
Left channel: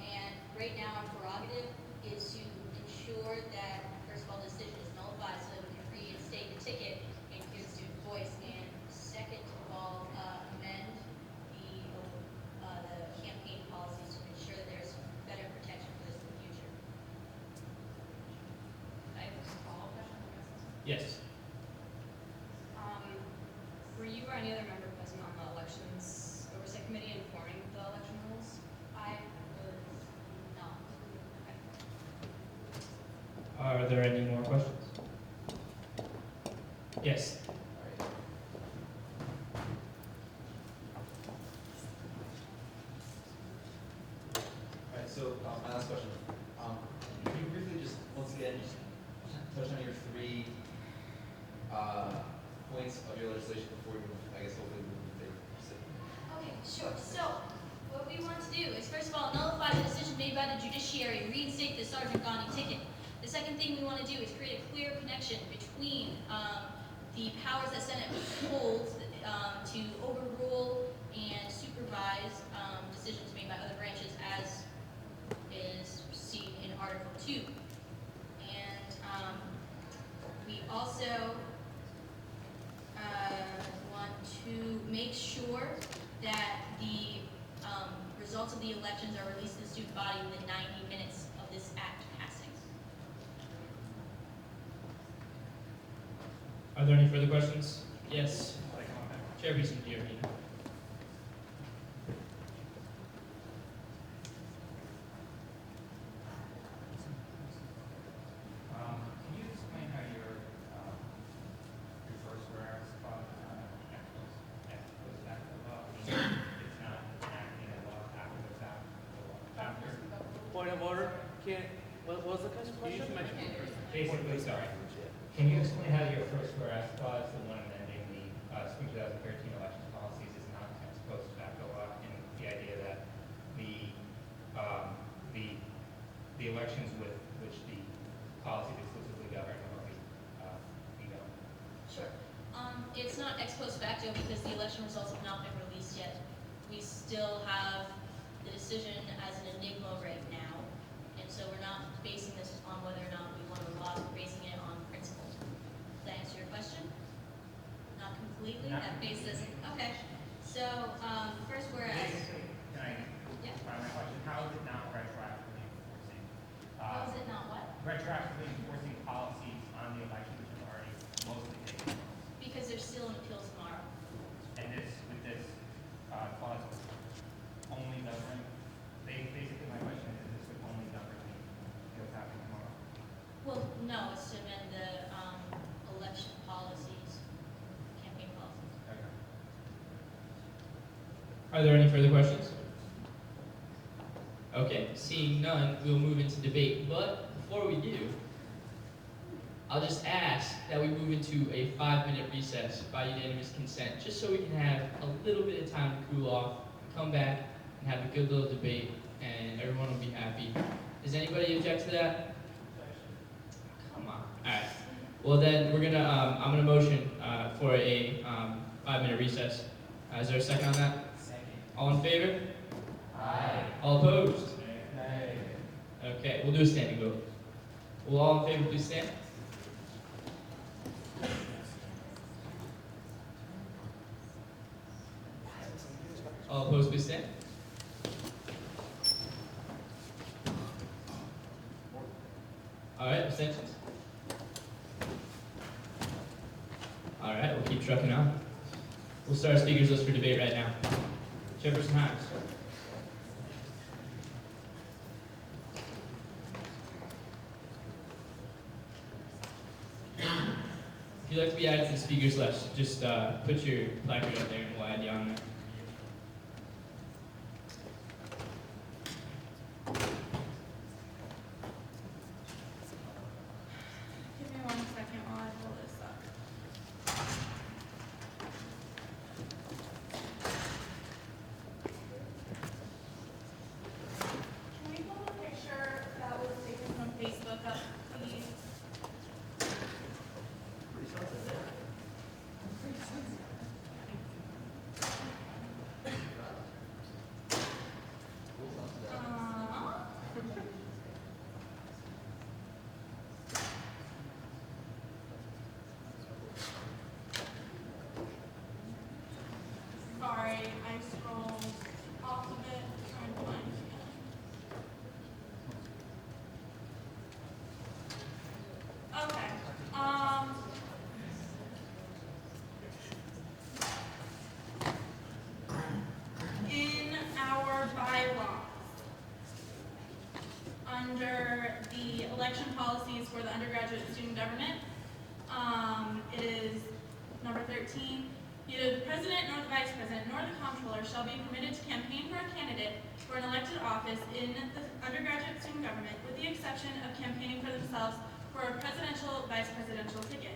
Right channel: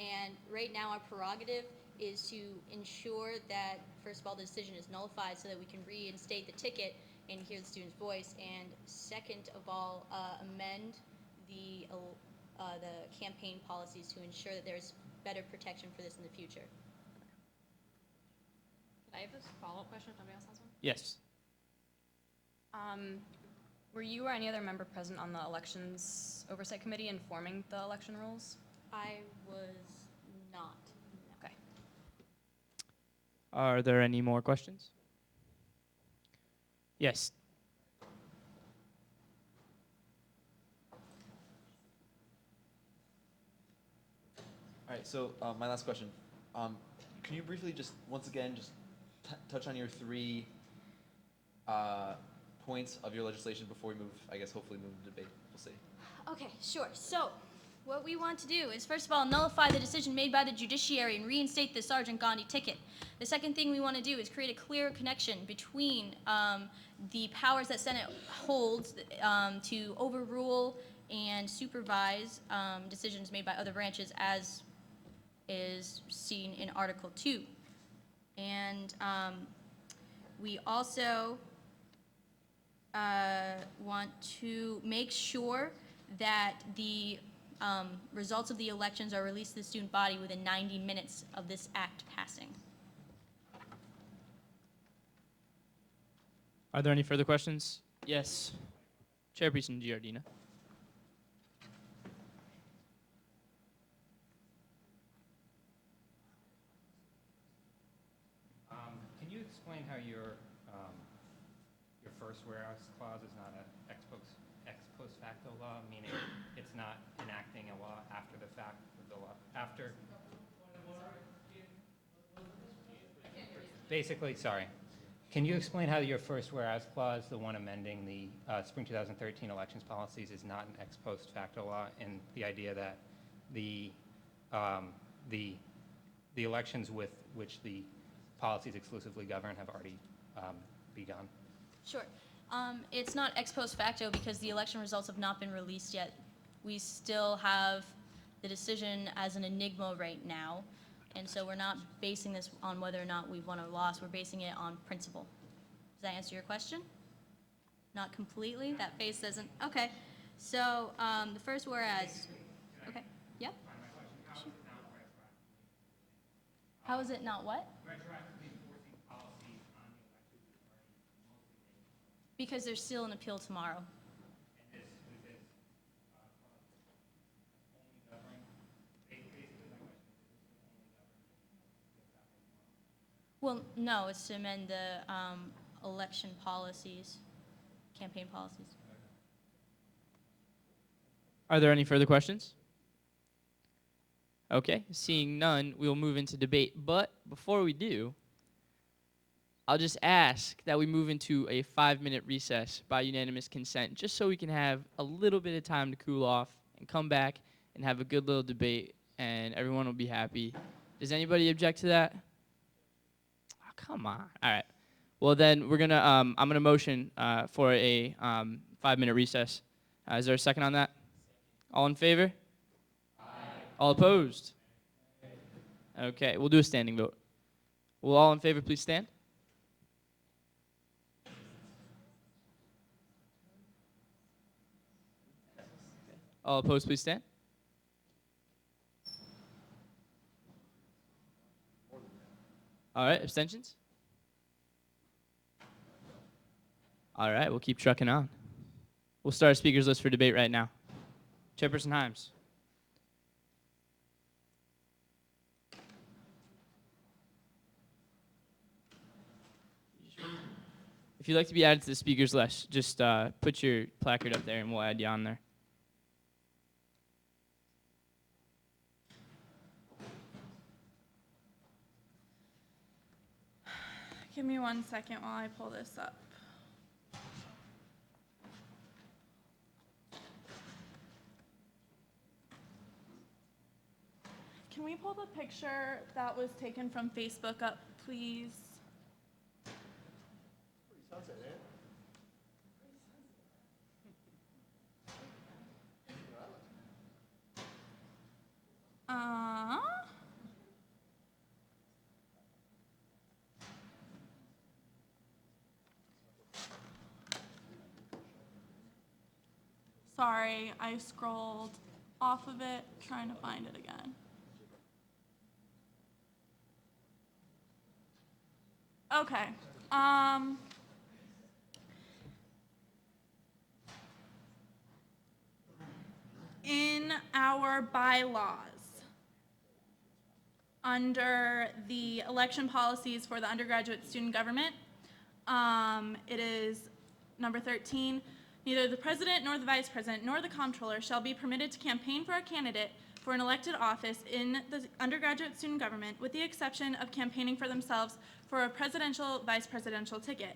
And right now our prerogative is to ensure that, first of all, the decision is nullified so that we can reinstate the ticket and hear the student's voice. And second of all, amend the campaign policies to ensure that there's better protection for this in the future. I have a follow-up question. Yes. Were you or any other member present on the Elections Oversight Committee informing the election rules? I was not. Okay. Are there any more questions? Yes. Alright, so my last question. Can you briefly just, once again, just touch on your three points of your legislation before we move, I guess, hopefully move to debate? Okay, sure. So, what we want to do is, first of all, nullify the decision made by the judiciary and reinstate the Sergeant Gandhi ticket. The second thing we want to do is create a clear connection between the powers that Senate holds to overrule and supervise decisions made by other branches, as is seen in Article 2. And we also want to make sure that the results of the elections are released to the student body within 90 minutes of this act passing. Are there any further questions? Yes. Chairperson Giardino. Can you explain how your first whereas clause, ex post facto law, meaning it's not enacting a law after the fact, or after? Point of order. What was the question? Basically, sorry. Can you explain how your first whereas clause, the one amending the spring 2013 elections policies, is not an ex post facto law, in the idea that the elections with which the policies exclusively govern have already begun? Sure. It's not ex post facto because the election results have not been released yet. We still have the decision as an enigma right now, and so we're not basing this on whether or not we've won or lost. We're basing it on principle. Does that answer your question? Not completely. That base doesn't. Okay. So the first whereas. Can I Yeah. try my question? How is it not retroactively enforcing? How is it not what? Retroactively enforcing policies on the election which have already mostly taken place? Because there's still an appeal tomorrow. And with this clause only govern, basically my question is this would only govern the appeals happening tomorrow? Well, no, it's to amend the election policies, campaign policies. Okay. Are there any further questions? Okay, seeing none, we'll move into debate. But before we do, I'll just ask that we move into a 5-minute recess by unanimous consent, just so we can have a little bit of time to cool off, come back, and have a good little debate, and everyone will be happy. Does anybody object to that? Oh, come on. All right. Well, then we're gonna. I'm gonna motion for a 5-minute recess. Is there a second on that? Second. All in favor? Aye. All opposed? Nay. Okay, we'll do a standing vote. Will all in favor please stand? All opposed please stand. All right, abstentions? All right, we'll keep trucking on. We'll start a speakers list for debate right now. Chairperson Himes. If you'd like to be added to the speakers list, just put your placard up there and we'll add you on there. Give me 1 second while I pull this up. Can we pull the picture that was taken from Facebook up, please? Sorry, I scrolled off of it, trying to find it again. Okay, in our bylaws, under the election policies for the undergraduate student government, it is number 13. Neither the president nor the vice president nor the comptroller shall be permitted to campaign for a candidate for an elected office in the undergraduate student government, with the exception of campaigning for themselves for a presidential, vice presidential ticket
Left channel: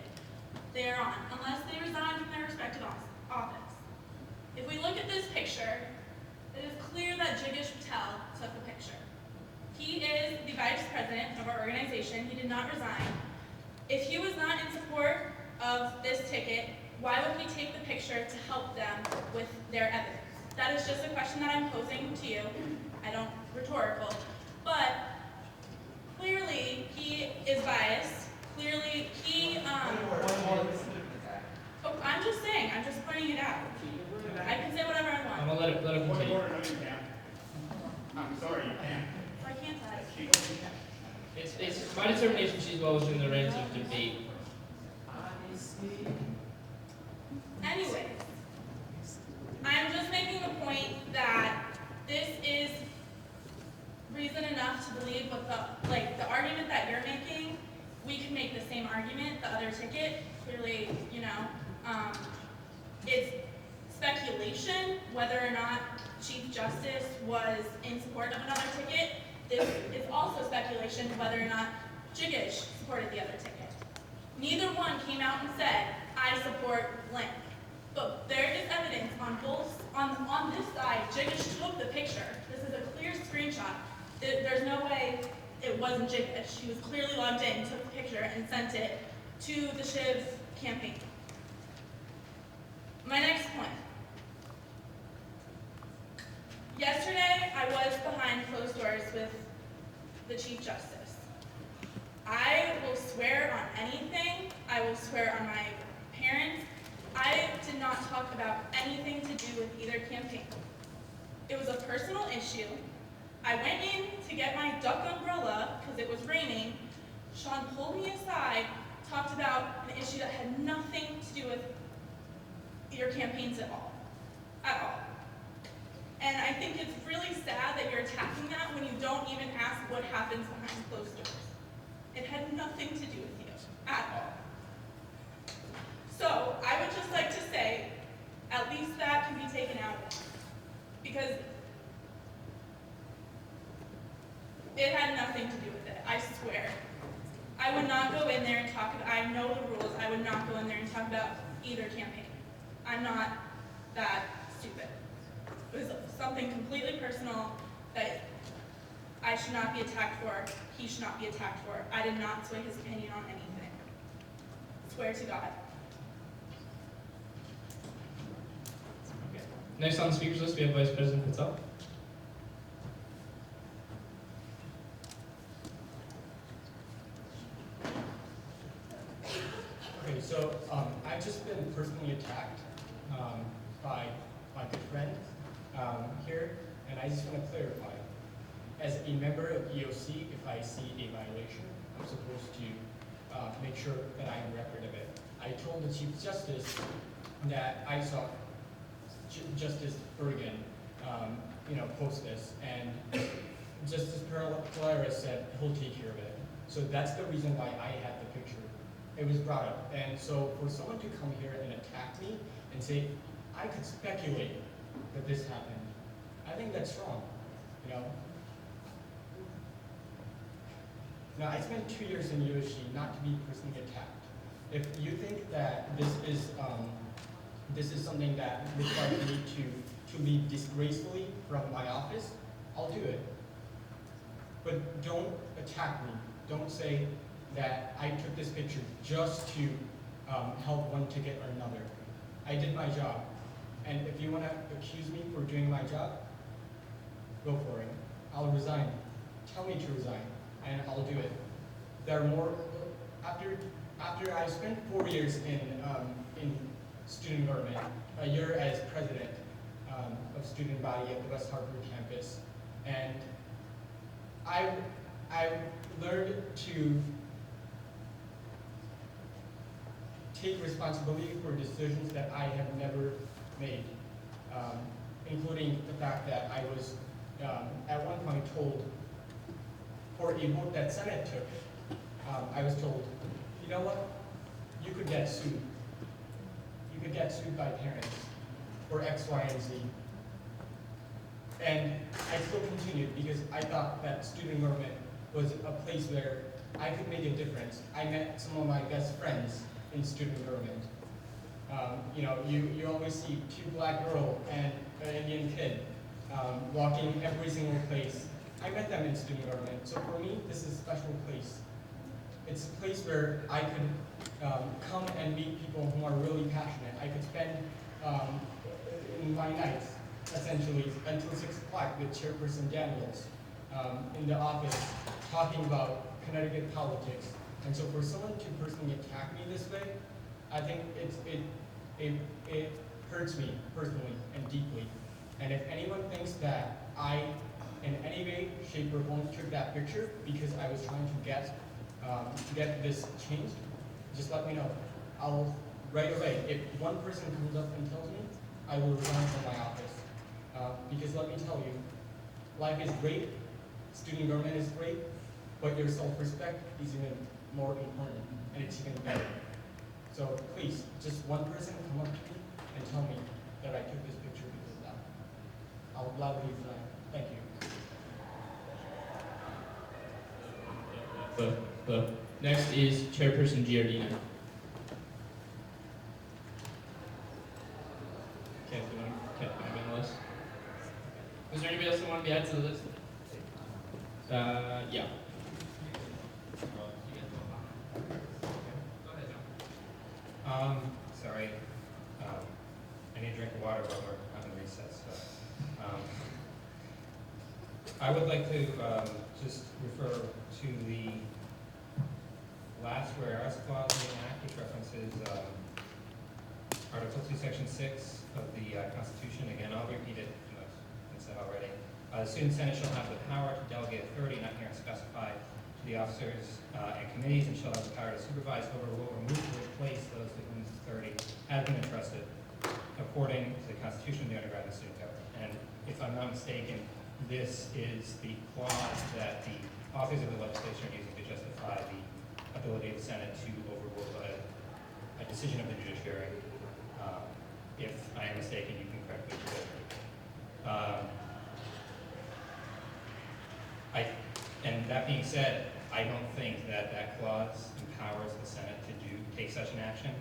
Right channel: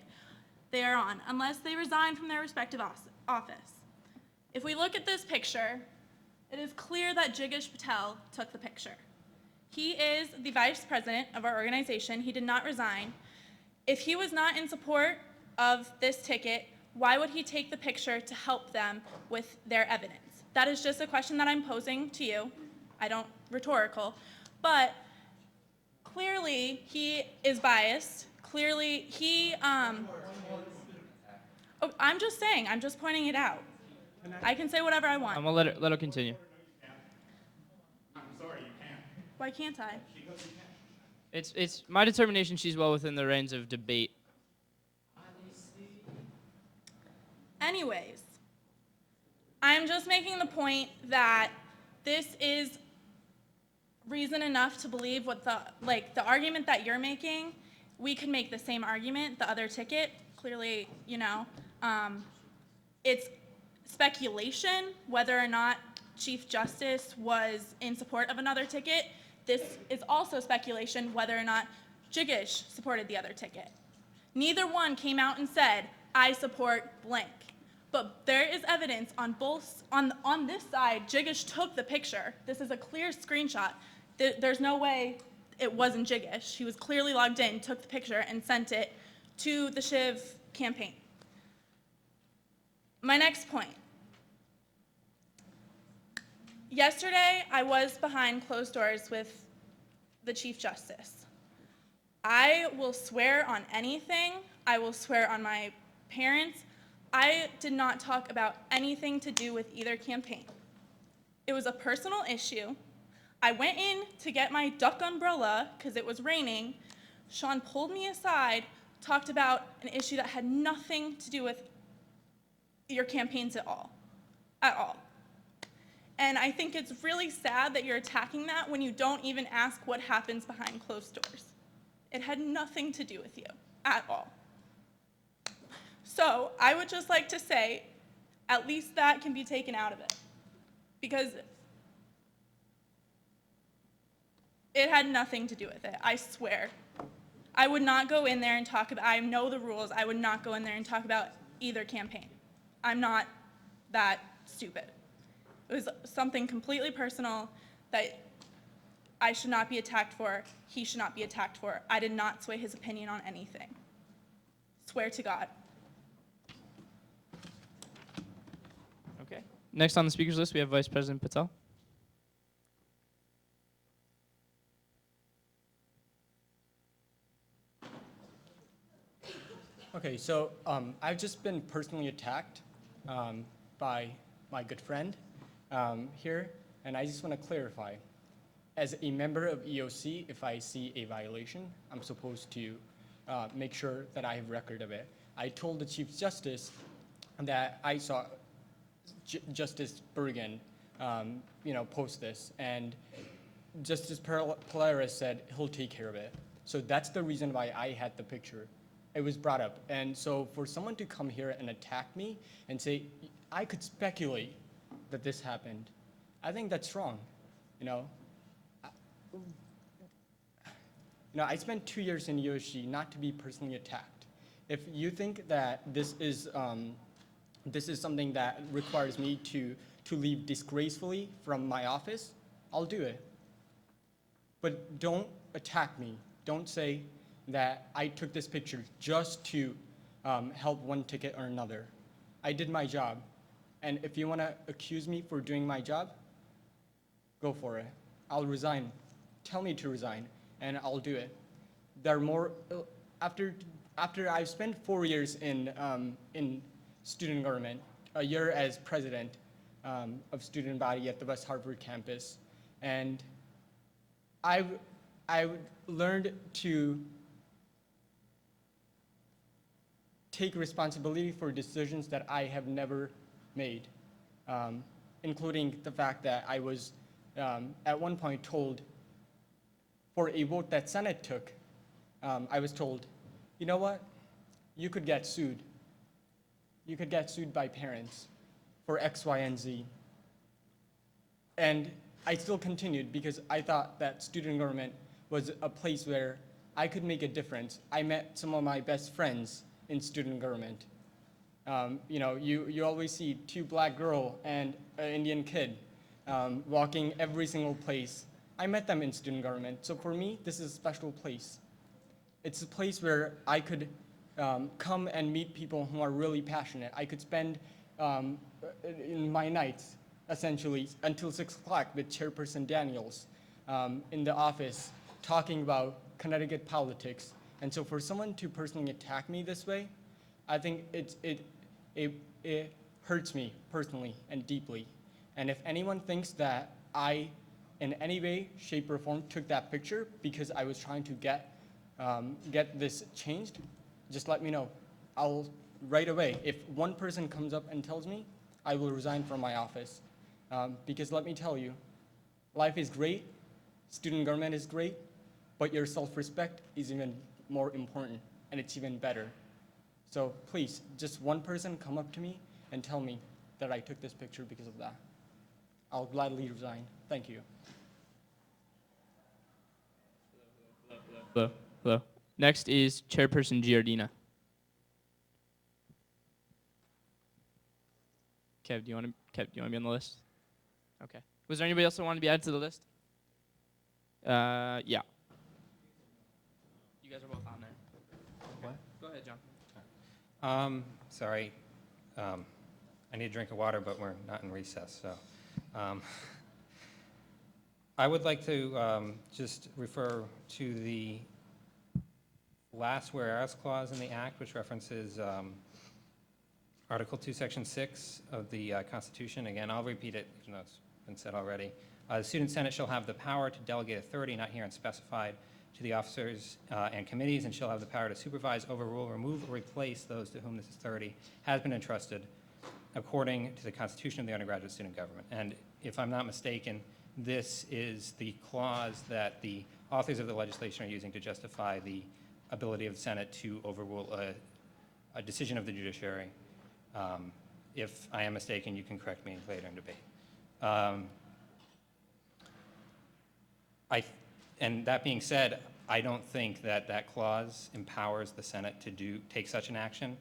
they are on, unless they resign from their respective office. If we look at this picture, it is clear that Jigish Patel took the picture. He is the vice president of our organization. He did not resign. If he was not in support of this ticket, why would he take the picture to help them with their evidence? That is just a question that I'm posing to you. I don't rhetorical, but clearly he is biased. Clearly he, oh, I'm just saying, I'm just pointing it out. I can say whatever I want. I'm gonna let her continue. I'm sorry, you can't. Why can't I? It's my determination she's well within the range of debate. Anyways, I'm just making the point that this is reason enough to believe what the argument that you're making, we could make the same argument, the other ticket. Clearly, you know, it's speculation whether or not Chief Justice was in support of another ticket. This is also speculation whether or not Jigish supported the other ticket. Neither one came out and said, I support blank. But there is evidence on on this side, Jigish took the picture. This is a clear screenshot. There's no way it wasn't Jigish. He was clearly logged in, took the picture, and sent it to the Shiv campaign. My next point. Yesterday, I was behind closed doors with the Chief Justice. I will swear on anything. I will swear on my parents. I did not talk about anything to do with either campaign. It was a personal issue. I went in to get my duck umbrella because it was raining. Sean pulled me aside, talked about an issue that had nothing to do with your campaigns at all. And I think it's really sad that you're attacking that when you don't even ask what happens behind closed doors. It had nothing to do with you at all. So I would just like to say, at least that can be taken out of it. Because it had nothing to do with it, I swear. I would not go in there and talk about, I know the rules, I would not go in there and talk about either campaign. I'm not that stupid. It was something completely personal that I should not be attacked for, he should not be attacked for. I did not sway his opinion on anything. Swear to God. Okay. Next on the speakers list, we have Vice President Patel. Okay, so I've just been personally attacked by my good friend here, and I just want to clarify. As a member of EOC, if I see a violation, I'm supposed to make sure that I have record of it. I told the Chief Justice that I saw Justice Bergen, post this, and Justice Polaris said he'll take care of it. So that's the reason why I had the picture. It was brought up, and so for someone to come here and attack me and say, I could speculate that this happened, I think that's wrong, Now, I spent 2 years in USG not to be personally attacked. If you think that this is something that requires me to leave disgracefully from my office, I'll do it. But don't attack me. Don't say that I took this picture just to help one ticket or another. I did my job. And if you want to accuse me for doing my job, go for it. I'll resign. Tell me to resign, and I'll do it. There are more, after I've spent 4 years in student government, a year as president of student body at the West Hartford campus, and I've learned to take responsibility for decisions that I have never made, including the fact that I was at one point told, for a vote that Senate took, I was told, you know what, you could get sued. You could get sued by parents for X, Y, and Z. And I still continued because I thought that student government was a place where I could make a difference. I met some of my best friends in student government. You always see 2 black girls and an Indian kid walking every single place. I met them in student government, so for me, this is a special place. It's a place where I could come and meet people who are really passionate. I could spend in my nights, essentially, until 6 o'clock with Chairperson Daniels in the office, talking about Connecticut politics. And so for someone to personally attack me this way, I think it hurts me personally and deeply. And if anyone thinks that I, in any way, shape, or form, took that picture because I was trying to get this changed, just let me know. I'll right away. If one person comes up and tells me, I will resign from my office. Because let me tell you, life is great, student government is great, but your self-respect is even more important, and it's even better. So please, just one person come up to me and tell me that I took this picture because of that. I'll gladly resign. Thank you. Hello. Next is Chairperson Giardina. Kev, do you want to be on the list? Okay. Was there anybody else that wanted to be added to the list? Yeah. Go ahead, John. Sorry, I need a drink of water, but we're not in recess, so. I would like to just refer to the last whereas clause in the Act, which references Article 2, Section 6 of the Constitution. Again, I'll repeat it, you know, it's been said already. The Student Senate shall have the power to delegate authority not herein specified to the officers and committees, and shall have the power to supervise, overrule, remove, or replace those to whom this authority has been entrusted according to the Constitution of the undergraduate student government. And if I'm not mistaken, this is the clause that the authors of the legislation are using to justify the ability of the Senate to overrule a decision of the judiciary. If I am mistaken, you can correct me later in debate. And that being said, I don't think that that clause empowers the Senate to take such an action.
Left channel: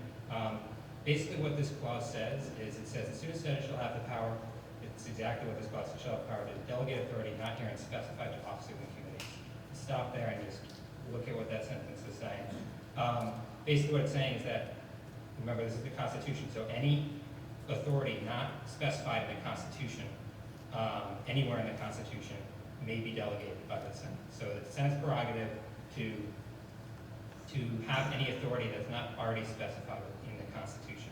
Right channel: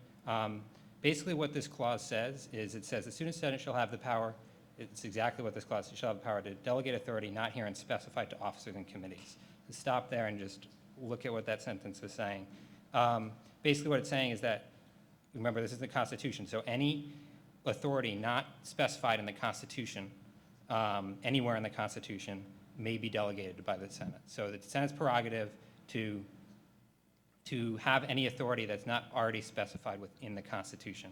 Basically what this clause says is it says the Student Senate shall have the power, it's exactly what this clause shall have the power to delegate authority not herein specified to officers and committees. Stop there and just look at what that sentence is saying. Basically what it's saying is that, remember this is the Constitution, so any authority not specified in the Constitution, anywhere in the Constitution, may be delegated by the Senate. So the Senate's prerogative to have any authority that's not already specified within the Constitution.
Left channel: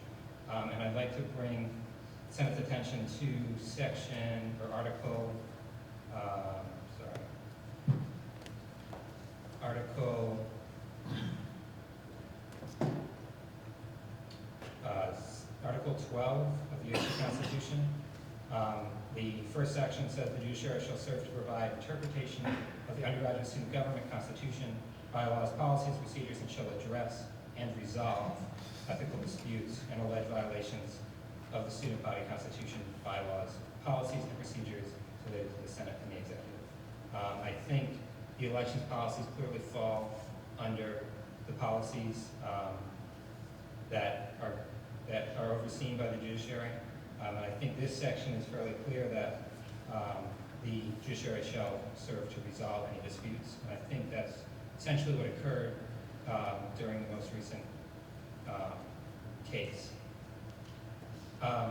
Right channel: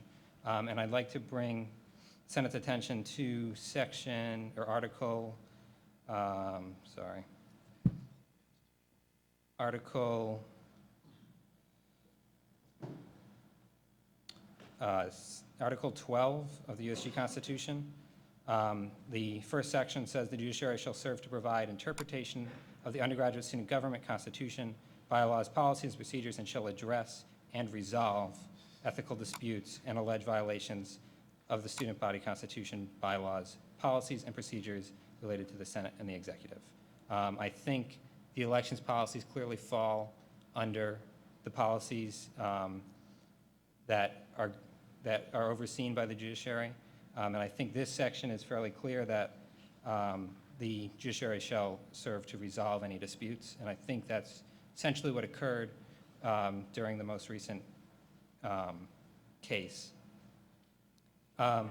And I'd like to bring Senate's attention to section, or article, Article 12 of the USG Constitution. The first section says the judiciary shall serve to provide interpretation of the undergraduate student government constitution, bylaws, policies, procedures, and shall address and resolve ethical disputes and alleged violations of the student body constitution, bylaws, policies, and procedures related to the Senate and the executive. I think the elections policies clearly fall under the policies that are overseen by the judiciary. And I think this section is fairly clear that the judiciary shall serve to resolve any disputes. And I think that's essentially what occurred during the most recent case. What?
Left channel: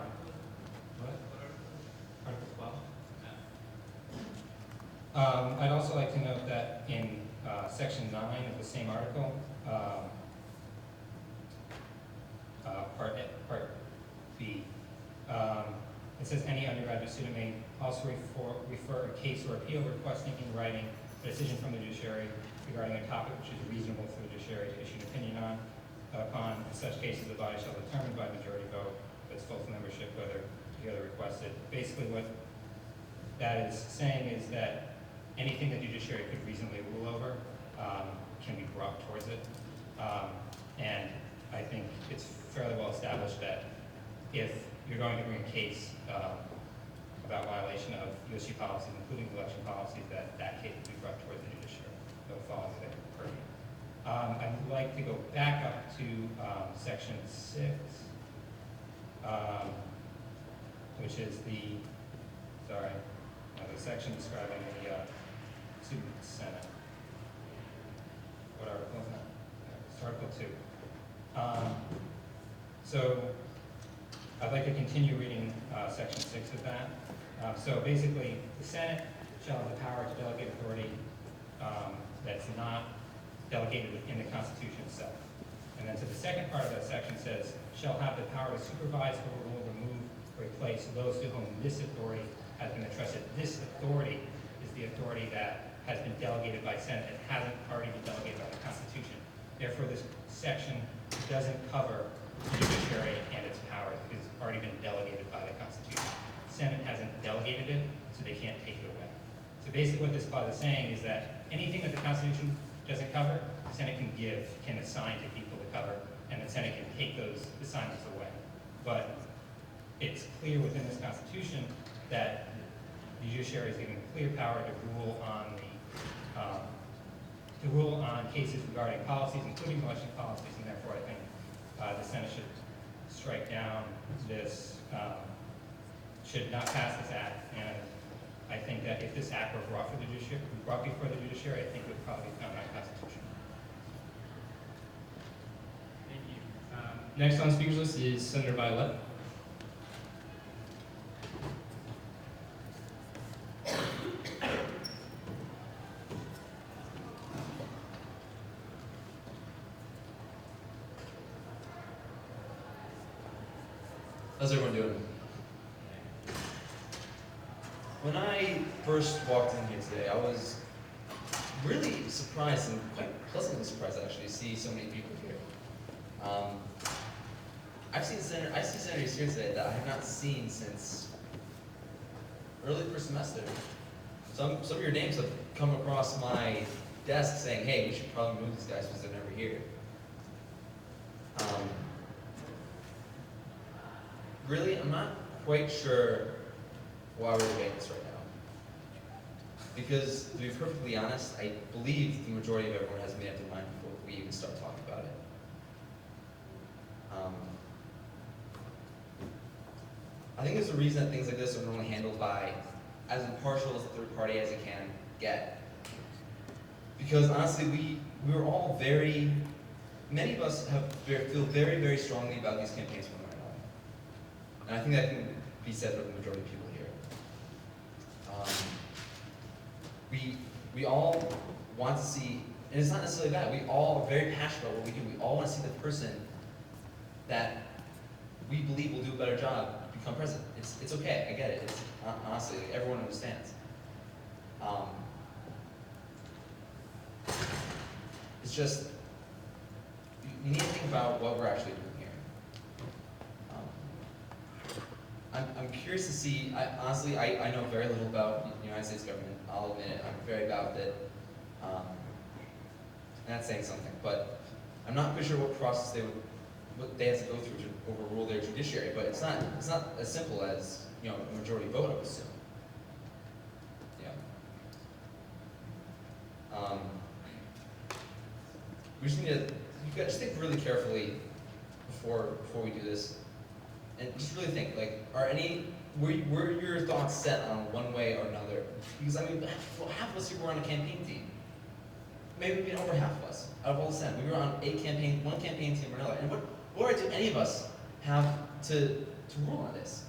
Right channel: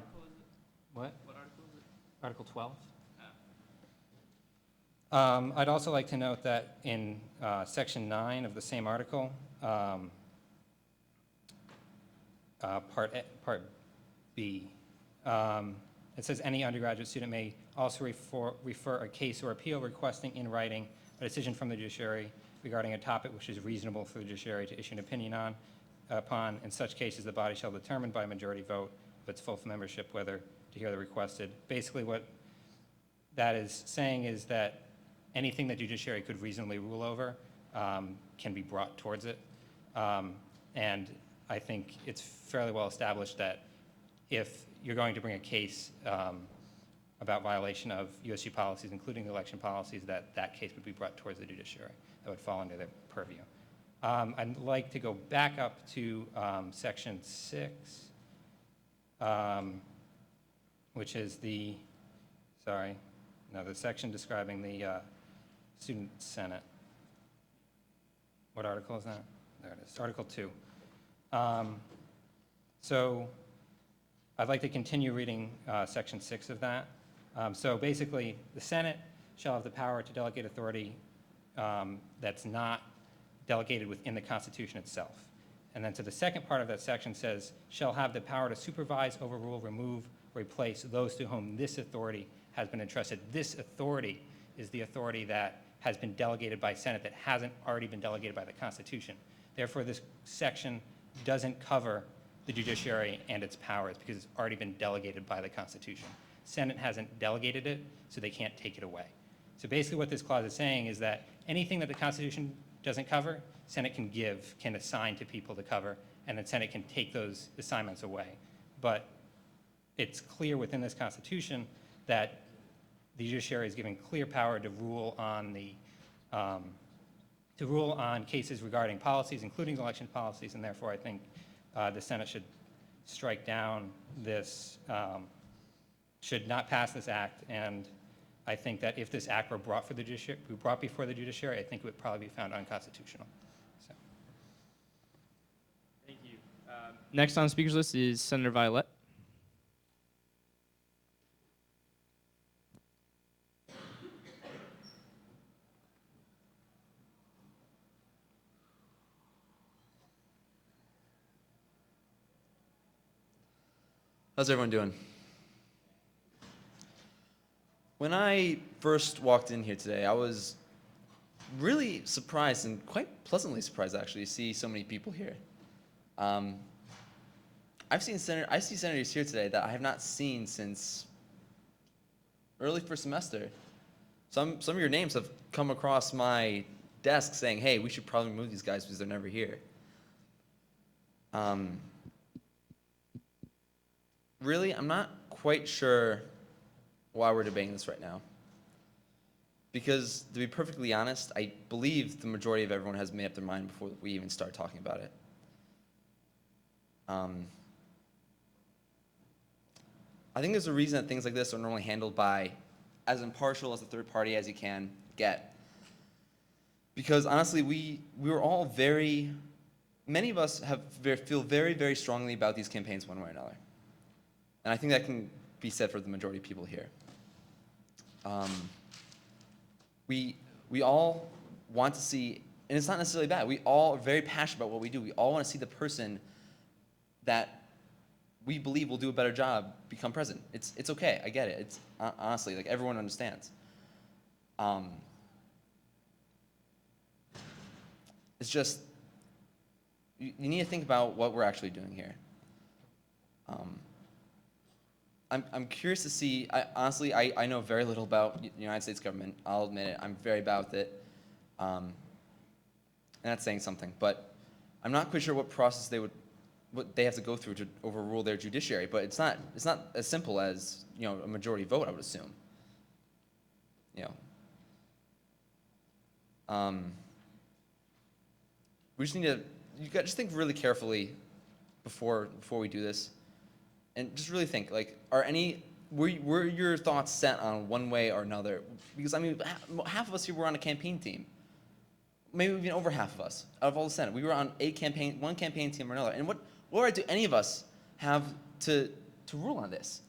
Article 12? I'd also like to note that in section 9 of the same article, part B, it says any undergraduate student may also refer a case or appeal requesting in writing a decision from the judiciary regarding a topic which is reasonable for the judiciary to issue an opinion upon. In such cases, the body shall determine by majority vote of its full membership whether to hear the requested. Basically what that is saying is that anything the judiciary could reasonably rule over can be brought towards it. And I think it's fairly well established that if you're going to bring a case about violation of USG policies, including election policies, that case would be brought towards the judiciary. It would fall under their purview. I'd like to go back up to section 6, which is the section describing the Student Senate. What article is that? There it is, Article 2. So I'd like to continue reading section 6 of that. So basically, the Senate shall have the power to delegate authority that's not delegated within the Constitution itself. And then to the second part of that section says, shall have the power to supervise, overrule, remove, replace those to whom this authority has been entrusted. This authority is the authority that has been delegated by Senate that hasn't already been delegated by the Constitution. Therefore, this section doesn't cover the judiciary and its powers because it's already been delegated by the Constitution. Senate hasn't delegated it, so they can't take it away. So basically what this clause is saying is that anything that the Constitution doesn't cover, Senate can assign to people to cover, and then Senate can take those assignments away. But it's clear within this Constitution that the judiciary is given clear power to rule on to rule on cases regarding policies, including election policies, and therefore I think the Senate should strike down this, should not pass this act, and I think that if this act were brought before the judiciary, I think it would probably be found unconstitutional. Thank you. Next on the speakers list is Senator Violet. How's everyone doing? When I first walked in here today, I was really surprised and quite pleasantly surprised actually to see so many people here. I see senators here today that I have not seen since early first semester. Some of your names have come across my desk saying, hey, we should probably move these guys because they're never here. Really, I'm not quite sure why we're debating this right now. Because, to be perfectly honest, I believe the majority of everyone has made up their mind before we even start talking about it. I think there's a reason that things like this are normally handled by as impartial as a third party as you can get. Because honestly, we were all many of us feel very, very strongly about these campaigns one way or another. And I think that can be said for the majority of people here. We all want to see, and it's not necessarily that, we all are very passionate about what we do. We all want to see the person that we believe will do a better job become president. It's okay, I get it. It's honestly, like, everyone understands. It's just, you need to think about what we're actually doing here. I'm curious to see, honestly, I know very little about the United States government. I'll admit it, I'm very bad with it. And that's saying something, but I'm not quite sure what process what they have to go through to overrule their judiciary, but it's not as simple as, a majority vote, I would assume. We just need to, just think really carefully before we do this. And just really think, like, were your thoughts set on one way or another? Because, I mean, half of us here were on a campaign team. Maybe even over half of us, out of all the Senate. We were on one campaign team or another. And what right do any of us have to rule on this?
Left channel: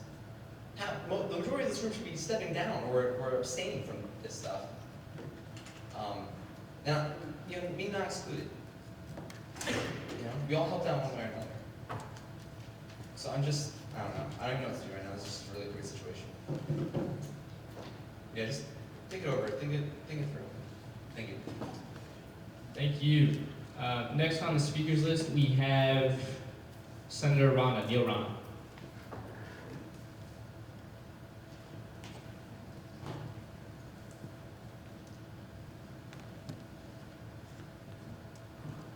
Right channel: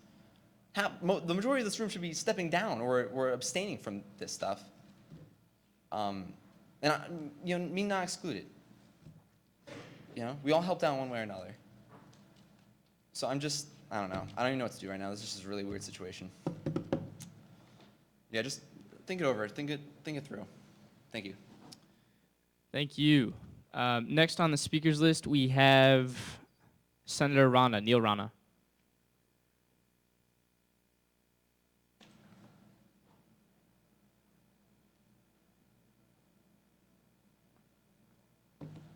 The majority of this room should be stepping down or abstaining from this stuff. And me not excluded. We all helped out one way or another. So I don't know. I don't even know what to do right now. This is just a really weird situation. Yeah, just think it over. Think it through. Thank you. Thank you. Next on the speakers list, we have Senator Neil Rana.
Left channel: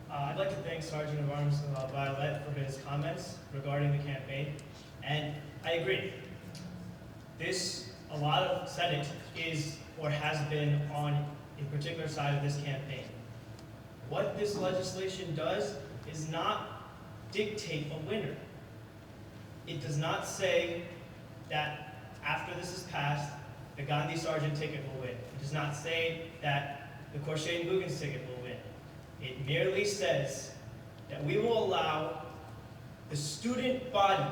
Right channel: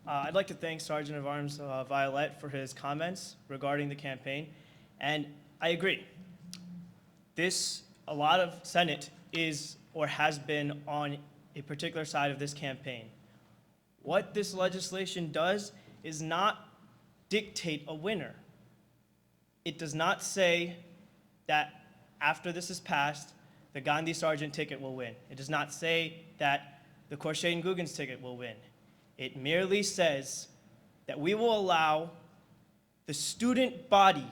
I'd like to thank Sergeant of Arms Violet for his comments regarding the campaign, and I agree. A lot of Senate is or has been on a particular side of this campaign. What this legislation does is not dictate a winner. It does not say that after this is passed, the Gandhi Sargent ticket will win. It does not say that the Korshay and Guggen's ticket will win. It merely says that we will allow the student body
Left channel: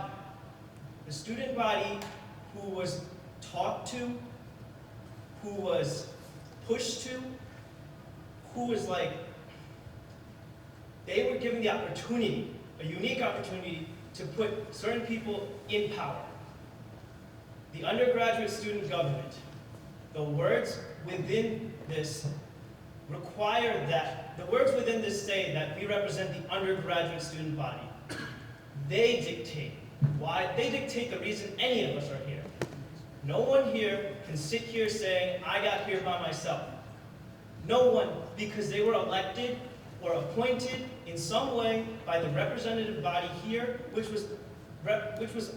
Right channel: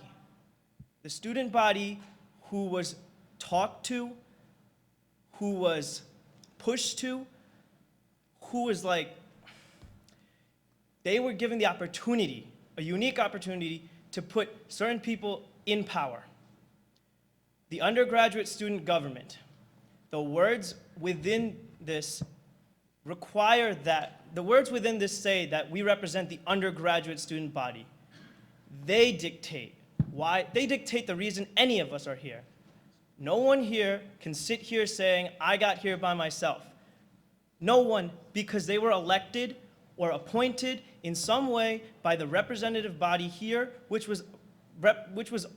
who was talked to, who was pushed to, who was they were given the opportunity, a unique opportunity, to put certain people in power. The undergraduate student government, the words within this require that, the words within this say that we represent the undergraduate student body. They dictate the reason any of us are here. No one here can sit here saying, I got here by myself. No one, because they were elected or appointed in some way by the representative body here, which was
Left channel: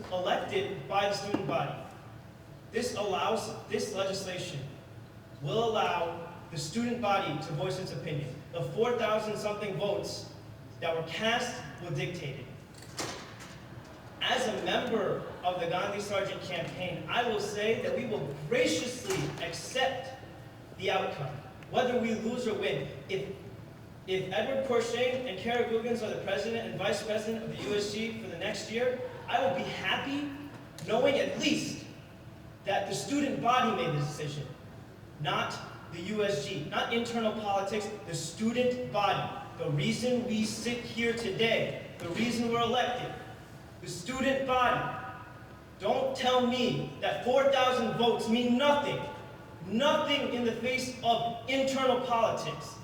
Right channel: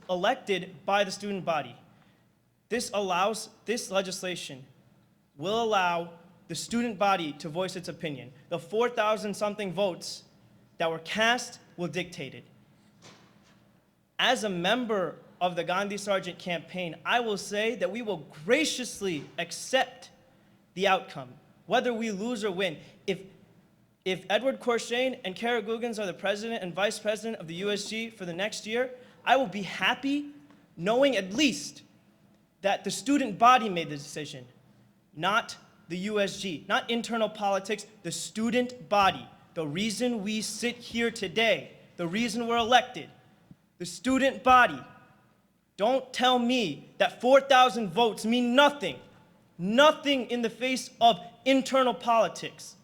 elected by the student body. This legislation will allow the student body to voice its opinion. the 4,000 something votes that were cast will dictate it. As a member of the Gandhi Sargent campaign, I will say that we will graciously accept the outcome, whether we lose or win. If Edward Courchain and Kara Googans are the president and vice president of the USG for the next year, I will be happy knowing at least that the student body made the decision, not the USG, not internal politics, the student body. The reason we sit here today, the reason we're elected, the student body. Don't tell me that 4,000 votes mean nothing. Nothing in the face of internal politics.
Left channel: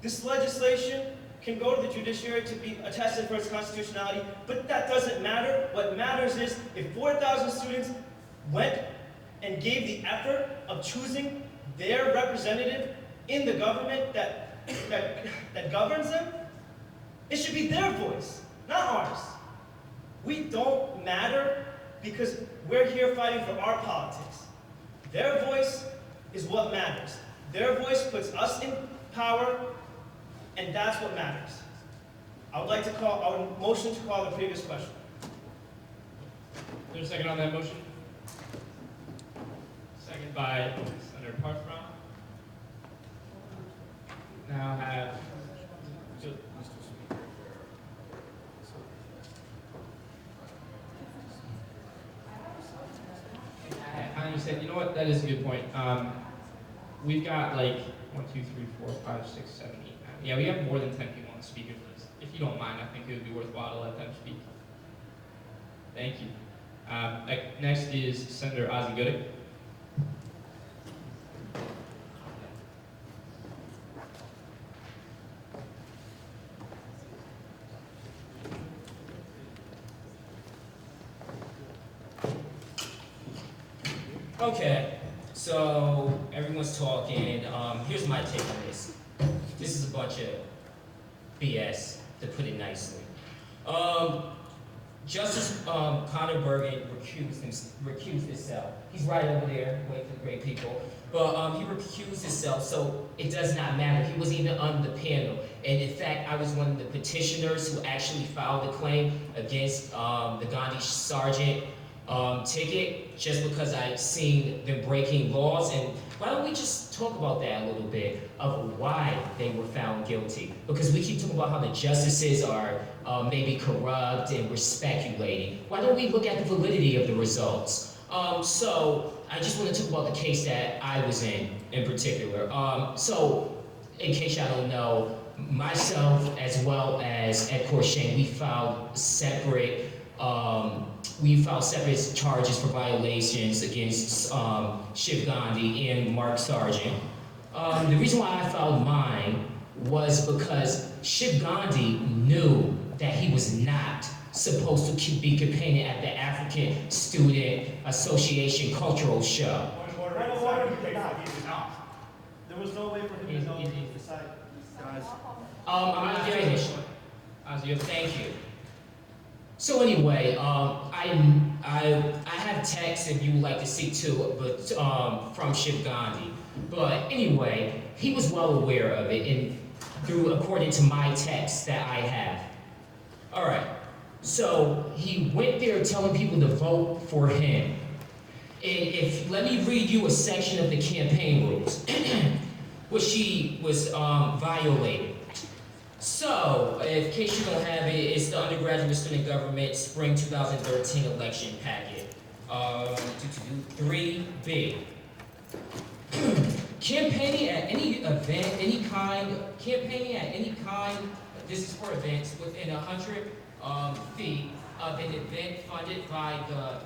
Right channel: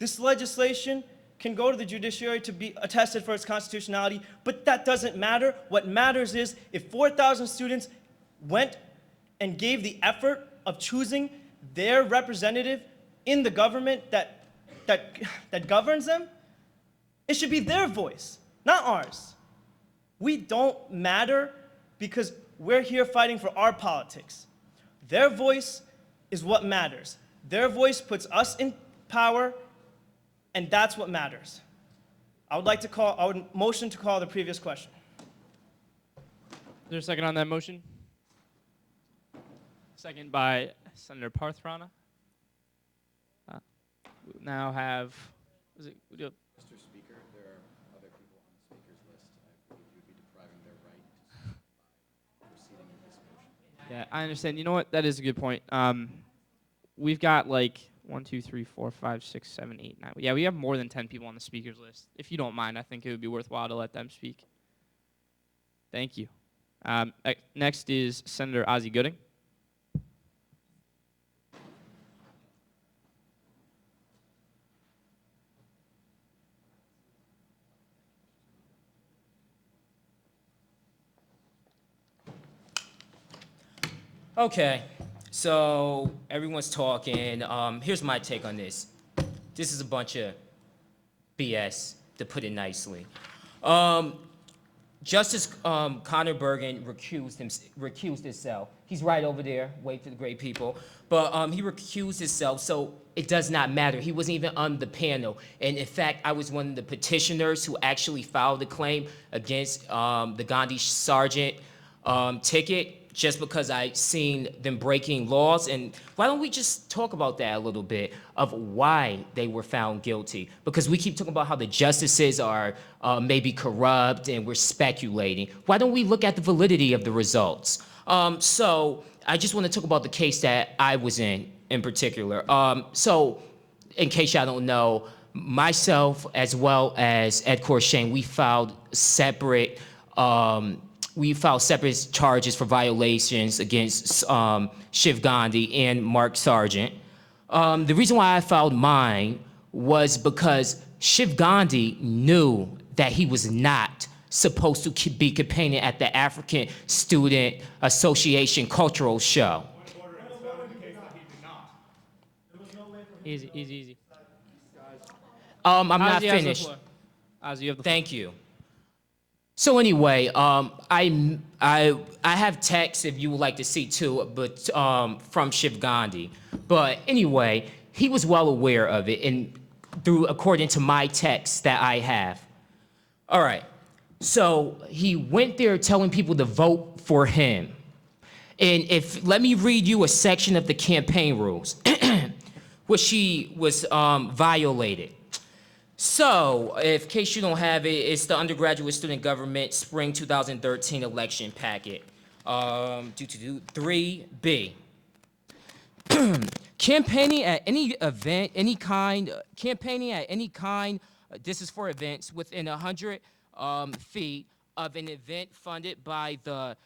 This legislation can go to the judiciary to be attested for its constitutionality, but that doesn't matter. What matters is if 4,000 students went and gave the effort of choosing their representative in the government that governs them, it should be their voice, not ours. We don't matter because we're here fighting for our politics. Their voice is what matters. Their voice puts us in power, and that's what matters. I would motion to call the previous question. Is there a second on that motion? Second by Senator Parthram. Now have, yep. I understand. You know what? That is a good point. We've got like 1, 2, 3, 4, 5, 6, 7, 8, 9. Yeah, we have more than 10 people on the speakers list. If you don't mind, I think it would be worthwhile to let them speak. Thank you. Next is Senator Ozzie Gooding. Okay, so everyone's talking. Here's my take on this. This is a bunch of BS, to put it nicely. Justice Connor Bergen recused himself. He's right over there, waiting for the great people. But he recused himself, so it does not matter. He wasn't even on the panel. And in fact, I was one of the petitioners who actually filed the claim against the Gandhi Sargent ticket, just because I'd seen them breaking laws. And why don't we just talk about that a little bit of why they were found guilty? Because we keep talking about how the justices are maybe corrupt and we're speculating. Why don't we look at the validity of the results? So I just want to talk about the case that I was in particular. So in case y'all don't know, myself as well as Ed Courchain, we filed separate charges for violations against Shiv Gandhi and Mark Sargent. The reason why I filed mine was because Shiv Gandhi knew that he was not supposed to be campaigning at the African Student Association cultural show. There was no way for him to know Easy. I'm not Ozzie has finished. Ozzie, Thank you. So anyway, I have texts if you would like to see too, but from Shiv Gandhi. But anyway, he was well aware of it, and according to my text that I have. All right. So he went there telling people to vote for him. And let me read you a section of the campaign rules, which he was violated. So, in case you don't have it, it's the undergraduate student government spring 2013 election packet. 3B. Campaigning at any event, campaigning at any kind, this is for events within 100 feet of an event funded by the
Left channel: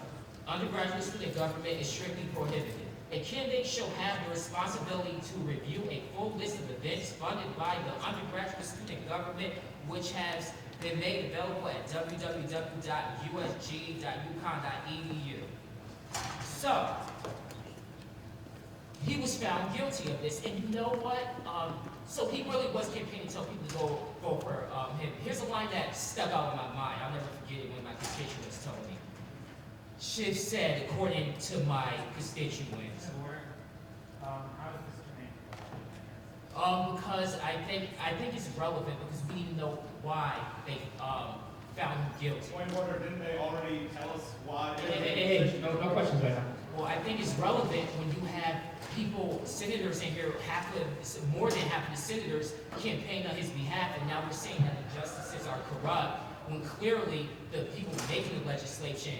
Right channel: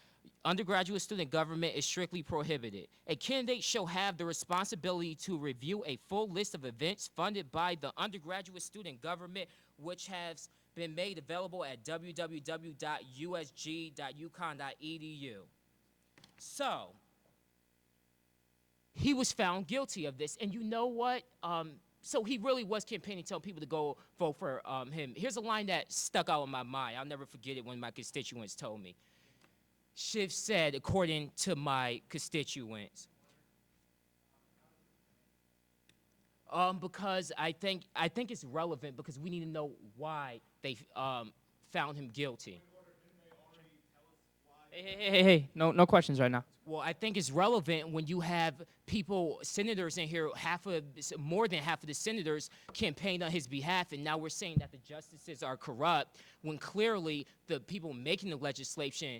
undergraduate student government is strictly prohibited. A candidate shall have the responsibility to review a full list of events funded by the undergraduate student government, which has been made available at www.usg.uconn.edu. So, he was found guilty of this, and you know what? So he really was campaigning to tell people to go vote for him. Here's a line that stuck out in my mind. I'll never forget it when my constituents told me. She said, according to my constituents. Because I think it's relevant because we need to know why they found him guilty. Point of order, didn't they already tell us why? Hey, no questions right now. Well, I think it's relevant when you have people, senators in here, more than half of the senators campaign on his behalf, and now we're saying that the justices are corrupt, when clearly the people making the legislation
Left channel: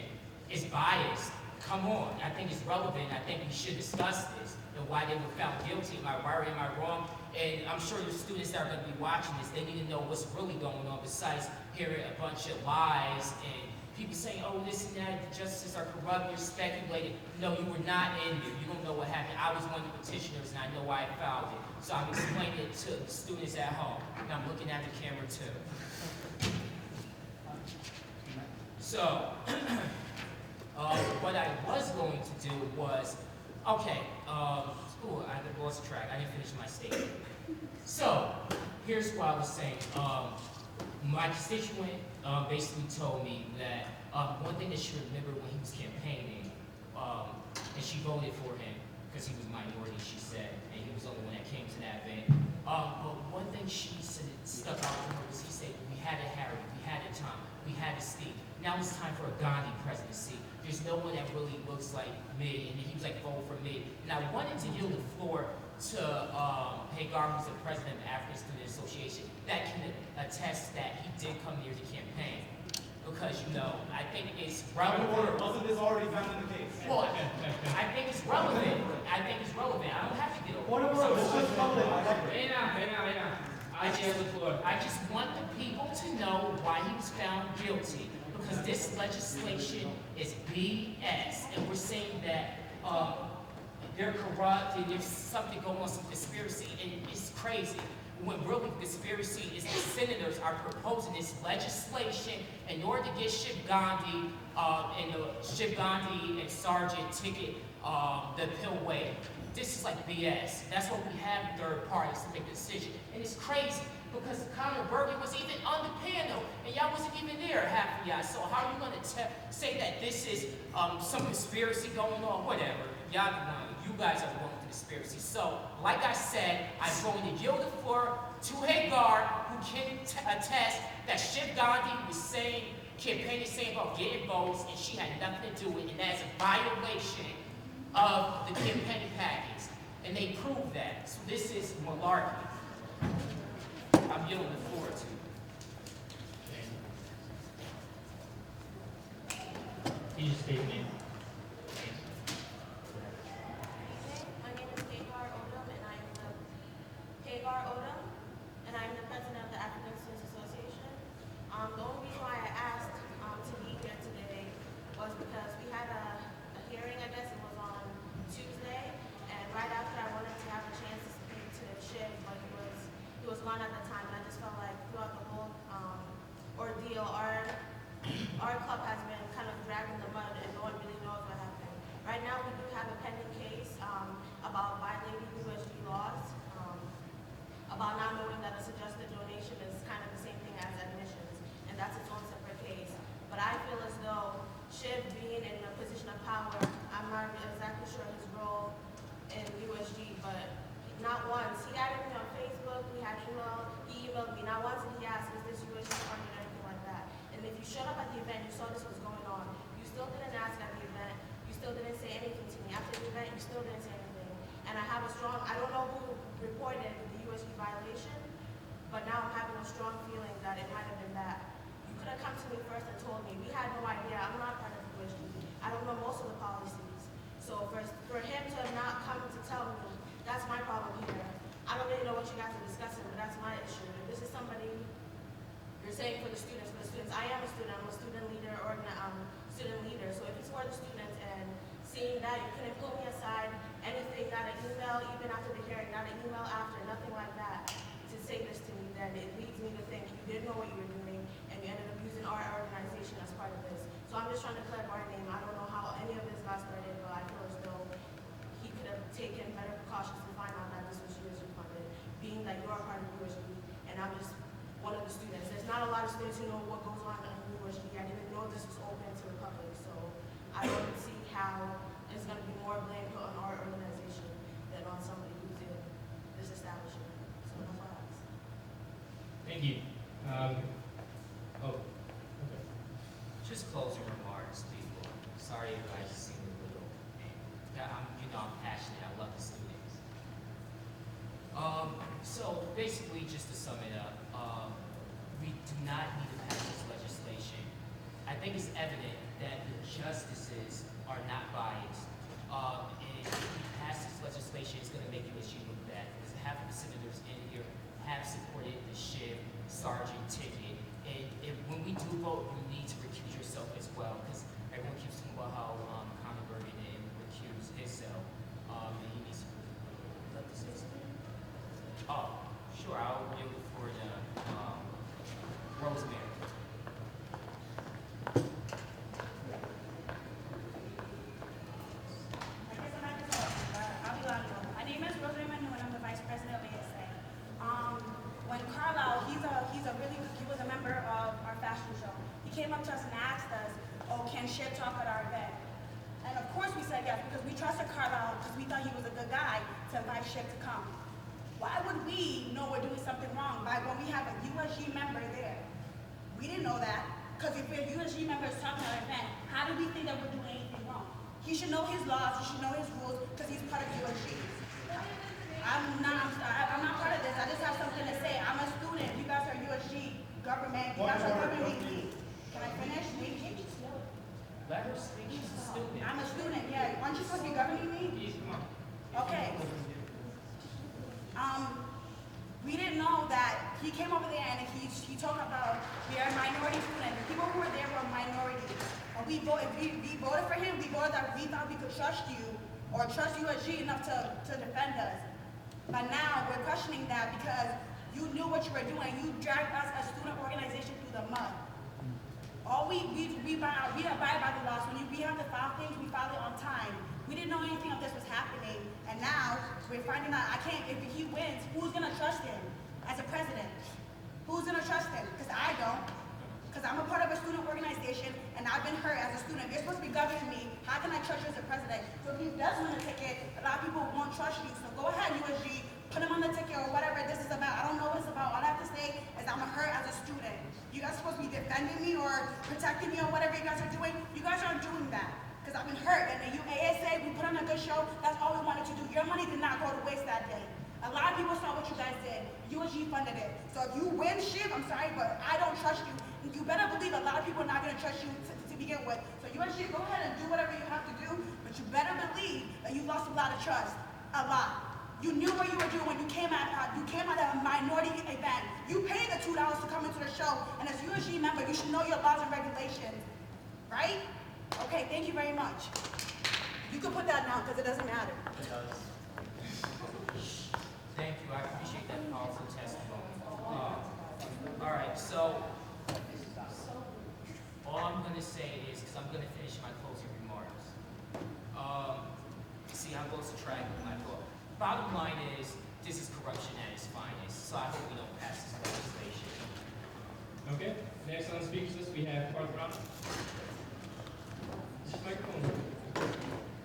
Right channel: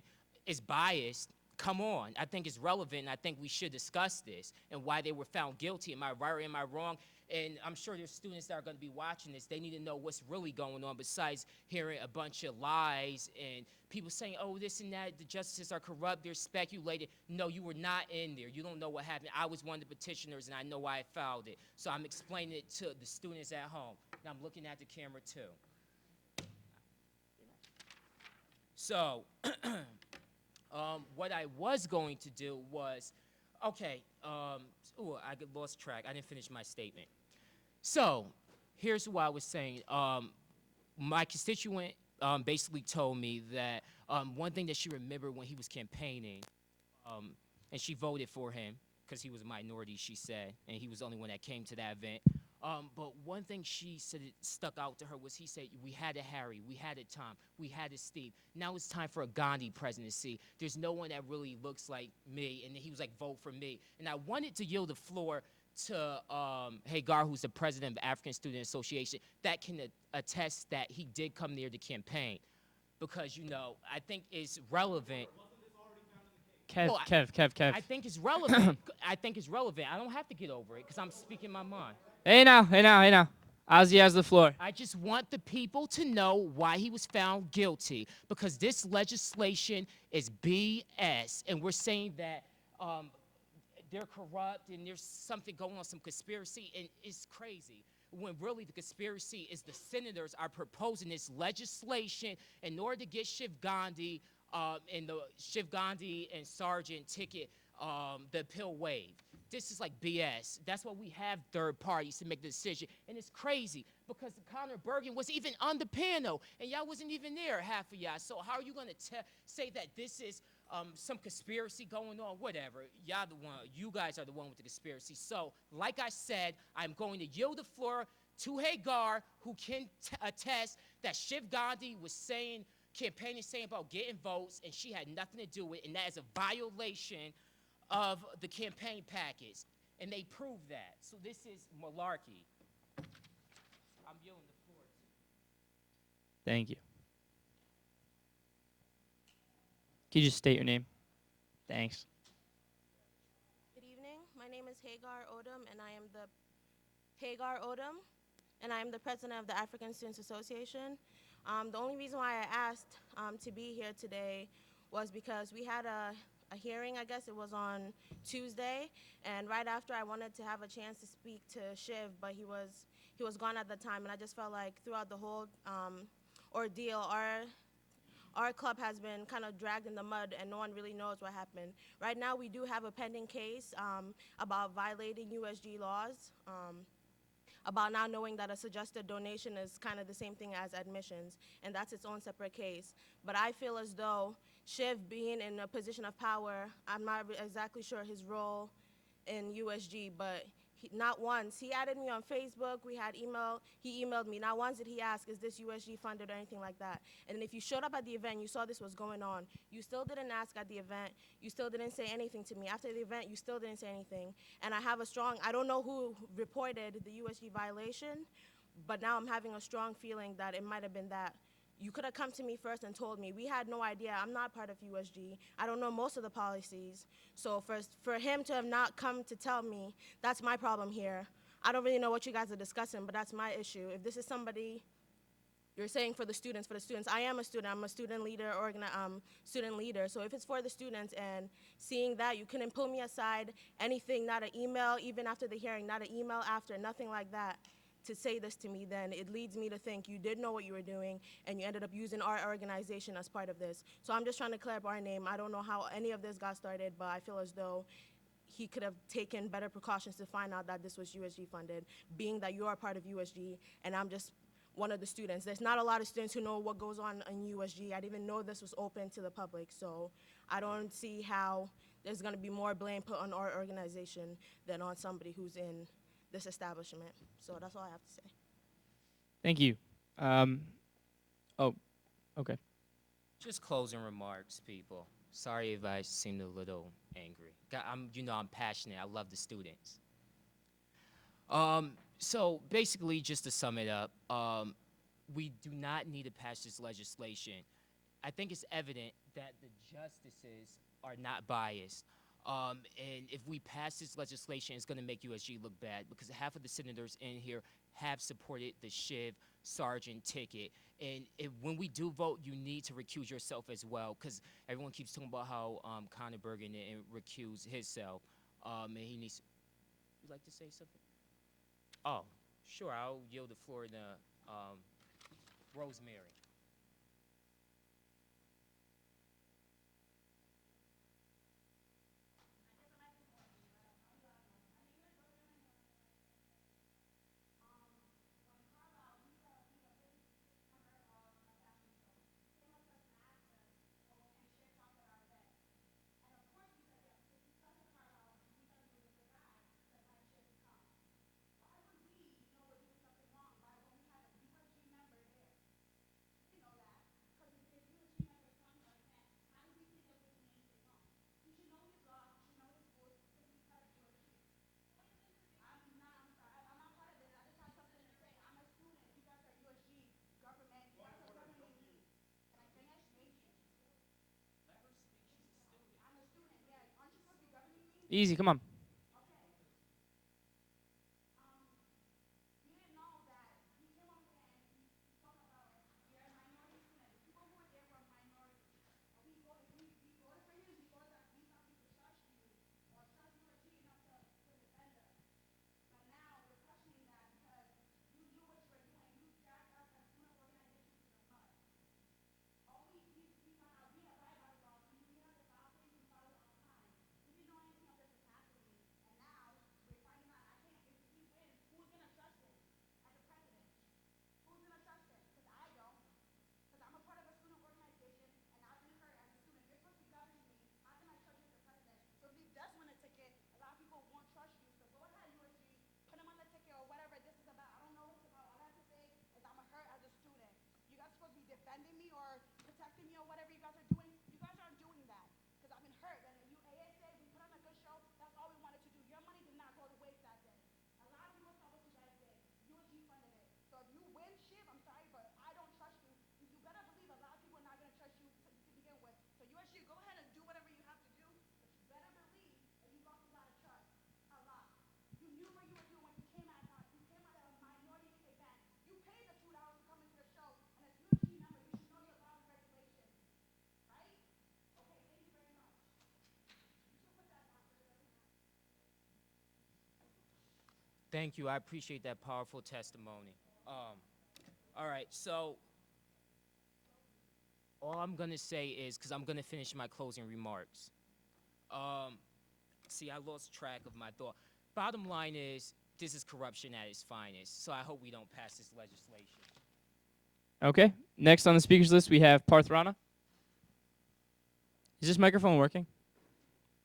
is biased. Come on, I think it's relevant. I think we should discuss this and why they were found guilty. Am I right or am I wrong? And I'm sure the students that are going to be watching this, they need to know what's really going on besides hearing a bunch of lies and people saying, oh, this and that, the justices are corrupt, you're speculating. No, you were not in here. You don't know what happened. I was one of the petitioners and I know why I filed it. So I'm explaining it to the students at home. And I'm looking at the camera too. So, what I was going to do was, okay, I lost track. I didn't finish my statement. So, here's what I was saying. My constituent basically told me that one thing that she remembered when he was campaigning, and she voted for him because he was a minority, she said, and he was the only one that came to that event. But one thing she said that stuck out to her was he said, we had a Harry, we had a Tom, we had a Steve. Now it's time for a Gandhi presidency. There's no one that really looks like me, and he's like, vote for me. And I wanted to yield the floor to Hagar, who's the president of the African Student Association, that can attest that he did come near the campaign. Because, I think it's relevant. Wasn't this already found in the case? Kev. I think it's relevant. I don't have to be the Hey now. Ozzy has the floor. I just want the people to know why he was found guilty. Because this legislation is BS. And we're saying that they're corrupt, and there's something going on, some conspiracy, and it's crazy. When really conspiracy is the senators are proposing this legislation in order to get Shiv Gandhi and Sergeant ticket the appeal waived. This is like BS. That's what we have third parties to make a decision. And it's crazy because Conor Bergen was even on the panel and y'all wasn't even there, half of y'all. So how are you going to say that this is some conspiracy going on? Whatever. You guys are the one with conspiracy. So, like I said, I'm going to yield the floor to Hagar, who can attest that Shiv Gandhi was campaigning about getting votes, and she had nothing to do with it. And that's a violation of the campaign package. And they proved that. So this is malarkey. I'm yielding the floor to you. Thank you. Can you just state your name? Thanks. My name is Hagar Odom, and I'm the president of the African Students Association. The only reason why I asked to be here today was because we had a hearing, I guess it was on Tuesday, and right after I wanted to have a chance to speak to Shiv, but he was gone at the time, and I just felt like throughout the whole ordeal, our club has been kind of dragged in the mud, and no one really knows what happened. Right now, we do have a pending case about violating USG laws, about not knowing that a suggested donation is kind of the same thing as admissions, and that's its own separate case. But I feel as though Shiv being in a position of power, I'm not exactly sure his role in USG, but not once. He added me on Facebook, he emailed me, not once did he ask, is this USG funded or anything like that. And if you showed up at the event, you saw this was going on, you still didn't ask at the event, you still didn't say anything to me. After the event, you still didn't say anything. And I don't know who reported the USG violation, but now I'm having a strong feeling that it might have been that. You could have come to me first and told me. We had no idea. I'm not a part of USG. I don't know most of the policies. So for him to have not come to tell me, that's my problem here. I don't really know what you guys are discussing, but that's my issue. If this is somebody, you're saying for the students, I am a student. I'm a student leader or student leader. So if it's for the students and seeing that you couldn't pull me aside, anything, not an email, even after the hearing, not an email after, nothing like that, to say this to me, then it leads me to think you didn't know what you were doing and you ended up using our organization as part of this. So I'm just trying to clear up our name. I don't know how any of this got started, but I feel as though he could have taken better precautions to find out that this was USG funded, being that you're a part of USG and I'm just one of the students. There's not a lot of students who know what goes on in USG. I didn't know this was open to the public, so I don't see how there's going to be more blame put on our organization than on somebody who's in this establishment. Thank you. Oh, okay. Just closing remarks, people. Sorry if I seemed a little angry. I'm passionate. I love the students. So basically, just to sum it up, we do not need to pass this legislation. I think it's evident that the justices are not biased. And if we pass this legislation, it's going to make USG look bad because half of the senators in here have supported the Shiv Sergeant ticket. And when we do vote, you need to recuse yourself as well because everyone keeps talking about how Conor Bergen didn't recuse himself. And he needs to. Oh, sure, I'll wait for the Rosemary. I'll be loud enough. My name is Rosemary Manu, and I'm the vice president of ASA. When Carlisle, he was a member of our fashion show. He came up to us and asked us, "Oh, can Shiv talk at our event?" And of course we said yes because we trusted Carlisle because we thought he was a good guy to invite Shiv to come. Why would we know we're doing something wrong by when we have a USG member there? We didn't know that because if a USG member is talking at our event, how do we think that we're doing anything wrong? He should know his laws, he should know his rules because he's part of USG. I'm not part of this. I just have something to say. I'm a student. You guys are USG government. You guys are governing me. Can I finish? Let her speak. She's a student. I'm a student, yeah. Aren't you supposed to be governing me? Easy, come on. Okay. We didn't know that he came over there and he talked about we are a minority student. The people who were there were a minority. And we voted for him. We voted that we thought we could trust you or trust USG enough to defend us. But now we're questioning that because you knew what you were doing. You dragged us as student organization through the mud. All we abide by the laws. When we have to file things, we file it on time. We didn't know anything of this was happening, and now we're finding out. If he wins, who's gonna trust him as a president? Who's gonna trust him? Because I don't. Because I'm a part of a student organization, and I've been hurt as a student. You're supposed to be governing me. How can I trust you as a president? So if he does win a ticket, a lot of people won't trust you. So go ahead, USG, put him on the ticket or whatever this is about. I don't know what it's about. All I have to say is I'm hurt as a student. You guys are supposed to be defending me or protecting me or whatever you guys are doing. You guys aren't doing that. Because I've been hurt. And the ASA, we put on a good show. That's all we wanted to do. Your money did not go to waste that day. A lot of people saw what you guys did. USG funded it. So if you win shit, I'm sorry, but I don't trust you. You better believe a lot of people are not going to trust you to begin with. So USG, go ahead and do whatever you have to do, but you better believe that you lost a lot of trust. A lot. You knew what you were doing when you came at a minority event. You paid the $2 to come into the show, and as USG member, you should know your laws and regulations. Right? Okay, thank you very much. You can put that down because it doesn't matter. Thank you. I appreciate that powerful testimony. All right, so all I'm going to say is, because I'm going to finish my closing remarks. See, I lost track of my book. Bottom line is, this is corruption at its finest. So I hope we don't pass this legislation. Okay. Next on the speakers list, we have Parthrana. Is this microphone working?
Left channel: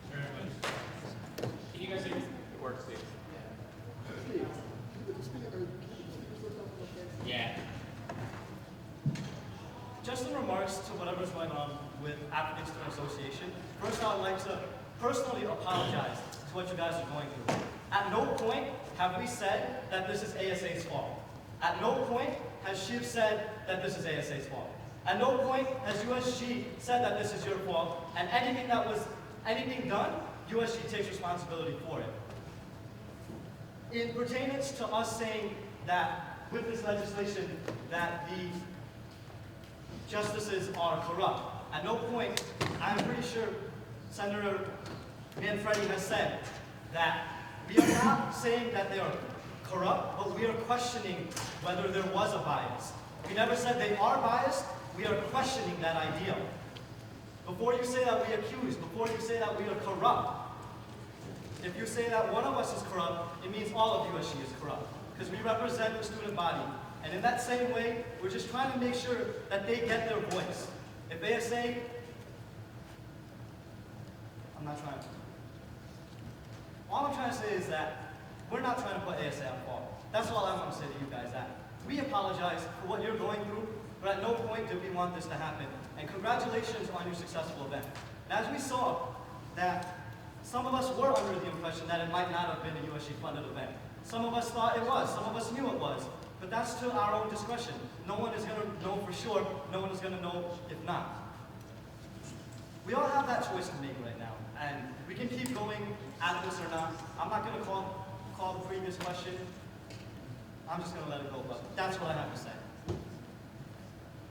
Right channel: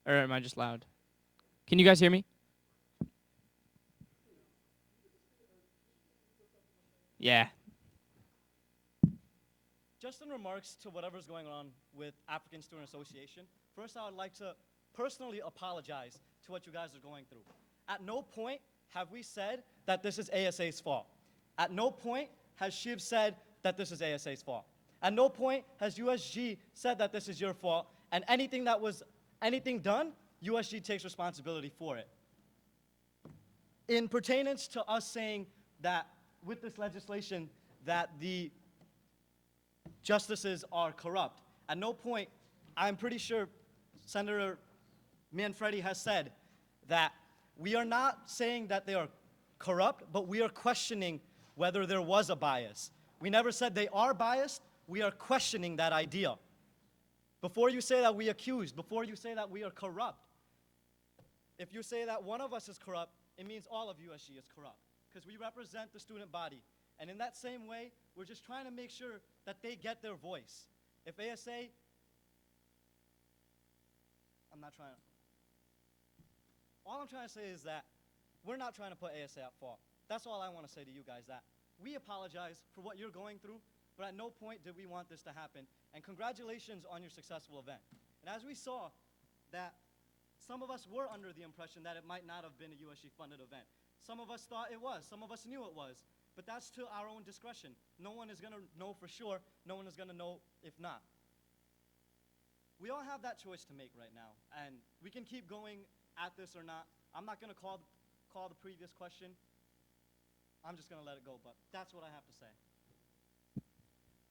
Or am I just loud? Can you guys hear me? It works, Steve. Yeah. Just in remarks to whatever's going on with Applicants Student Association, first I'd like to personally apologize to what you guys are going through. At no point have we said that this is ASA's fault. At no point has Shiv said that this is ASA's fault. At no point has USG said that this is your fault, and anything done, USG takes responsibility for it. In pertainance to us saying that with this legislation that the justices are corrupt, at no point, I'm pretty sure Senator Manfredi has said that we are not saying that they are corrupt, but we are questioning whether there was a bias. We never said they are biased, we are questioning that idea. Before you say that we accuse, before you say that we are corrupt, if you say that one of us is corrupt, it means all of USG is corrupt, because we represent the student body. And in that same way, we're just trying to make sure that they get their voice. If ASA, all I'm trying to say is that we're not trying to put ASA on fault. That's all I want to say to you guys. That we apologize point did we want this to happen. And congratulations on your successful event. As we saw that some of us were under the impression that it might not have been a USG funded event. Some of us thought it was, some of us knew it was, but that's to our own discretion. No one is gonna know for sure, no one is gonna know if not. We all have that choice to make right now, and we can keep going at this or not. I'm not gonna call the previous question. I'm just gonna let it go, but that's what I have to say.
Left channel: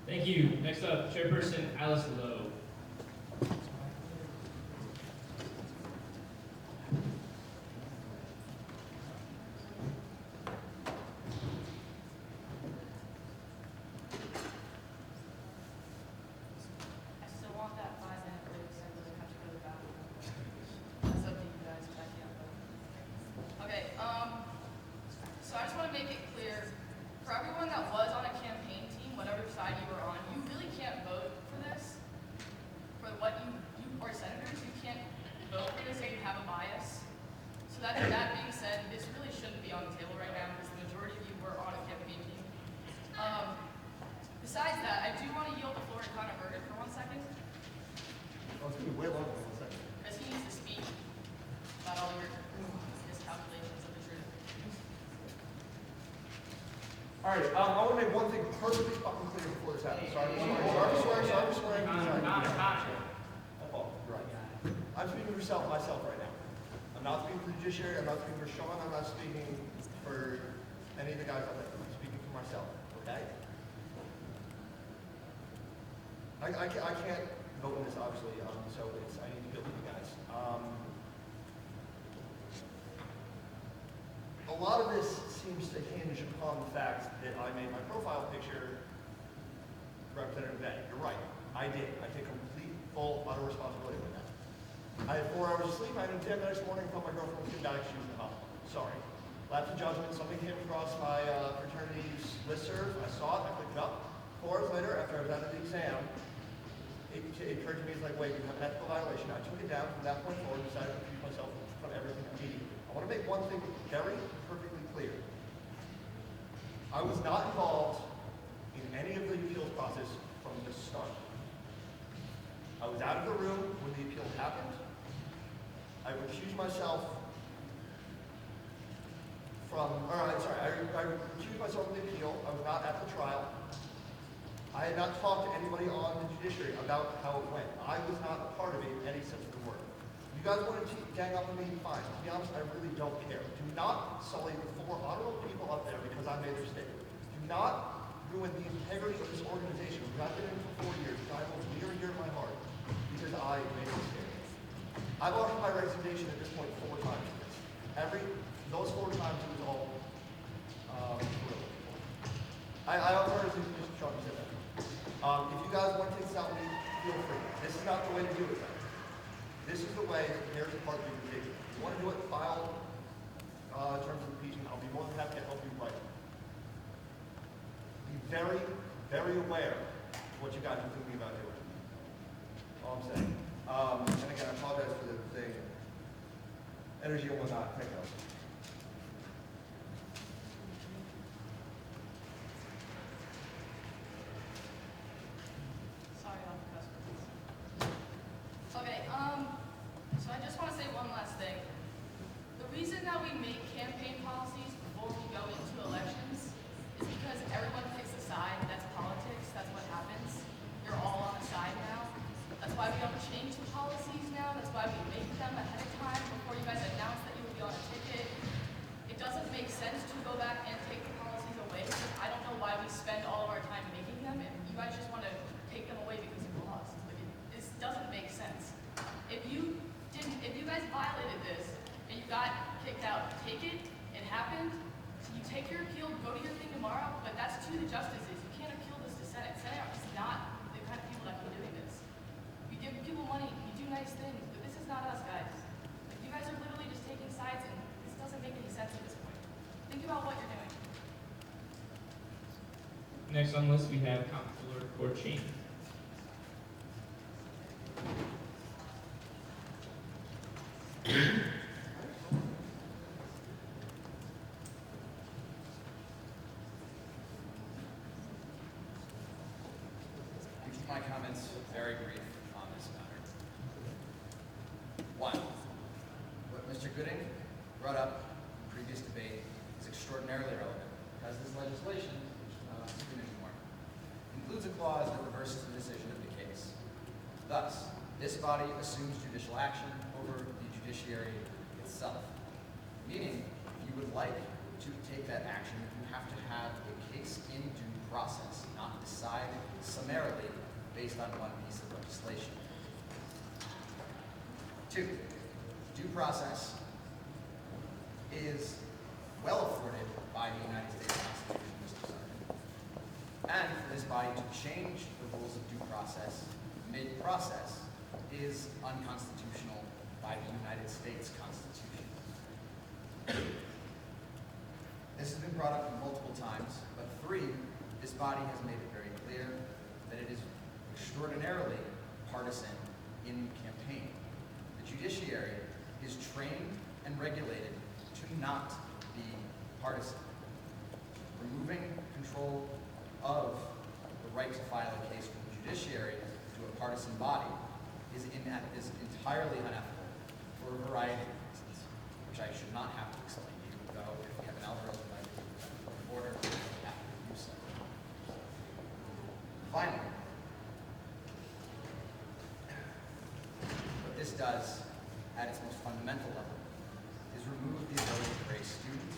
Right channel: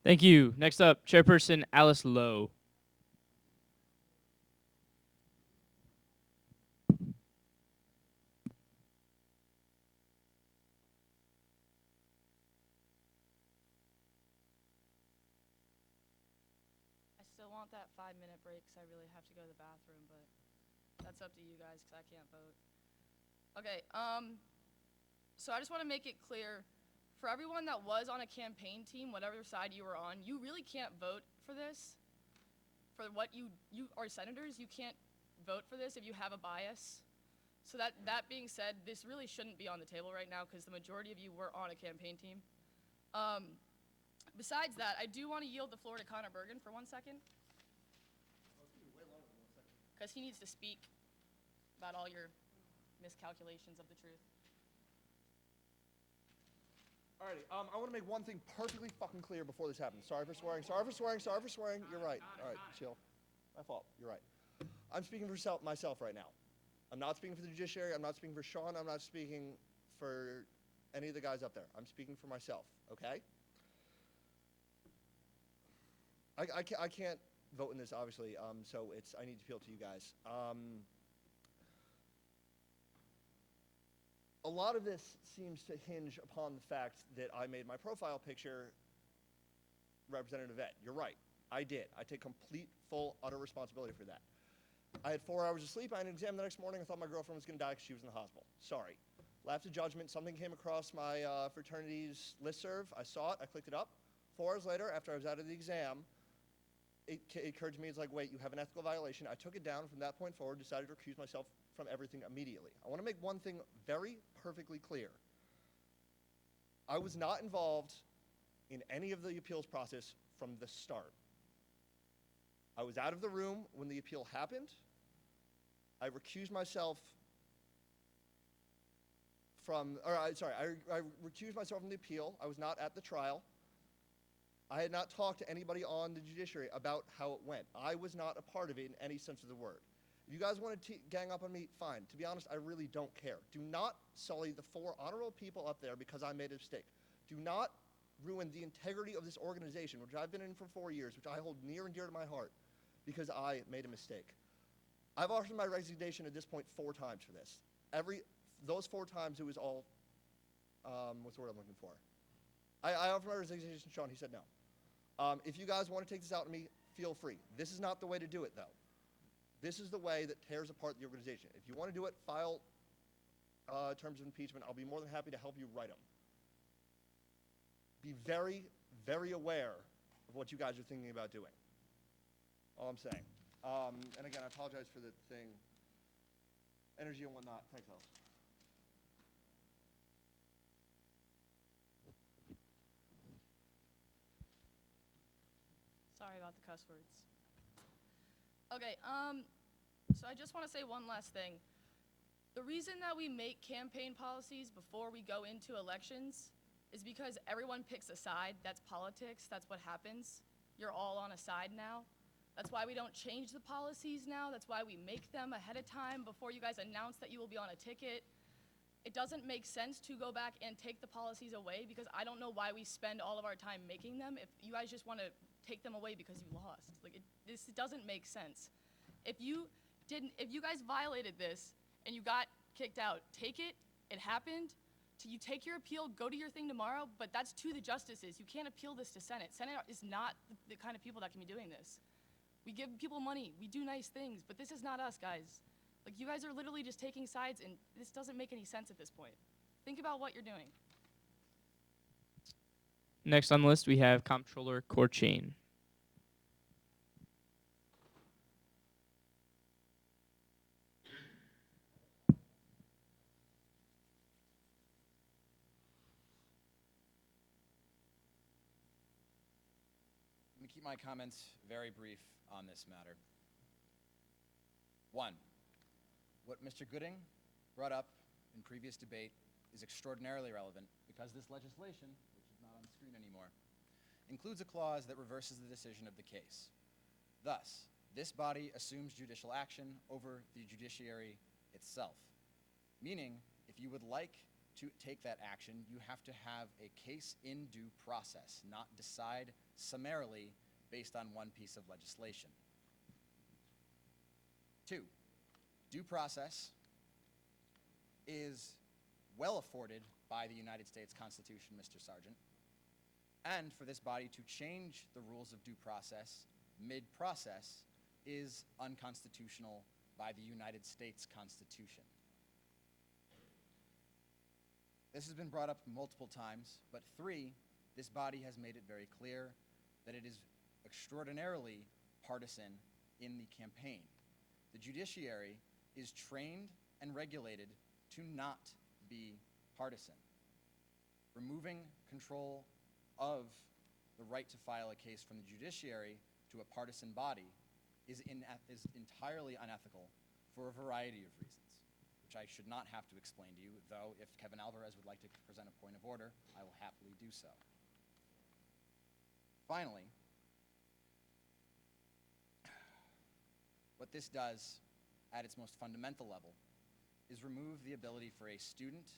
Thank you. Next up, Chairperson Alice Lowe. Okay, so I just want to make it clear, for everyone that was on a campaign team, whatever side you were on, you really can't vote for this. For what you are senators, you can't vote for this if you have a bias. So that being said, this really shouldn't be on the table right now because the majority of you were on a campaign team. Besides that, I do want to yield the floor to Connor Berger for 1 second. Oh, it's gonna be way longer than 1 second. Because he needs to speak about all his calculations of the truth. All right, I want to make one thing perfectly fucking clear before this happens. Sorry, sorry. Oh, right. I'm speaking for myself right now. I'm not speaking for the judiciary, I'm not speaking for Sean, I'm not speaking for any of the guys out there. I'm speaking for myself, okay? I can't vote in this, obviously, so I need to go to you guys. A lot of this seems to hinge upon the fact that I made my profile picture Representative Betty. You're right, I did. I take complete, full, utter responsibility for that. I had 4 hours of sleep. I had an exam next morning from my girlfriend was back. She was up. Sorry. Lapse of judgment. Something came across my fraternity's listserv. I saw it. I clicked up. 4 hours later, after I was done the exam, it occurred to me, it's like, wait, you've got that violation. I took it down from that point forward and decided to keep myself from everything immediately. I want to make one thing very perfectly clear. I was not involved in any of the appeals process from the start. I was out of the room when the appeal happened. I recused myself I recused myself from the appeal. I was not at the trial. I had not talked to anybody on the judiciary about how it went. I was not a part of it in any sense of the word. You guys want to gang up on me, fine. To be honest, I really don't care. Do not sully the 400 people out there because I made a mistake. Do not ruin the integrity of this organization. I've been in it for 4 years. I hold near and dear to my heart because I made a mistake. I've offered my resignation at this point 4 times. Those 4 times it was all I offered to Mr. Trump said that. If you guys want to stop me, feel free. This is not the way to do it. This is the way that there's a part of the If you want to do it, file terms of meeting. I'll be more than happy to help you write. Be very, very aware of what you guys are thinking about doing. All I'm saying. And again, I apologize for the energy and whatnot. Thank you. Sorry, I'll press this. Okay, so I just want to say one last thing. The reason that we make campaign policies before we go into elections is because everyone picks a side. That's politics. That's what happens. You're all on the side now. That's why we don't change the policies now. That's why we make them ahead of time before you guys announce that you will be on a ticket. It doesn't make sense to go back and take the policies away. I don't know why we spend all of our time making them. If you guys just want to take them away because you lost. This doesn't make sense. If you guys violated this and you got kicked out, take it. It happened. You take your appeal, go to your thing tomorrow, but that's to the justices. You can't appeal this to Senate. Senate is not the kind of people that believe in this. We give people money, we do nice things, but this is not us, guys. If you guys are literally just taking sides, and this doesn't make any sense at this point. Think about what you're doing. Next on the list, we have Comptroller Corchain. body assumes judicial action over the judiciary itself. Meaning, if you would like to take that action, you have to have a case in due process, not decide summarily based on one piece of legislation. 2, due process is well afforded by the United States Constitution, Mr. Sergeant. And for this body to change the rules of due process mid-process is unconstitutional by the United States Constitution. This has been brought up multiple times, but 3, this body has made it very clear that it is extraordinarily partisan in campaign. The judiciary is trained and regulated to not be partisan. Removing control of the right to file a case from the judiciary to a partisan body is entirely unethical for a variety of reasons, which I should not have to explain to you, though if you have Alvaro's right to order, you have to do so. Finally, what this does at its most fundamental level is remove the ability for a student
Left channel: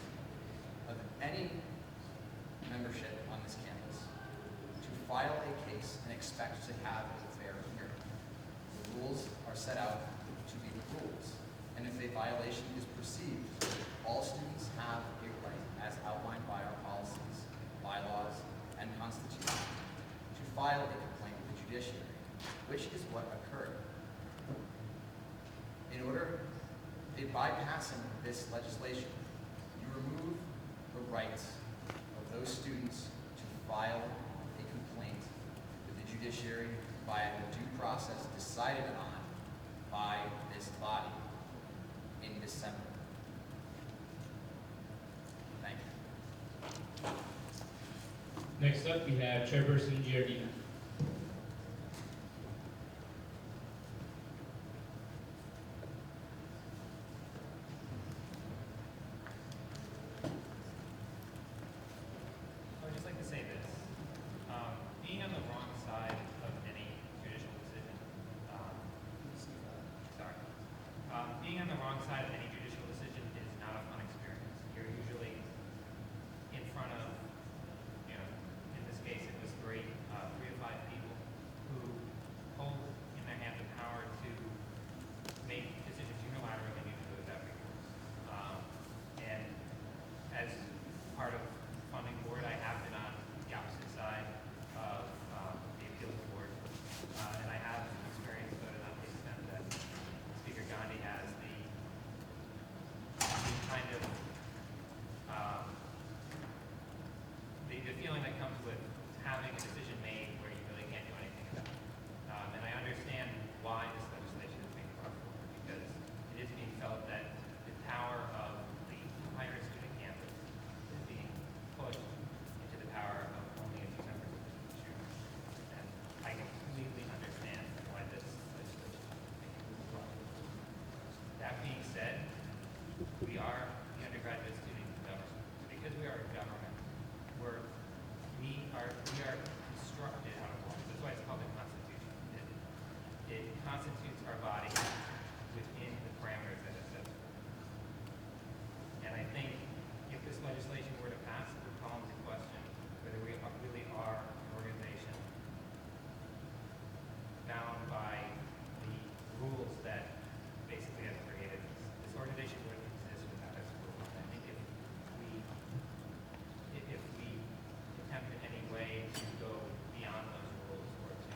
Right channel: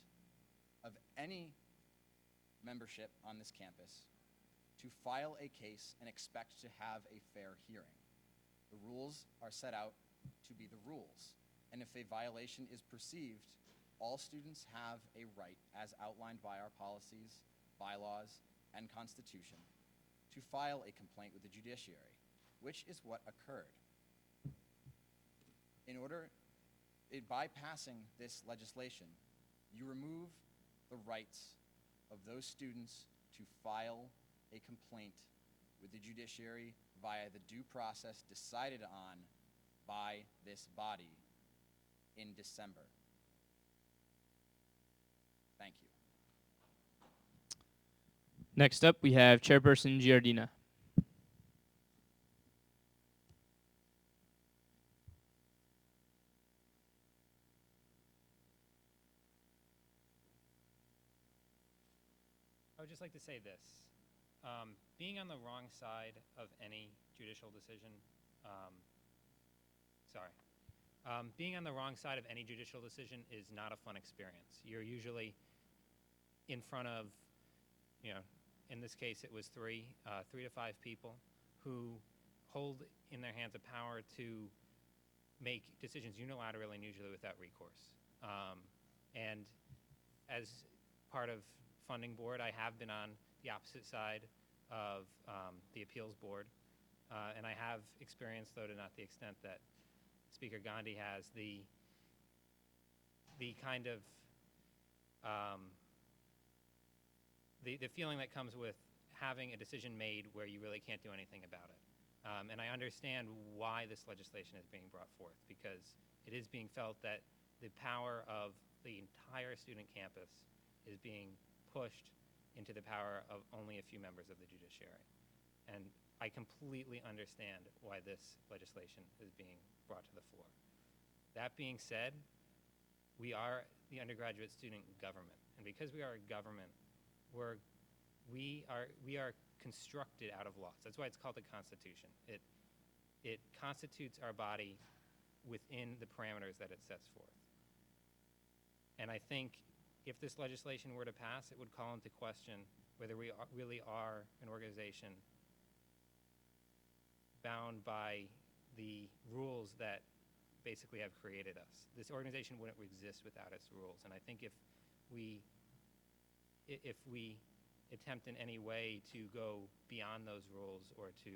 of any membership on this campus to file a case and expect to have a fair hearing. The rules are set out to be the rules, and if a violation is perceived, all students have a right, as outlined by our policies, bylaws, and constitution, to file a complaint with the judiciary, which is what occurred. In bypassing this legislation, you remove the rights of those students to file a complaint with the judiciary via the due process decided on by this body in December. Thank you. Next up, we have Chairperson Giardina. I would just like to say this. Being on the wrong side of any judicial decision, being on the wrong side of any judicial decision is not a fun experience. You're usually in front of, in this case it was 3 to 5 people who hold in their hand the power to make decisions unilaterally and usually without recourse. And as part of funding board, I have been on the opposite side of the appeals board, and I have experience, though not the extent that Speaker Gandhi has, the kind of the feeling that comes with having a decision made where you really can't do anything about it. And I understand why this legislation is being brought forward, because it is being felt that the power of the entire student campus is being pushed into the power of only a few members of the judiciary. And I completely understand why this legislation is being brought forward. That being said, we are the undergraduate student government. Because we are a government, we are constructed out of law. That's why it's called the Constitution. It constitutes our body within the parameters that it sets forth. And I think if this legislation were to pass, it would call into question whether we really are an organization bound by the rules that basically have created us. This organization wouldn't exist without us. I think if we attempt in any way to go beyond those rules or to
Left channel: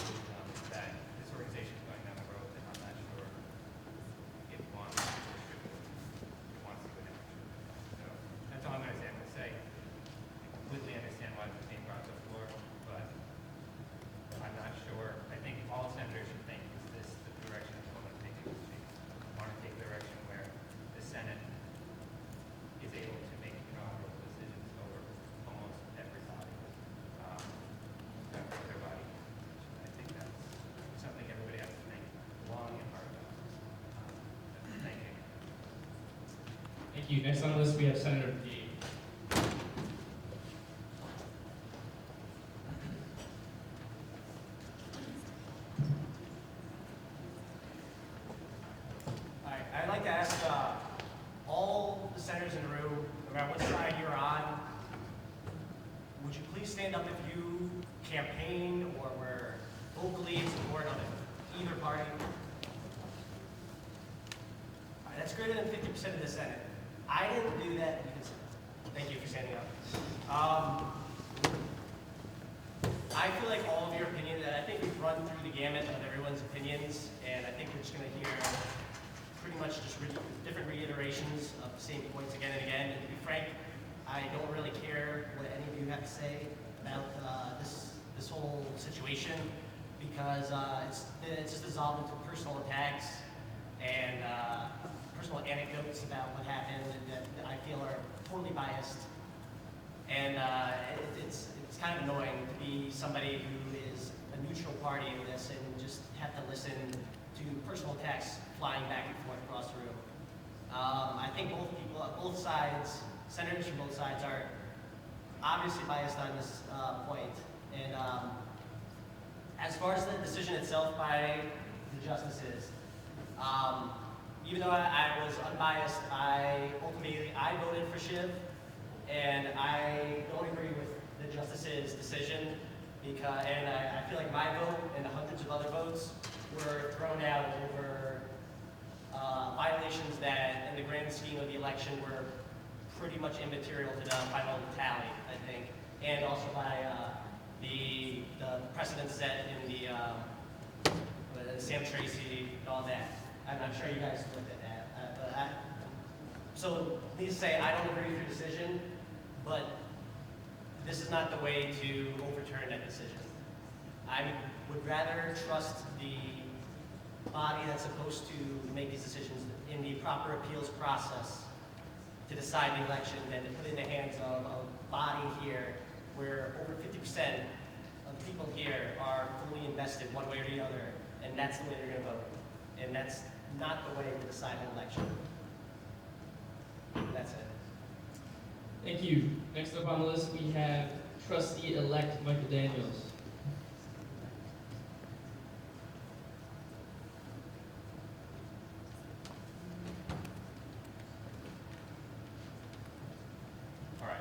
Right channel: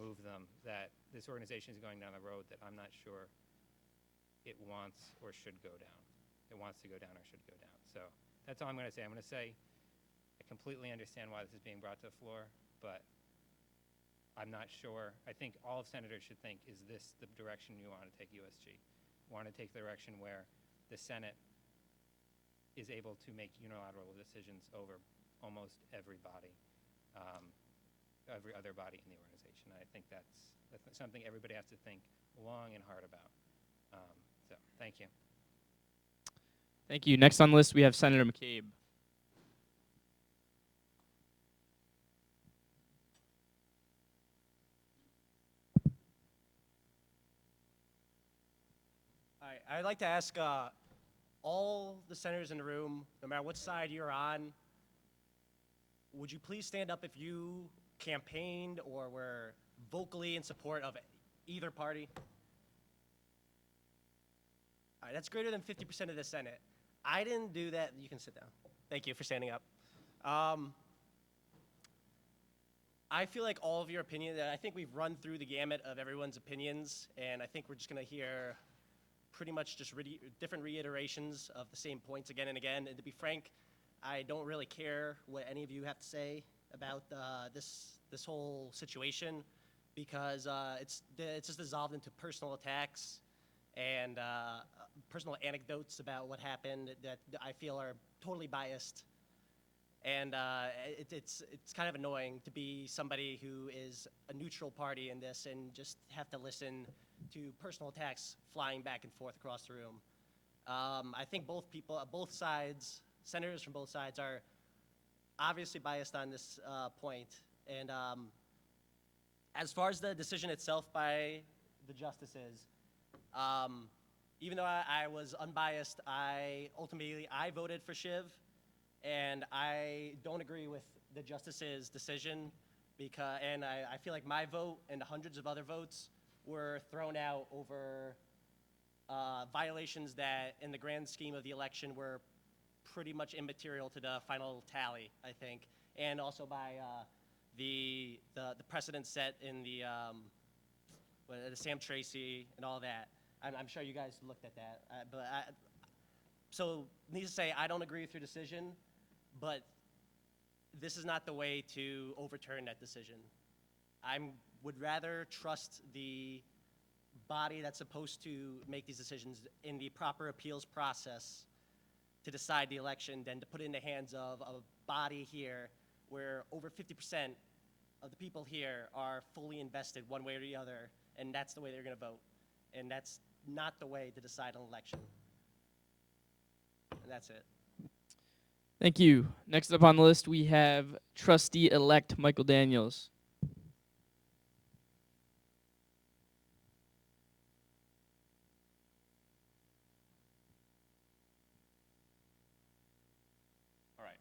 remove them, that this organization is going down the road that I'm not sure it wants or should go. It wants to go down or should go down. So that's all I'm going to say. I'm going to say I completely understand why it's being brought to the floor, but I'm not sure. I think all senators should think, is this the direction that we want to take in this change? We want to take a direction where the Senate is able to make unilateral decisions over almost everybody. Every other body. I think that's something everybody has to think long and hard about. Thank you. Thank you. Next on the list, we have Senator McCabe. And it's kind of annoying to be somebody who is a neutral party in this and just have to listen to personal attacks flying back and forth across the room. I think both sides, senators from both sides are obviously biased on this point. And as far as the decision itself by the justices, even though I was unbiased, I voted for Shiv, and I don't agree with the justices' decision because, and I feel like my vote and hundreds of other votes were thrown out over violations that, in the grand scheme of the election, were pretty much immaterial to the final tally, I think, and also by the precedent set in the Sam Tracy and all that. I'm not sure you guys looked at that, so needless to say, I don't agree with your decision, but this is not the way to overturn that decision. I would rather trust the body that's supposed to make these decisions in the proper appeals process to decide the election than to put it in the hands of a body here where over 50% of people here are fully invested one way or the other, and that's the way they're going to vote. And that's not the way to decide an election. That's it. Thank you. Next up on the list, we have Trustee-elect Michael Daniels. All right.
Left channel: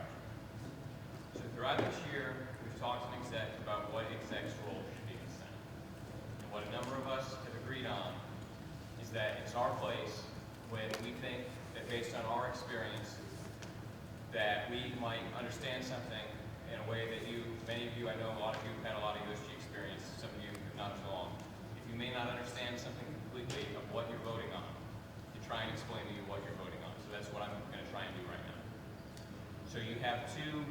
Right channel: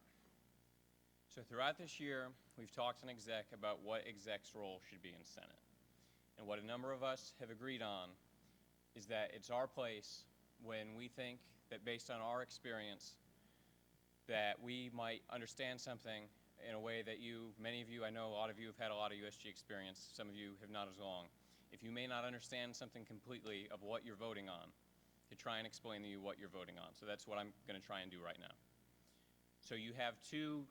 So throughout this year, we've talked to exec about what exec's role should be in the Senate. And what a number of us have agreed on is that it's our place when we think that based on our experience that we might understand something in a way that many of you, I know a lot of you have had a lot of USG experience, some of you not as long. If you may not understand something completely of what you're voting on, to try and explain to you what you're voting on. So that's what I'm going to try and do right now. So you have two,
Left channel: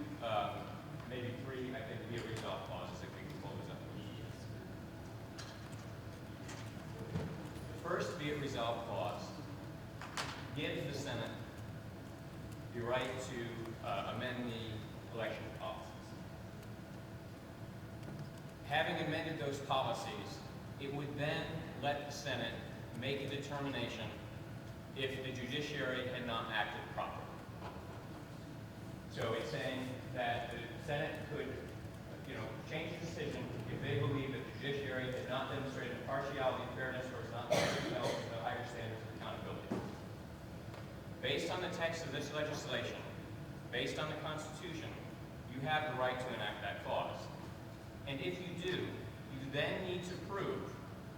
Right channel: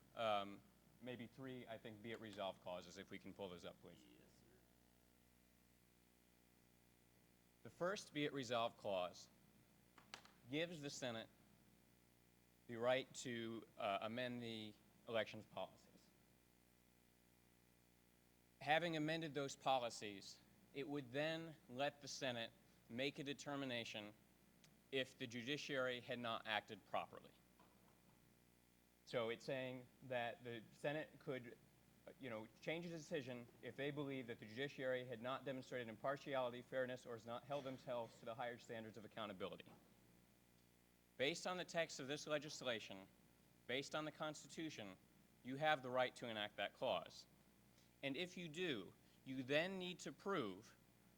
maybe three, I think, be a resolve clauses if we can pull this up. The first be it resolve clause gives the Senate the right to amend the election policies. Having amended those policies, it would then let the Senate make a determination if the judiciary had not acted properly. So it's saying that the Senate could, change the decision if they believe that the judiciary had not demonstrated impartiality, fairness, or has not held to higher standards of accountability. Based on the text of this legislation, based on the Constitution, you have the right to enact that clause. And if you do, you then need to prove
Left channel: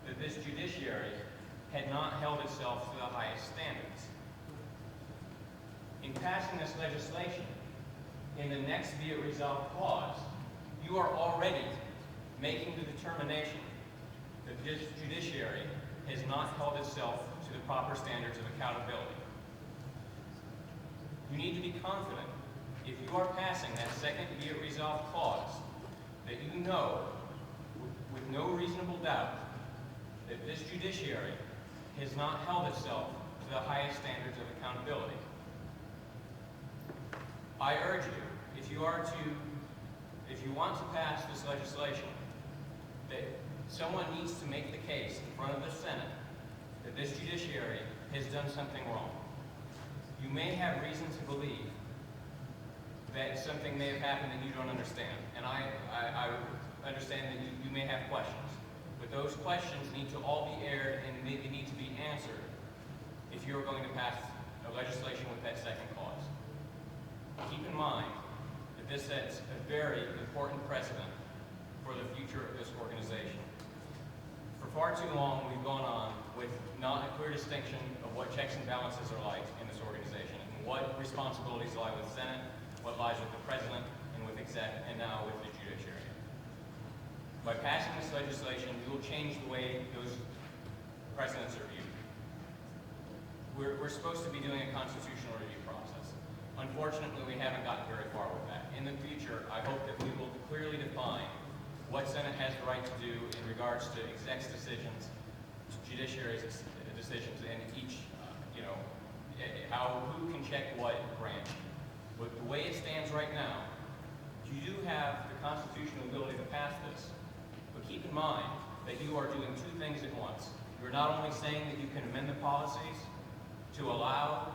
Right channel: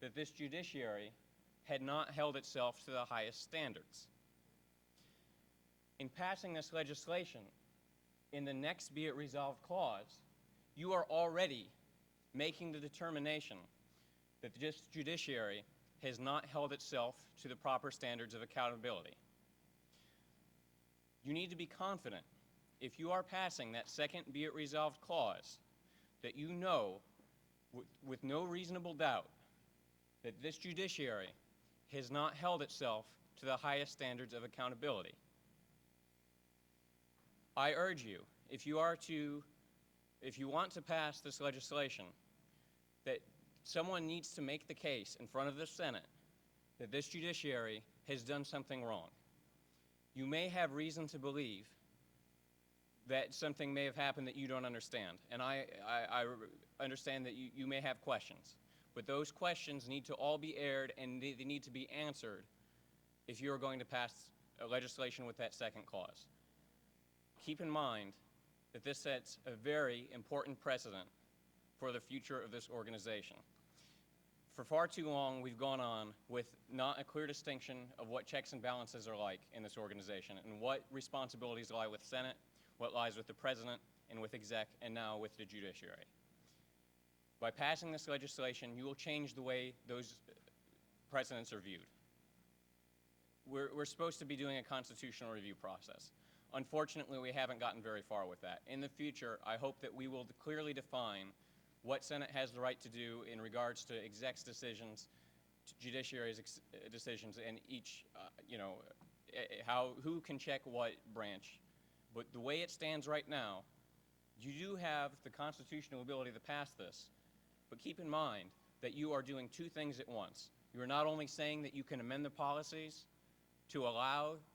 that this judiciary had not held itself to the highest standards. In passing this legislation, in the next be it resolved clause, you are already making the determination that this judiciary has not held itself to the proper standards of accountability. You need to be confident, if you are passing that second be it resolved clause, that you know, with no reasonable doubt, that this judiciary has not held itself to the highest standards of accountability. I urge you, if you want to pass this legislation, that someone needs to make the case in front of the Senate that this judiciary has done something wrong. You may have reason to believe that something may have happened that you don't understand. And I understand that you may have questions. But those questions need to all be aired and they need to be answered if you're going to pass a legislation with that second clause. Keep in mind that this sets a very important precedent for the future of this organization. For far too long, we've gone on with not a clear distinction of what checks and balances are like in this organization, and what responsibilities lie with the Senate, what lies with the President, and with exec, and now with the judiciary. By passing this legislation, we will change the way those precedents are viewed. We're supposed to be doing a constitutional review process. Unfortunately, we haven't gotten very far with that. In the future, I hope that we will clearly define what Senate has the right to do in regards to exec's decisions, judiciary's decisions, and each, who can check what branch. But the way it stands right now, that you are doing two things at once. You're not only saying that you can amend the policies to allow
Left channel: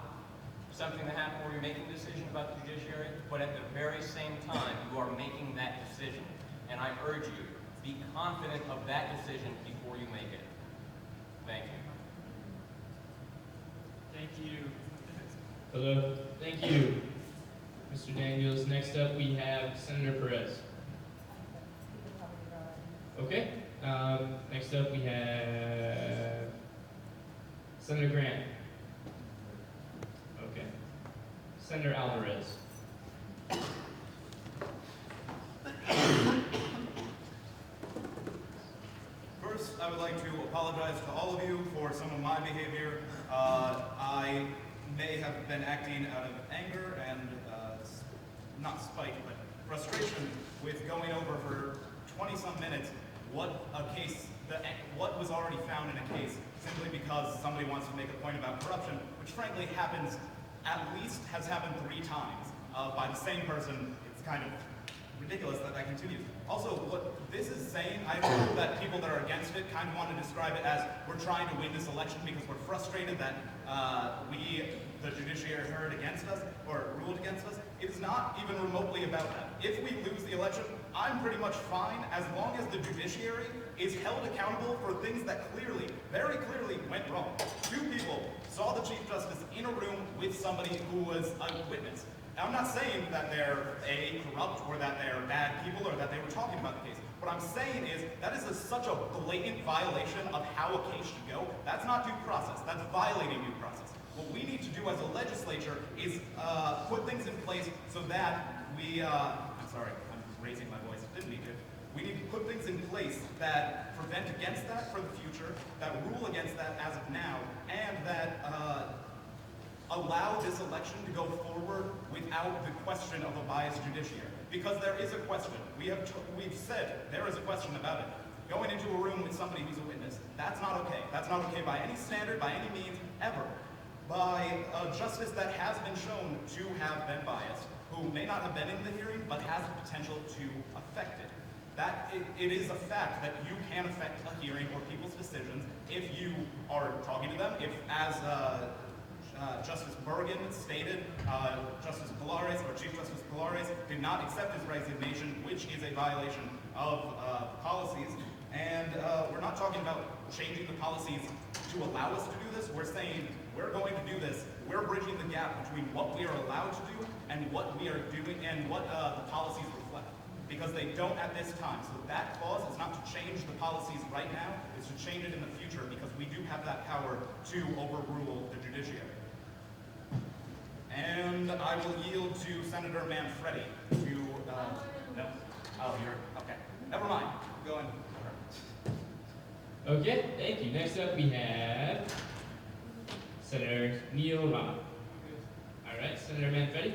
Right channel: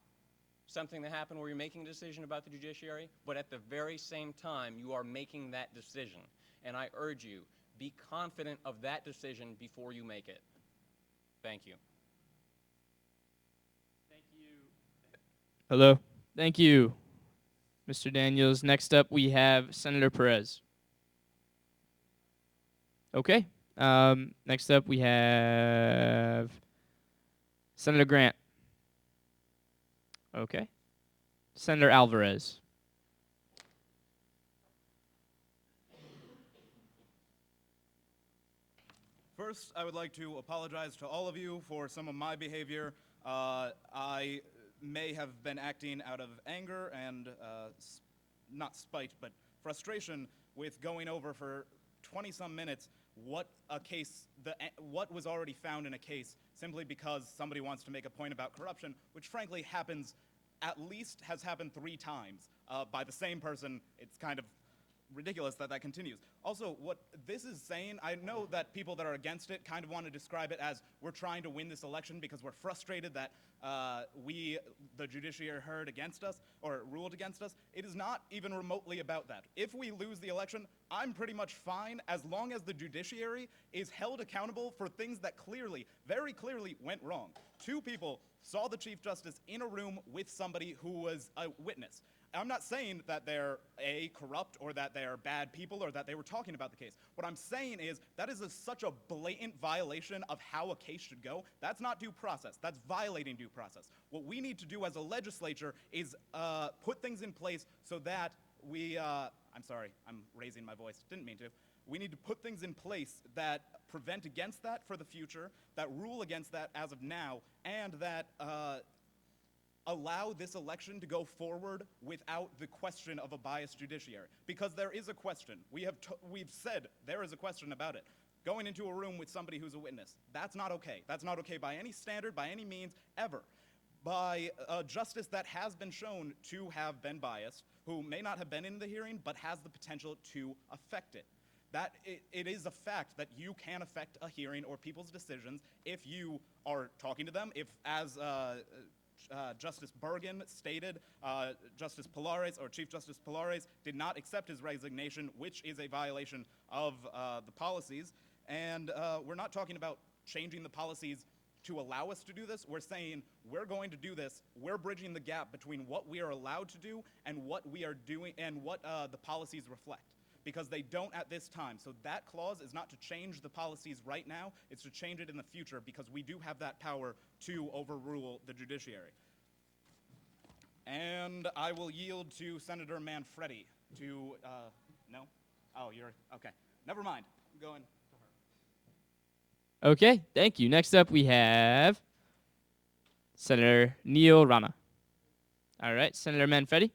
something to happen where you're making a decision about the judiciary, but at the very same time, you are making that decision. And I urge you, be confident of that decision before you make it. Thank you. Thank you. Hello. Thank you, Mr. Daniels. Next up, we have Senator Perez. Okay. Next up, we have Senator Grant. Okay. Senator Alvarez. First, I would like to apologize to all of you for some of my behavior. I may have been acting out of anger and not spite, but frustration with going over for 20-some minutes what was already found in a case simply because somebody wants to make a point about corruption, which frankly happens, has happened 3 times by the same person. It's kind of ridiculous that continues. Also, what this is saying, I know that people that are against it kind of want to describe it as we're trying to win this election because we're frustrated that the judiciary heard against us or ruled against us. It's not even remotely about that. If we lose the election, I'm pretty much fine as long as the judiciary is held accountable for things that clearly, very clearly went wrong. 2 people saw the Chief Justice in a room with somebody who was a witness. Now, I'm not saying that they're corrupt or that they're bad people or that they were talking about the case. What I'm saying is that is such a blatant violation of how a case should go. That's not due process. That's violating due process. What we need to do as a legislature is put things in place so that we, I'm sorry, I'm raising my voice, didn't mean to. We need to put things in place that prevent against that for the future, that rule against that as of now, and that allow this election to go forward without the question of a biased judiciary. Because there is a question. We've said there is a question about it. Going into a room with somebody who's a witness, that's not okay. That's not okay by any standard, by any means, ever. By a justice that has been shown to have been biased, who may not have been in the hearing, but has the potential to affect it. It is a fact that you can affect a hearing or people's decisions if you are talking to them, if as Justice Bergen stated, Justice Pilares or Chief Justice Pilares did not accept his resignation, which is a violation of policies. And we're not talking about changing the policies to allow us to do this. We're saying we're going to do this. We're bridging the gap between what we are allowed to do and what we are doing and what the policies reflect. Because they don't at this time. So that clause is not to change the policies right now. It's to change it in the future because we do have that power to overrule the judiciary. And I will yield to Senator Manfredi to, no. Oh, you're, okay. Never mind. Go on. Okay, thank you. Next up, we have Senator Neil Rama. All right, Senator Manfredi.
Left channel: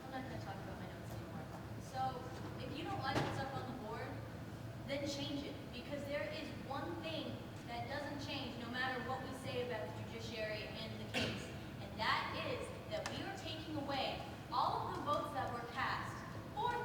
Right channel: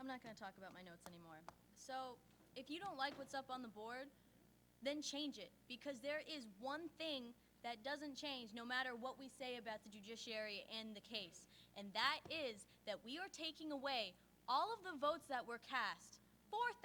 I'm not gonna talk about my notes anymore. So, if you don't like what's up on the board, then change it. Because there is one thing that doesn't change no matter what we say about the judiciary and the case. And that is that we are taking away all of the votes that were cast. 4,000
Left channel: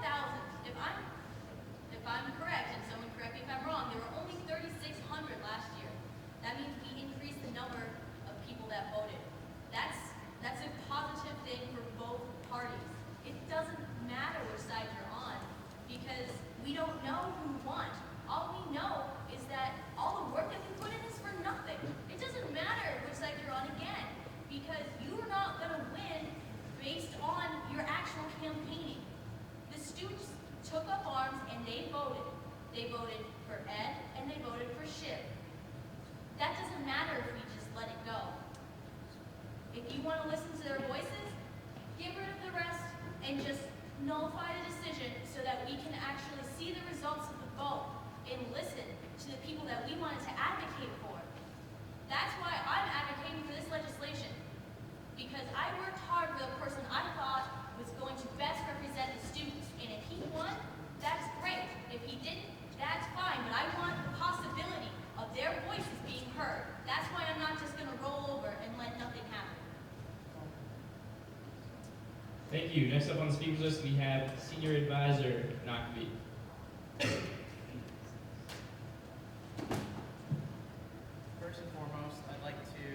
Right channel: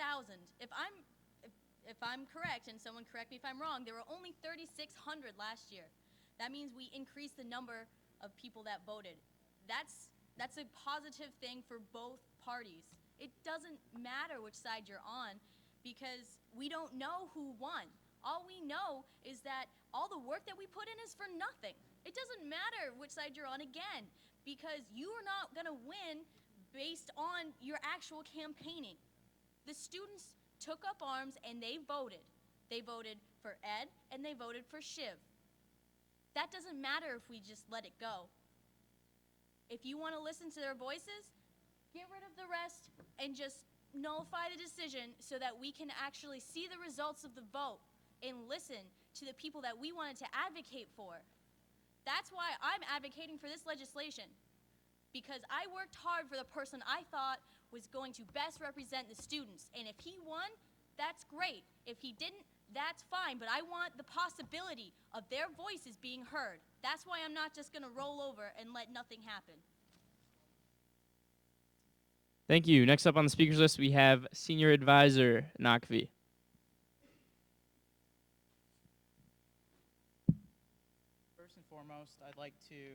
Thank you. Next up on the speakers list, we have Senior Advisor Nakvi. First and foremost, I'd like to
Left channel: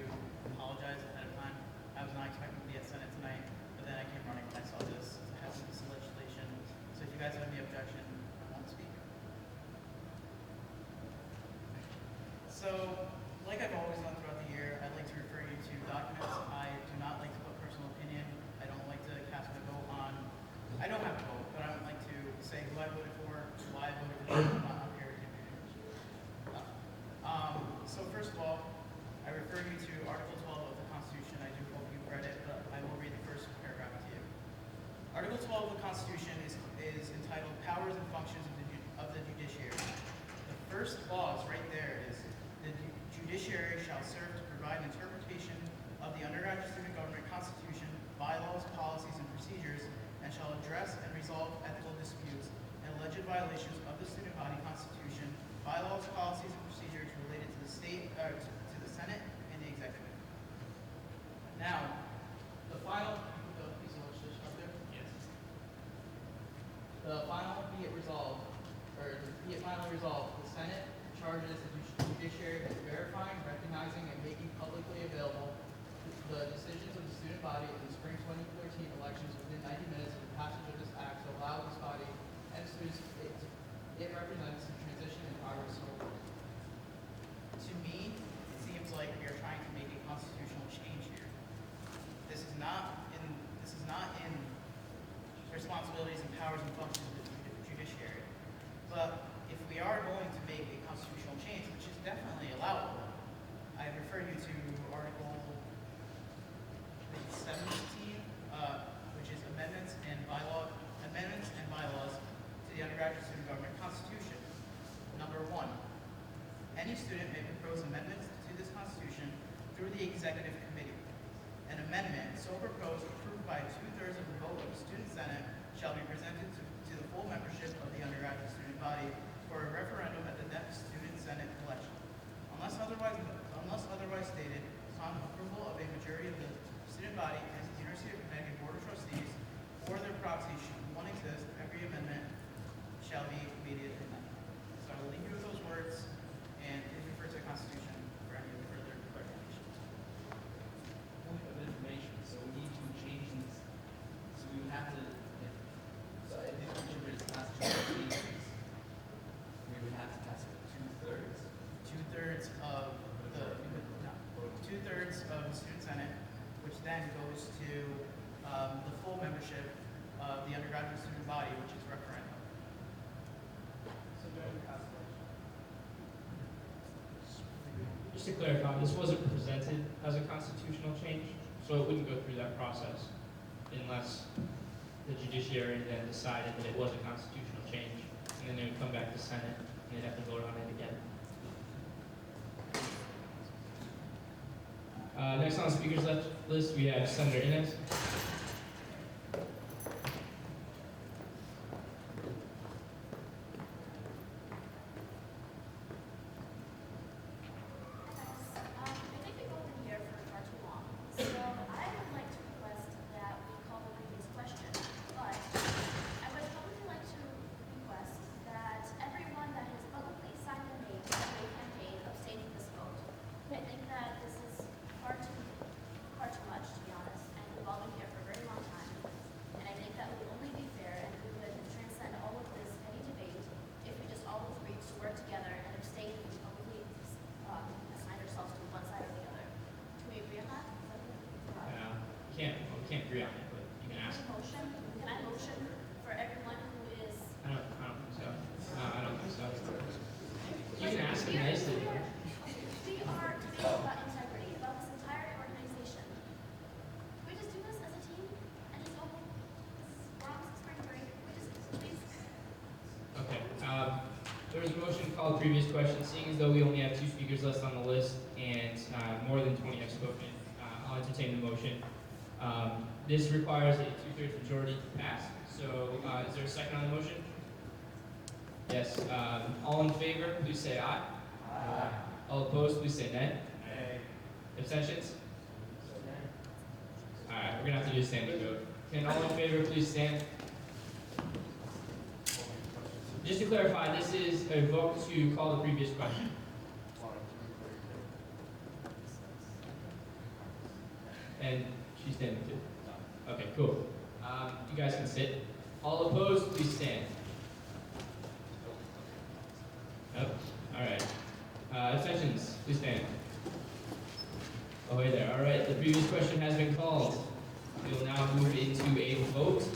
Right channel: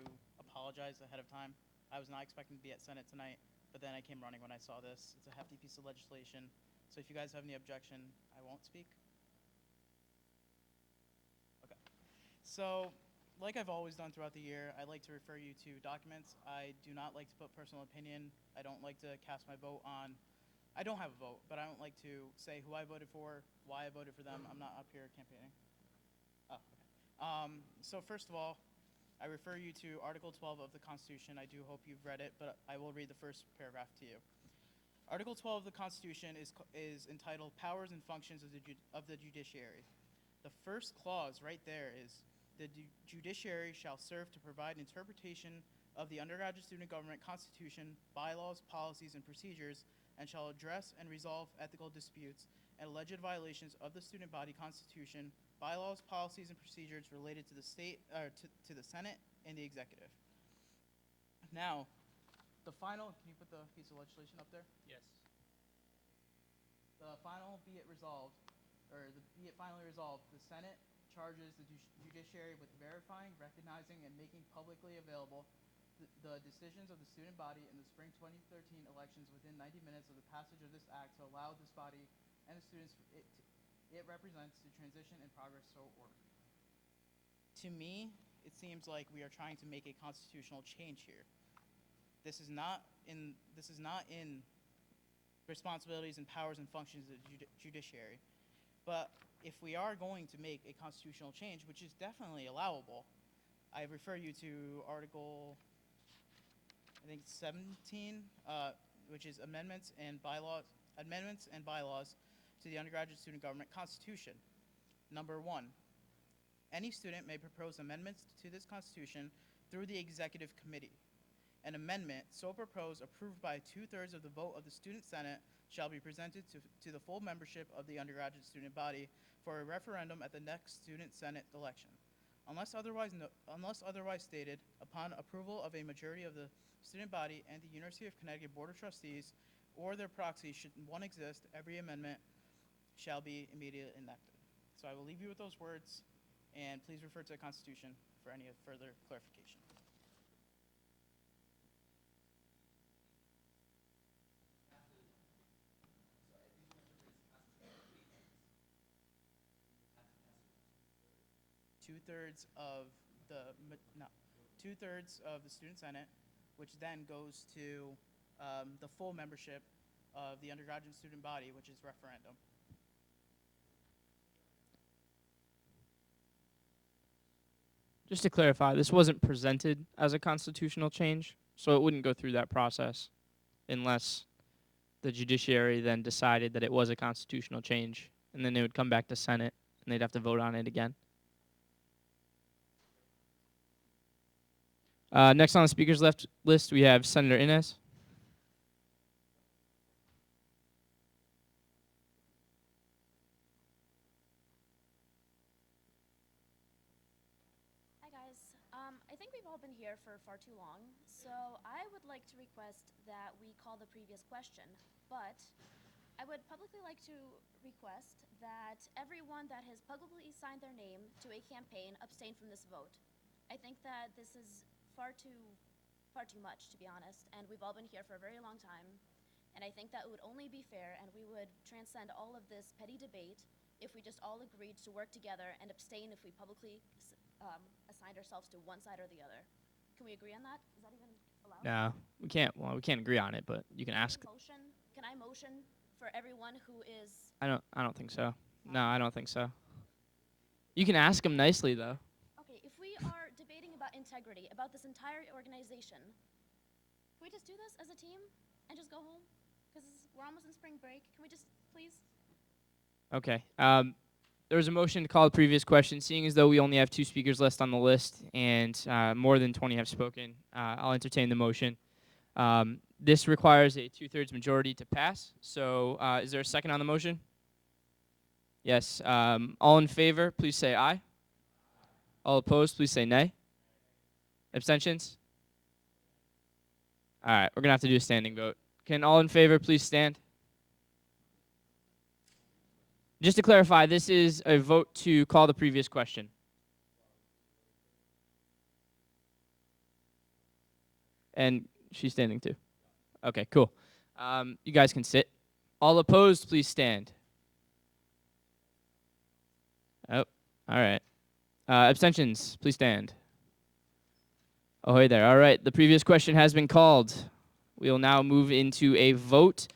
apologize ahead of time. I was not expecting to be at Senate tonight, but then I came running when I saw this legislation. So if you guys have any objection, I won't speak. So, like I've always done throughout the year, I'd like to refer you to documents. I do not like to put personal opinion. I don't like to cast my vote on. I don't have a vote, but I don't like to say who I voted for, why I voted for them. I'm not prepared to do that. So first of all, I refer you to Article 12 of the Constitution. I do hope you read it, but I will read the first paragraph to you. Article 12 of the Constitution is entitled Powers and Functions of the Judiciary. The first clause right there is the judiciary shall serve to provide an interpretation of the undergraduate student government constitution, bylaws, policies, and procedures, and shall address and resolve ethical disputes and alleged violations of the student body constitution, bylaws, policies, and procedures related to the Senate and the executive. Now, the final, the final be it resolved, be it finally resolved, the Senate charges the judiciary with verifying, recognizing, and making publicly available the decisions of the student body in the spring 2013 elections within 90 minutes of the passage of this act to allow this body and students it represents to transition and progress forward. To me, it seems like we are trying to make a constitutional change here. This is not in the responsibilities and powers and functions of the judiciary. But if we are going to make a constitutional change, which is definitely allowable, I refer you to Article 17, which is amendments and bylaws to the undergraduate student government constitution. Number 1, any student may propose amendments to this constitution through the executive committee. An amendment so proposed, approved by 2/3 of the vote of the student senate, shall be presented to the full membership of the undergraduate student body for a referendum at the next student senate election. Unless otherwise stated, upon approval of a majority of the student body and the University of Connecticut Board of Trustees or their proxies, should one exist, every amendment shall be immediately amended. So I will leave you with those words, and please refer to the Constitution for any further clarification. Point of information, so we need to change these, so we would have to, so if we interpret the constitution changes, we would have to pass it 2/3. Two-thirds of the student senate, which then goes to the full membership of the undergraduate student body, which is referendum. So during the constellation. Just to clarify, this wasn't presented as a constitutional change, so it wouldn't go through that process unless the judiciary then decided that it was a constitutional change, and then it would come back to Senate, and they'd have to vote on it again. Next on the speakers list, we have Senator Inez. We can't agree on it, but you can ask. I don't think so. No, I don't think so. You can ask him nicely though. Okay. There was a motion to call the previous question. Seeing as though we only have 2 speakers left on the list and more than 20 have spoken, I'll entertain the motion. This requires a 2/3 majority to pass. So is there a second on the motion? Yes. All in favor, please say aye. Aye. All opposed, please say nay. Nay. Abstentions? All right, we're going to have to do a standing vote Can all in favor please stand? Just to clarify, this is a vote to call the previous question. And she's standing too. Okay, cool. You guys can sit. All opposed, please stand. Oh, all right. Abstentions, please stand. Oh, hey there. All right, the previous question has been called. We will now move into a vote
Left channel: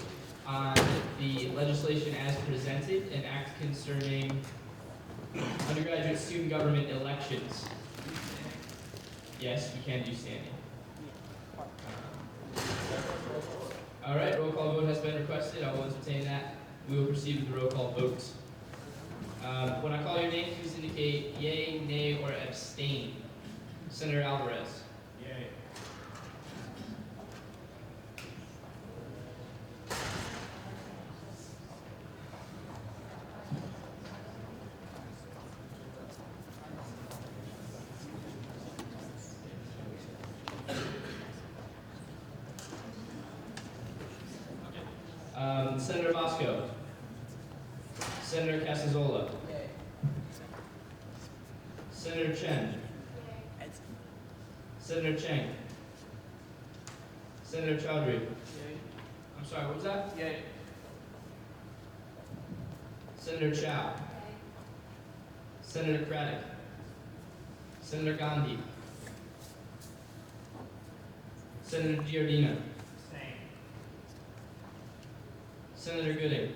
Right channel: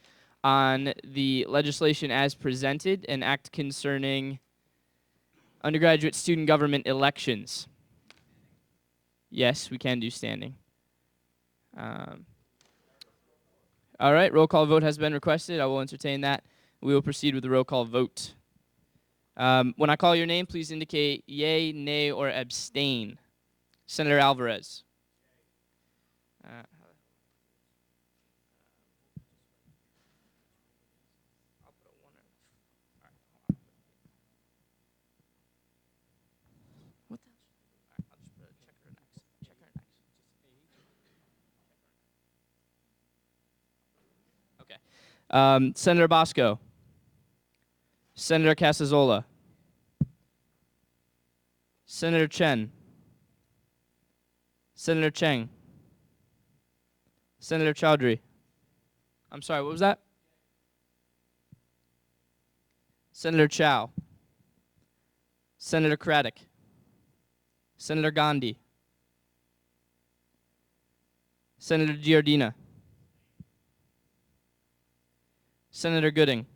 on the legislation as presented, an act concerning undergraduate student government elections. Yes, we can do standing. All right, roll call vote has been requested. I will entertain that. We will proceed with the roll call vote. When I call your name, please indicate yay, nay, or abstain. Senator Alvarez. Senator Bosco. Senator Casazola. Senator Chen. Senator Cheng. Senator Chaudhry. I'm sorry, what was that? Senator Chow. Senator Craddock. Senator Gandhi. Senator Giardina. Senator Gooding.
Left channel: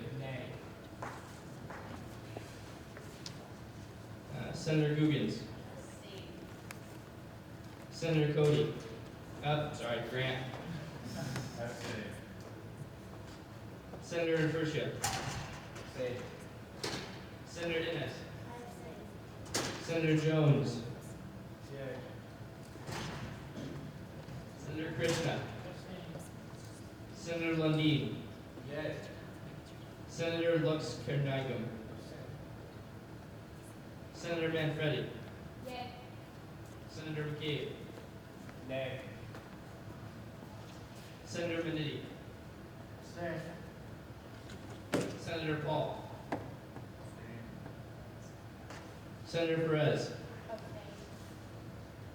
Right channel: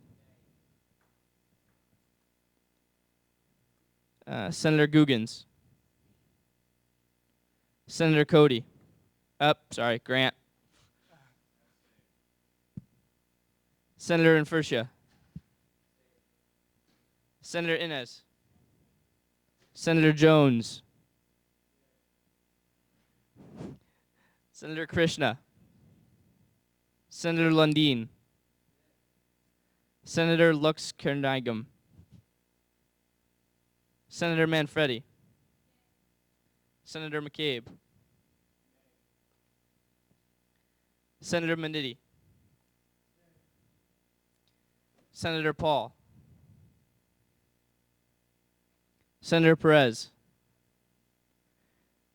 Senator Googans. Senator Cody. Sorry, Grant. Senator Infurcia. Senator Inez. Senator Jones. Senator Krishna. Senator Lundin. Senator Lux Kernigam. Senator Manfredi. Senator McCabe. Senator Manitti. Senator Paul. Senator Perez.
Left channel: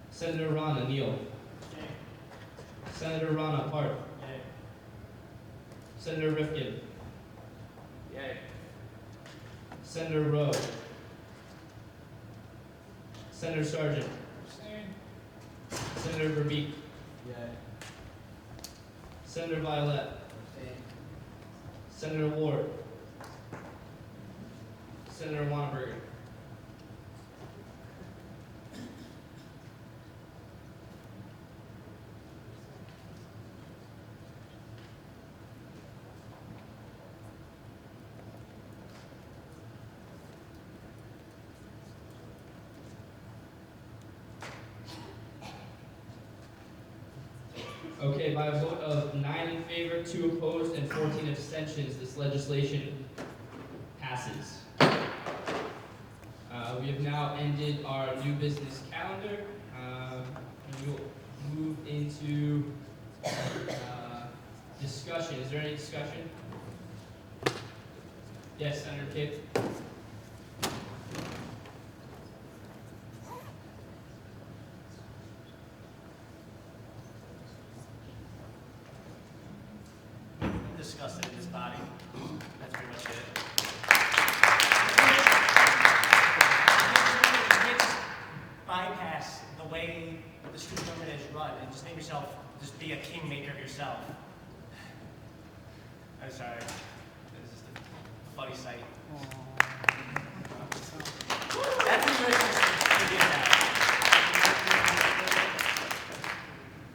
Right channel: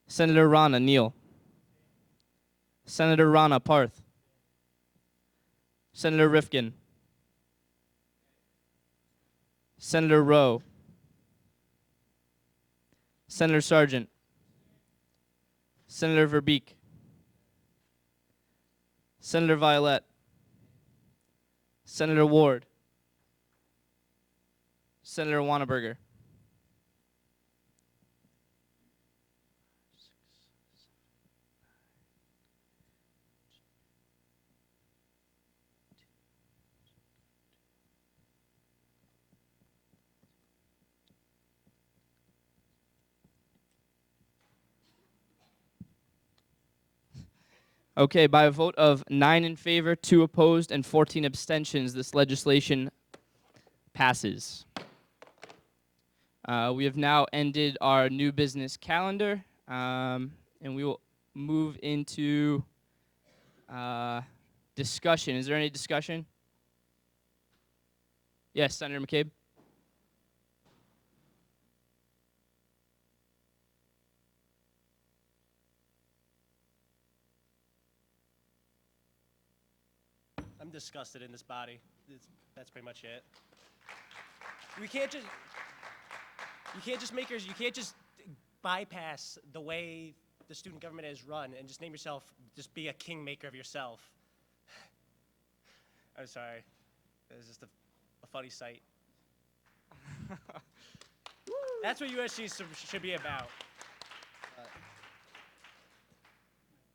Senator Rana Neal. Senator Rana Parth. Senator Rifkin. Senator Rowe. Senator Sargent. Senator Verbeek. Senator Violet. Senator Ward. Senator Wanneberger. Okay, by a vote of 9 in favor, 2 opposed, and 14 abstentions, this legislation passes. We have now ended our new business calendar, and we will move into discussion. Is there any discussion? Yes, Senator McCabe. Discuss it in this body. That's pretty much it. You can't just bypass the way the student government is run and just make yourself, just be a kingmaker yourself. I'm sorry. This is a funny sight. That's pretty much just gonna get that.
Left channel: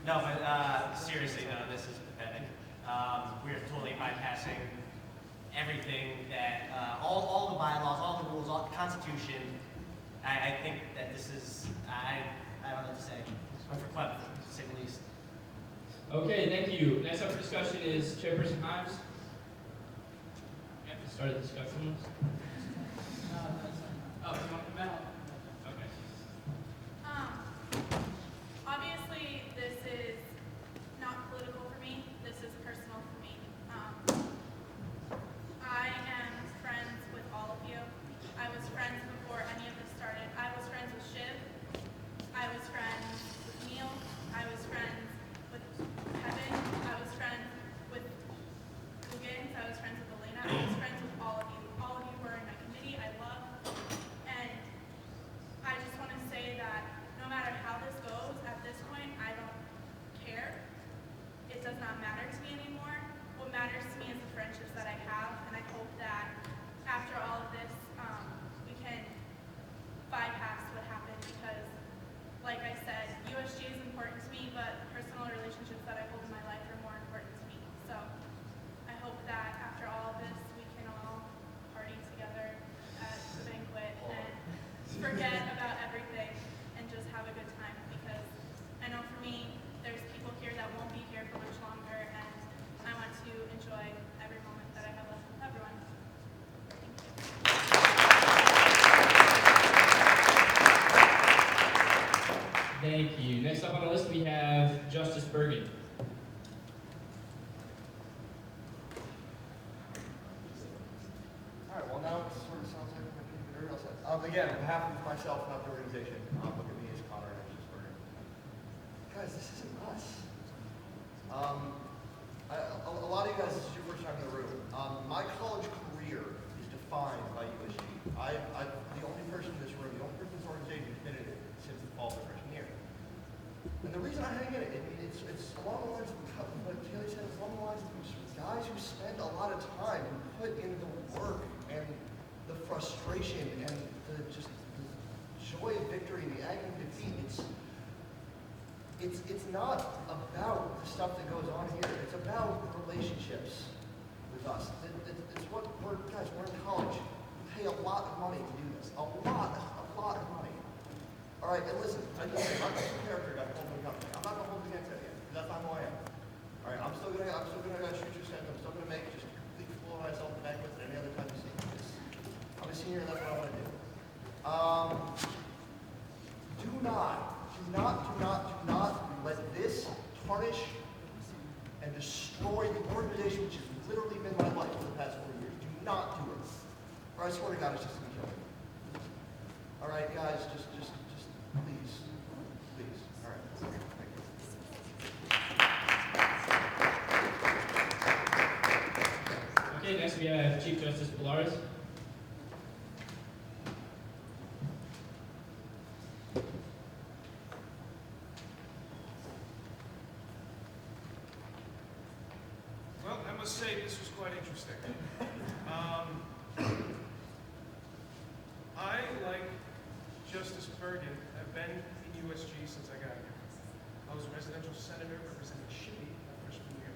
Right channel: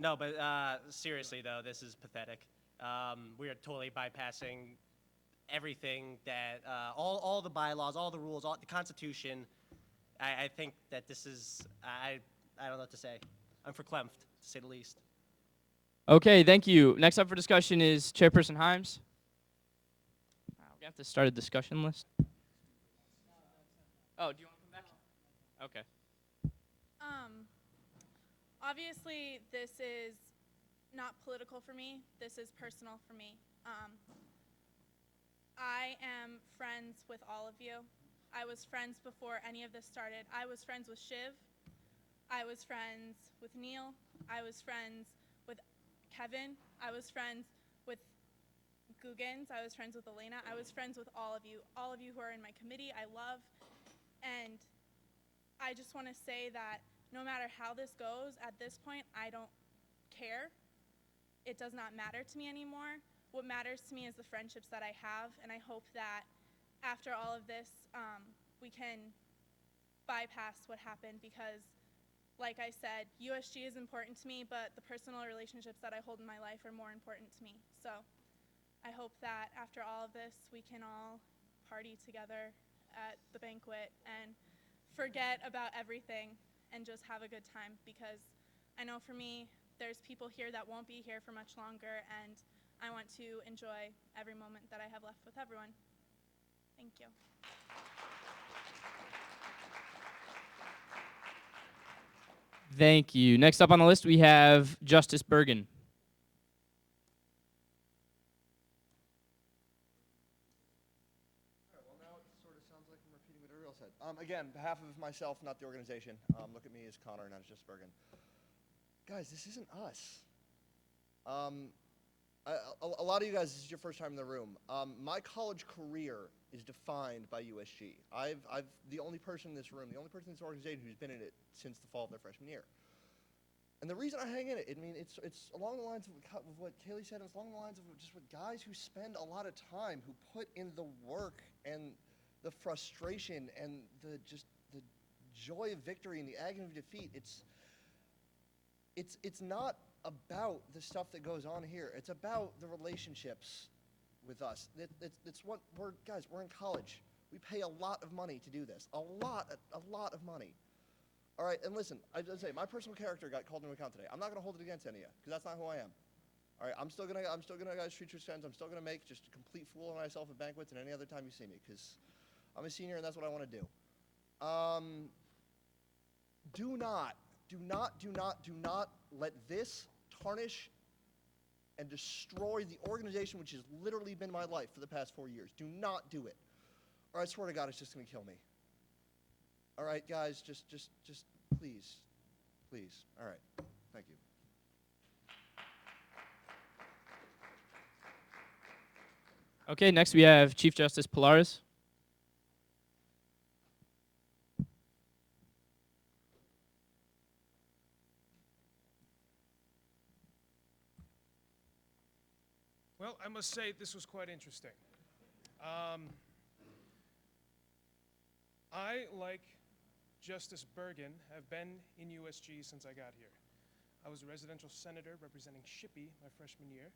No, but seriously though, this is pathetic. We're totally bypassing everything that, all the bylaws, all the rules, all the Constitution. I think that this is, I don't know what to say. I'm perplexed, to say the least. Okay, thank you. Next up for discussion is Chairperson Himes. To start a discussion list. Oh, okay. Obviously, this is not political for me. This is personal for me. Thank you. Next up on the list, we have Justice Bergen. All right, well, now it sort of sounds like we're getting very well set. Again, on behalf of myself and the organization, look at me as Connor and Cheeseburger. Guys, this isn't us. A lot of you guys, this is your first time in the room. My college career is defined by USG. I'm the only person in this room, the only person in this organization who's been in it since the fall of the freshman year. And the reason I hang it, I mean, it's along the lines of what Kaylee said, it's along the lines of guys who spend a lot of time and put in the work and the frustration and the joy of victory and the agony of defeat. It's not about the stuff that goes on here. It's about the relationships with us. It's what we're in college. We pay a lot of money to do this. A lot of money. All right, and listen, I'm just a character guy for holding the company. I'm not going to hold against anything. That's not who I am. All right, I'm still gonna shoot your second. I'm still gonna make just complete fool of myself backwards than any other time you see me. I'm a senior, that's what I want to do. Do not let this tarnish and destroy the organization which has literally been my life for the past 4 years. Do not do it. Or I swear to God, it's just gonna kill me. All right, guys, just please. All right. Thank you. Okay, next we have Chief Justice Pilares. Well, I must say this was quite interesting. I, like Justice Bergen, have been in USG since I got here. I was a residential senator representing Shitty my freshman year.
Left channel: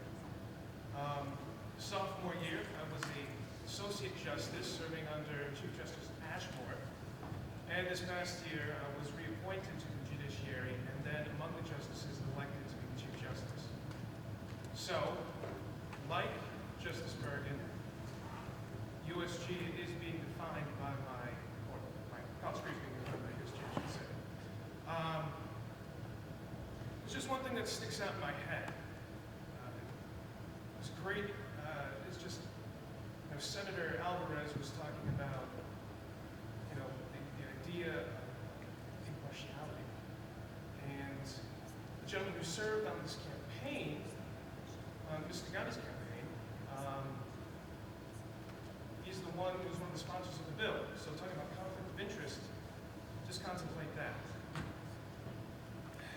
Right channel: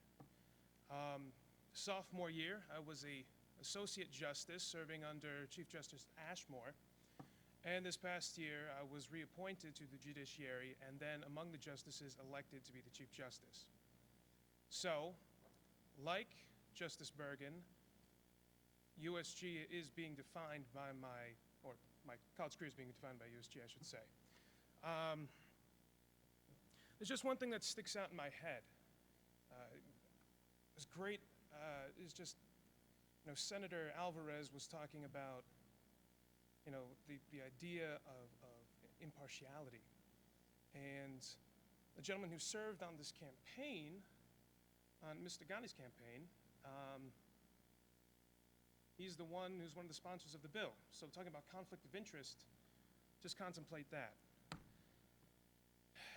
Sophomore year, I was the associate justice serving under Chief Justice Ashmore. And this past year, I was reappointed to the judiciary and then among the justices elected to the Chief Justice. So, like Justice Bergen, USG is being defined by my college career is being defined by USG, I should say. There's just one thing that sticks out in my head. It's great. It's just, Senator Alvarez was talking about, the idea of impartiality. And the gentleman who served on this campaign, Mr. Gannon's campaign, he's one of the sponsors of the bill. So talking about conflict of interest, just contemplate that.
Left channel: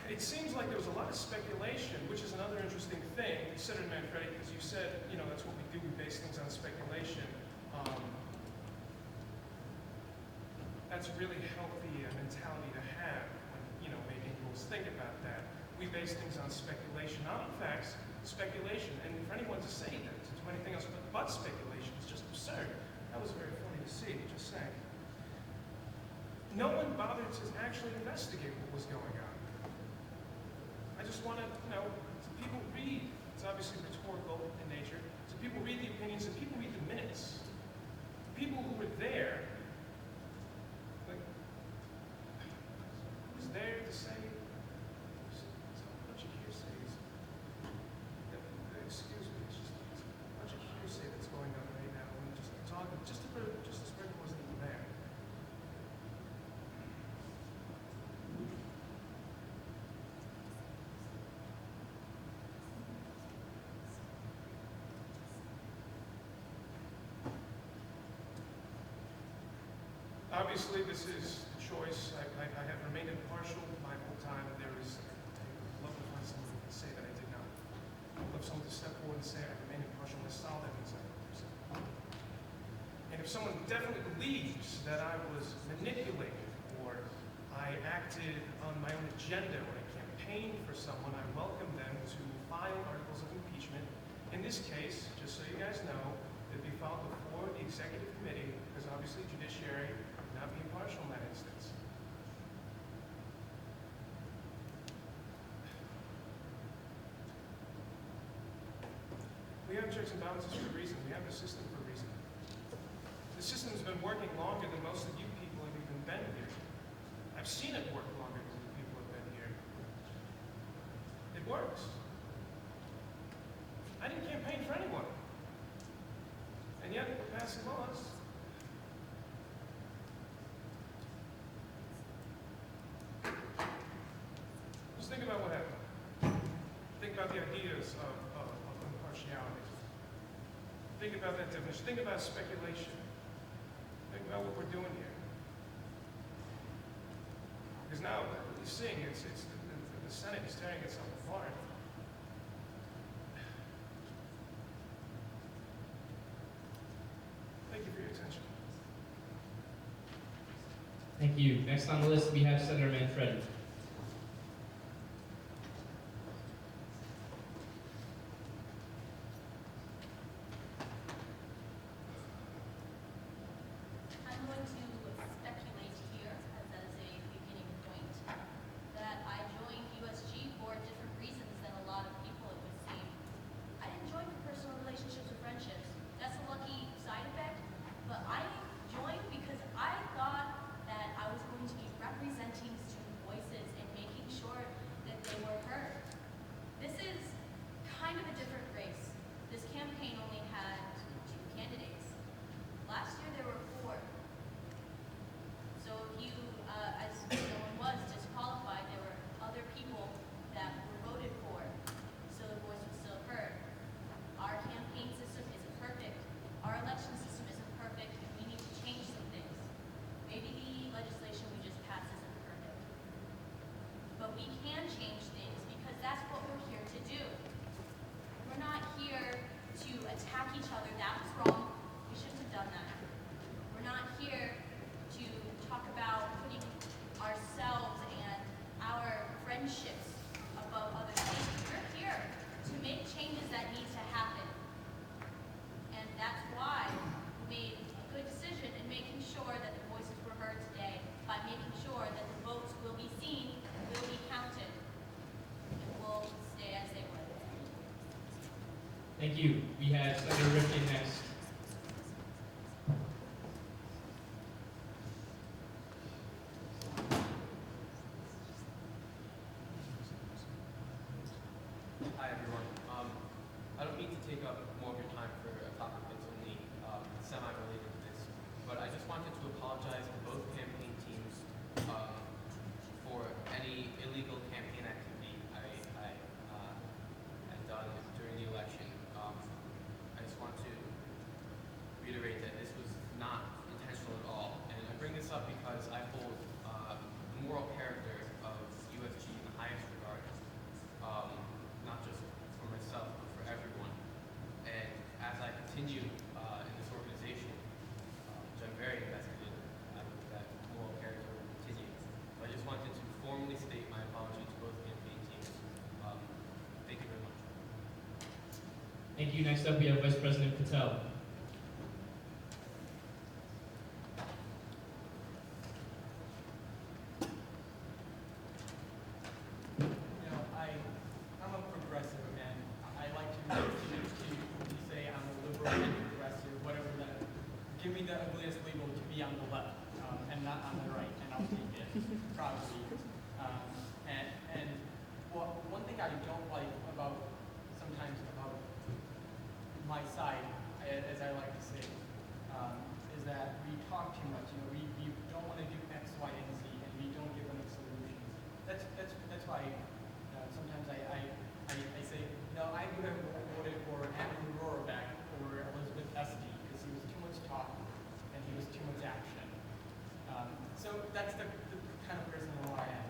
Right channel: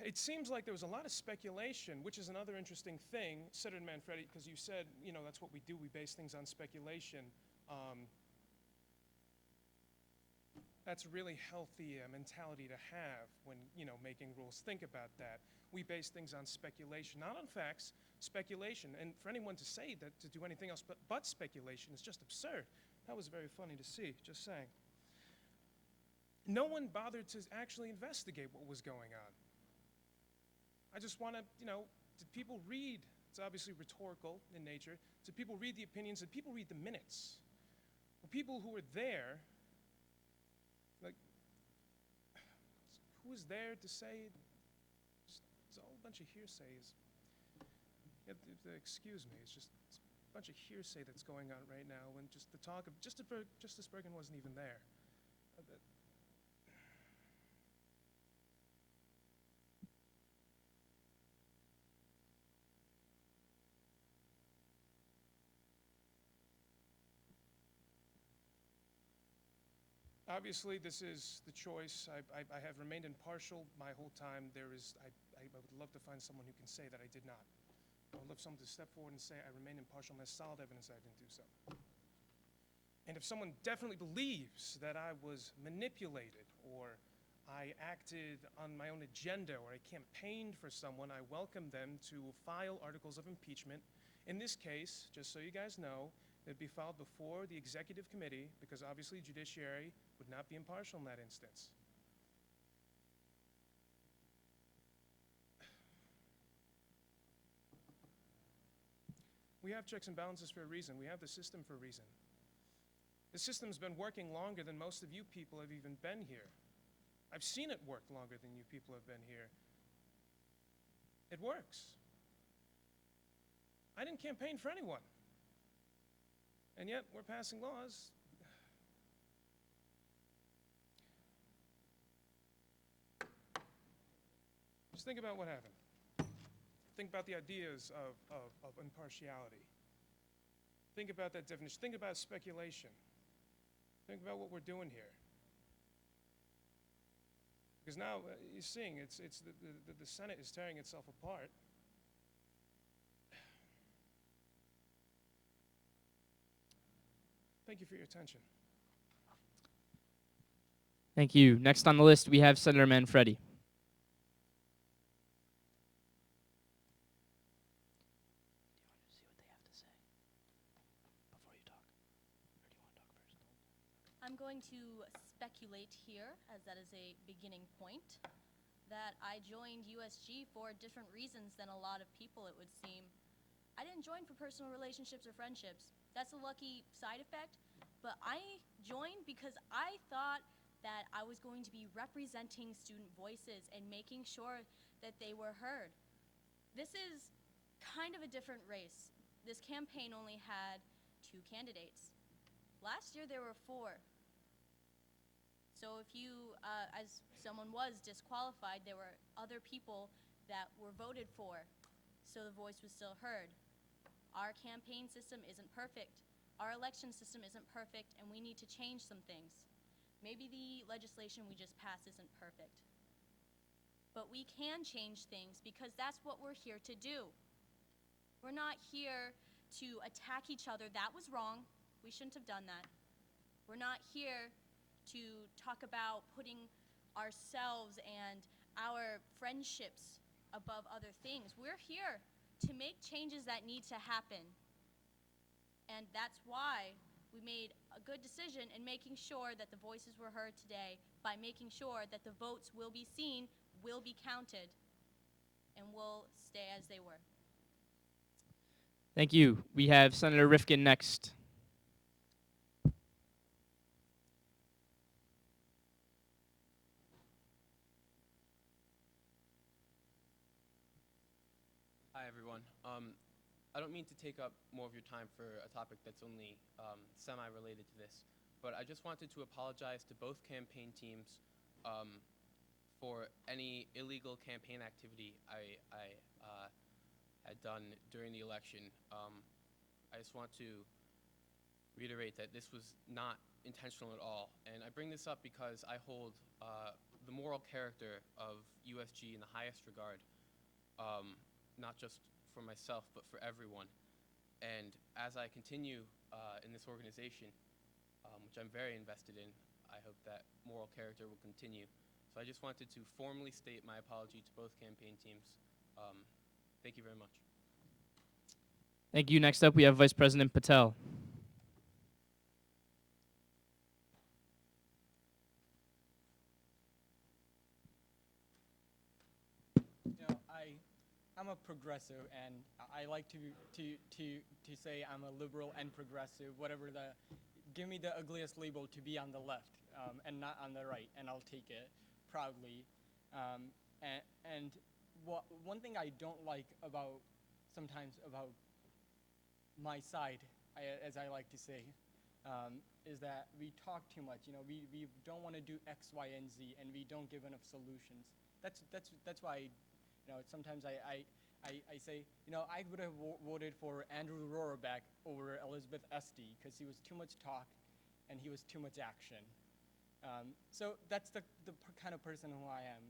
It seems like there was a lot of speculation, which is another interesting thing, Senator Manfredi, because you said, that's what we do, we base things on speculation. That's really healthy mentality to have when, making rules. Think about that. We base things on speculation, not on facts, speculation. And for anyone to say that, to do anything else but speculation is just absurd. That was very funny to see, just saying. No one bothered to actually investigate what was going on. I just want to, people read, it's obviously rhetorical in nature, so people read the opinions and people read the minutes. People who were there, who's there to say, there's a bunch of hearsays. Excuse me, it's just a bunch of hearsay that's going on right now. I'm just talking, just as Bergen wasn't even there. Obviously, this is a choice. I have remained impartial my whole time. I would love to find someone who can say that I did not. I would love someone to step forward and say I remained impartial and solid in some ways. And if someone definitely believes that I was manipulated or I acted on my own agenda or I campaigned for someone, I welcome them to file articles of impeachment. In this case, just so you guys know, they'll be filed before the executive committee, because obviously judiciary not being partial in that instance. We have checks and balances for a reason. We have the system for a reason. The system's been working longer than most of you people have even been here. I've seen it work longer than you people have been here. about that definition. Think about speculation. Think about what we're doing here. Because now what we're seeing is the Senate is tearing itself apart. Thank you for your attention. Thank you. Next on the list, we have Senator Manfredi. I'm going to speculate here, as a beginning point, that I joined USG for different reasons than a lot of people, it would seem. I didn't join for personal relationships or friendships. That's a lucky side effect. But I joined because I thought that I was going to be representing student voices and making sure that they were heard. This is kind of a different race. This campaign only had 2 candidates. Last year there were 4. So if you, as someone was disqualified, there were other people that were voted for, so the voice was still heard. Our campaign system isn't perfect. Our election system isn't perfect, and we need to change some things. Maybe the legislation we just passed isn't perfect. But we can change things because that's what we're here to do. We're not here to attack each other. That was wrong. We shouldn't have done that. We're not here to talk about putting ourselves and our friendships above other things. We're here to make changes that need to happen. And that's why we made a good decision in making sure that the voices were heard today by making sure that the votes will be seen, will be counted, and will stay as they were. Thank you. We have Senator Rifkin next. Hi, everyone. I don't need to take up more of your time for a topic that's only semi-related to this, but I just wanted to apologize to both campaign teams for any illegal campaign activity I had done during the election. I just want to reiterate that this was not intentional at all, and I bring this up because I hold the moral character of USG in the highest regard. Not just for myself, but for everyone. And as I continue in this organization, which I'm very invested in, I hope that moral character will continue. But I just wanted to formally state my apology to both campaign teams. Thank you very much. Thank you. Next up, we have Vice President Patel. I'm a progressive, and I like to continue to say I'm a liberal and progressive, whatever that. Give me the ugliest label to be on the left, and not on the right, and I'll take it proudly. And one thing I don't like about sometimes about my side, as I like to say, is that we talk too much. We don't want to do X, Y, and Z, and we don't give them the solutions. That's why sometimes I say, no, I would have voted for Andrew Rohrbeck over Elizabeth Esty because he was too much talk and he was too much action. So that's the kind of person who I am.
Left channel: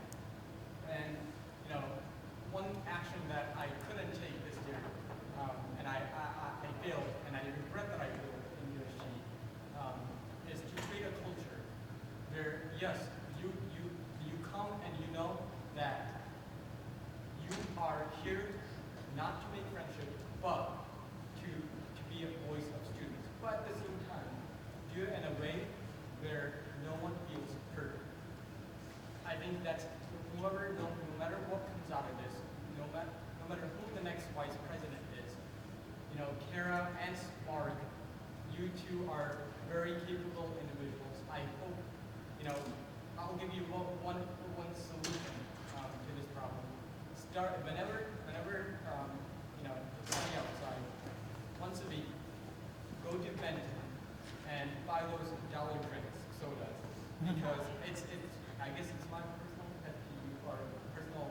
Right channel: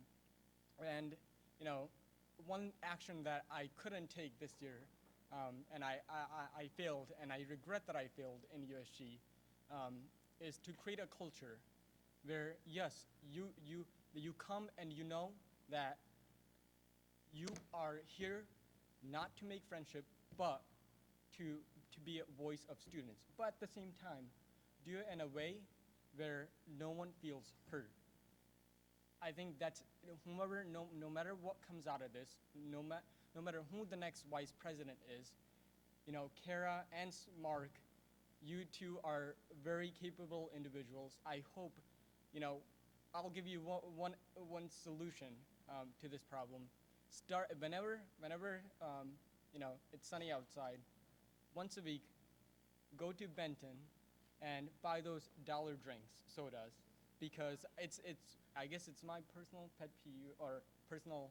And one action that I couldn't take this year, and I failed, and I regret that I failed in USG, is to create a culture where, yes, you come and you know that you are here not to make friendship, but to be a voice of students. But at the same time, do it in a way where no one feels hurt. I think that's no matter what comes out of this, no matter who the next vice president is, Kara and Mark, you two are very capable individuals. I hope, I'll give you one solution to this problem. Start whenever it's sunny outside, once a week, go to Benton and buy those dollar drinks, sodas, because I guess it's my personal pet peeve or personal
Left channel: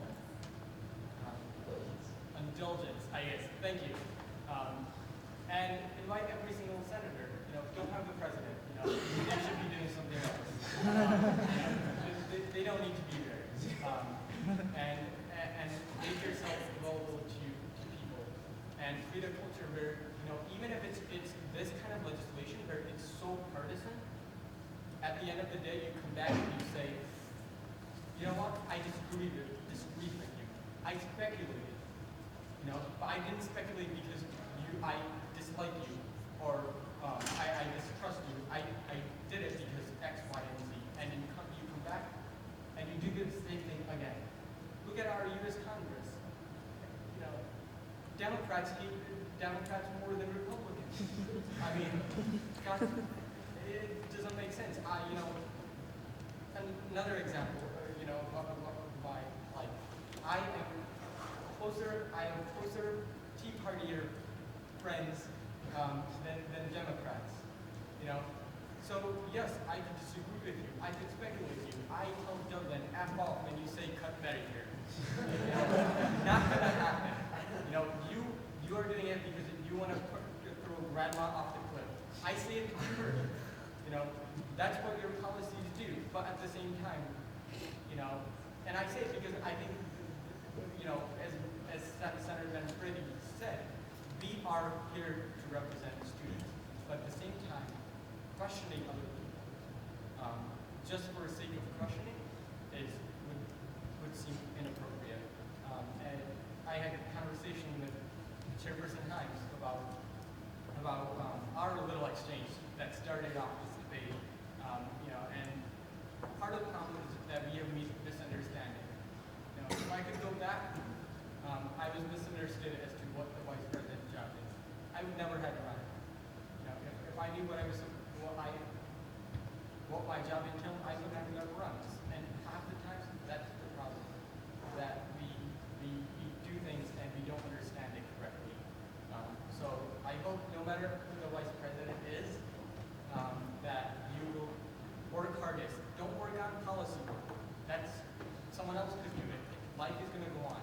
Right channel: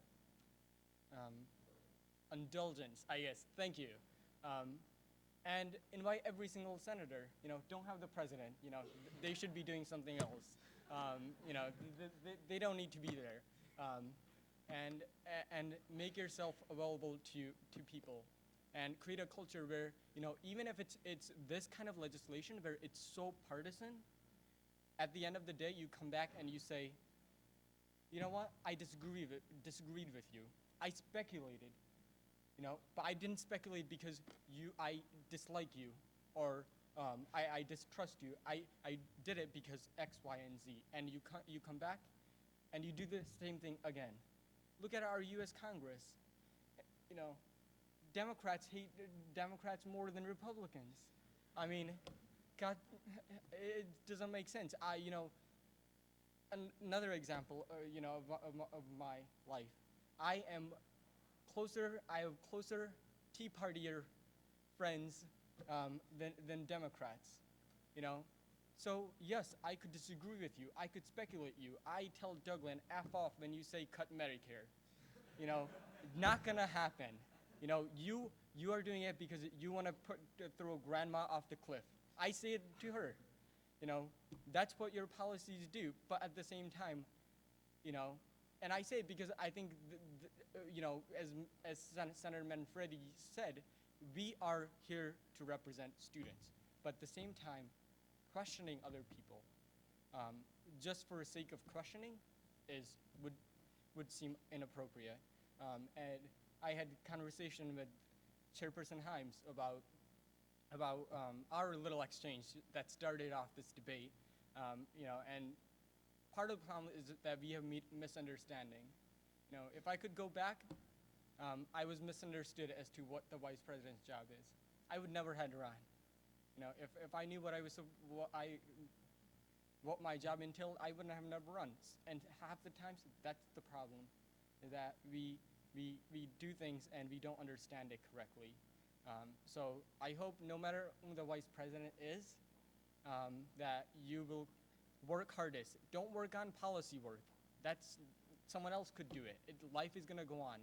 indulgence, I guess. Thank you. And invite every single I didn't speculate because I dislike you or I distrust you. I did it because X, Y, and Z. And you come back and you do the same thing again. Look at our U.S. Congress. You know, Democrats hate Democrats more than Republicans. I mean, it doesn't make sense. You know, another example, you know, of my life. I am closer Tea Partier friends than Democrats. You know, so yes, I can disagree with you. I can speculate with you. I tell Dublin, F off, and you say cut Medicare. You know, not gonna happen. You know, you are doing it because you want to throw grandma off the cliff. I see it clearly. You know, that's what your policies do. But at the same time, you know, and I say it because I think, you know, as Senator Van Brady said, we are here to represent students. But at the same time, questioning other people, just for the sake of questioning, would seem inappropriate. And I had a conversation with Chairperson Himes about our little exchange that started off this debate. You know, and part of the problem is that we have misunderstanding. You know, if I could go back, I was misunderstood as to what the vice president's job is. I've never had to run. You know, if I knew what my job entailed, I wouldn't have to run. And half the time, that's the problem. That we do things and we don't understand it correctly. So I hope no matter who the vice president is, that you will work hardest. Don't work on policy work. That's someone else could do it. Life is going to go on.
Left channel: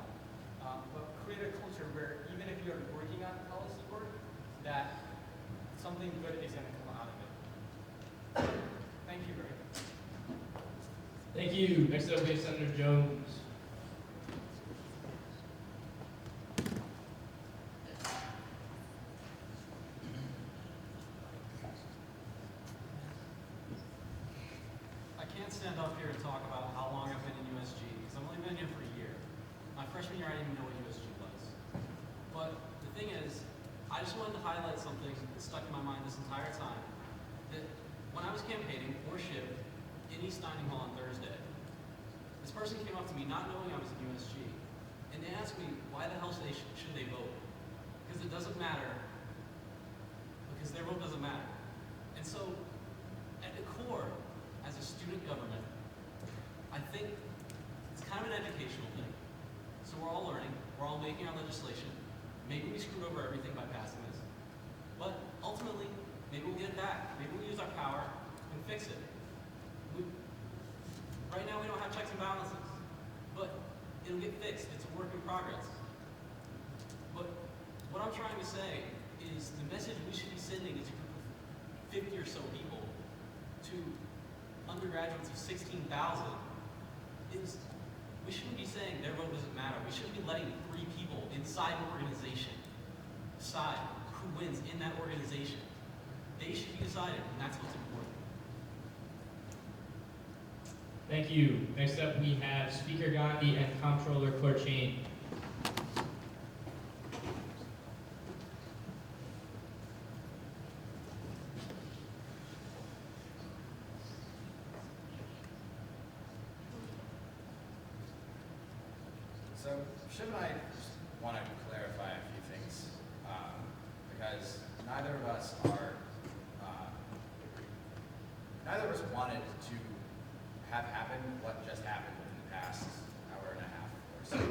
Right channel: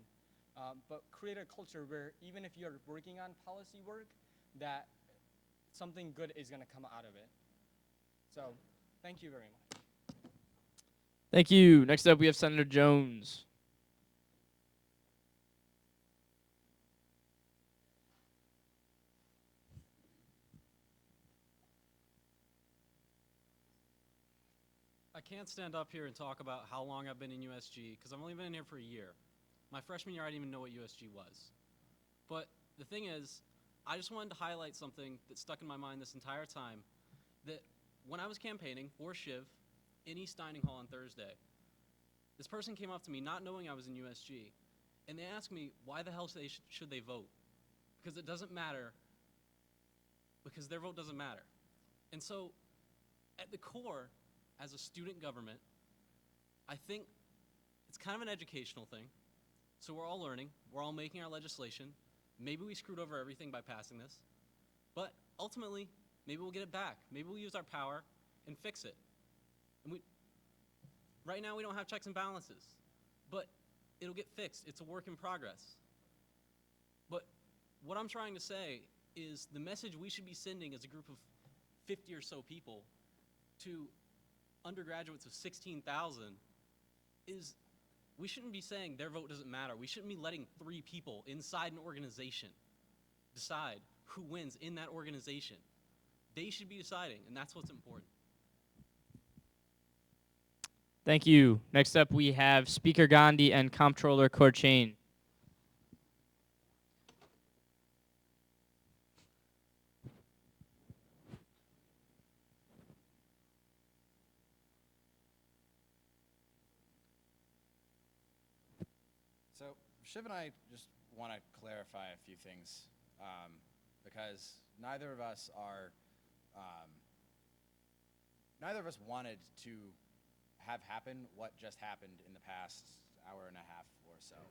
But create a culture where even if you're working on policy work, that something good is going to come out of it. Thank you, Ray. Thank you. Next up, we have Senator Jones. I can't stand up here and talk about how long I've been in USG, because I've only been here for a year. My freshman year, I didn't even know what USG was. But the thing is, I just wanted to highlight something that stuck in my mind this entire time. That when I was campaigning for SHIP in East Dining Hall on Thursday, this person came up to me not knowing I was in USG, and they asked me why the hell should they vote? Because it doesn't matter. Because their vote doesn't matter. And so, at the core, as a student government, I think it's kind of an educational thing. So we're all learning, we're all making our legislation. Maybe we screwed over everything by passing this. But ultimately, maybe we'll get it back. Maybe we'll use our power and fix it. Right now we don't have checks and balances, but it'll get fixed. It's a work in progress. But what I'm trying to say is the message we should be sending to 50 or so people, to undergraduates of 16,000, is we shouldn't be saying their vote doesn't matter. We shouldn't be letting 3 people inside an organization decide who wins in that organization. They should be decided, and that's what's important. Thank you. Next up, we have Speaker Gandhi and Comptroller Korchain. So, should I just want to clarify a few things? Because neither of us wanted to have happen what just happened in the past hour and a half or so.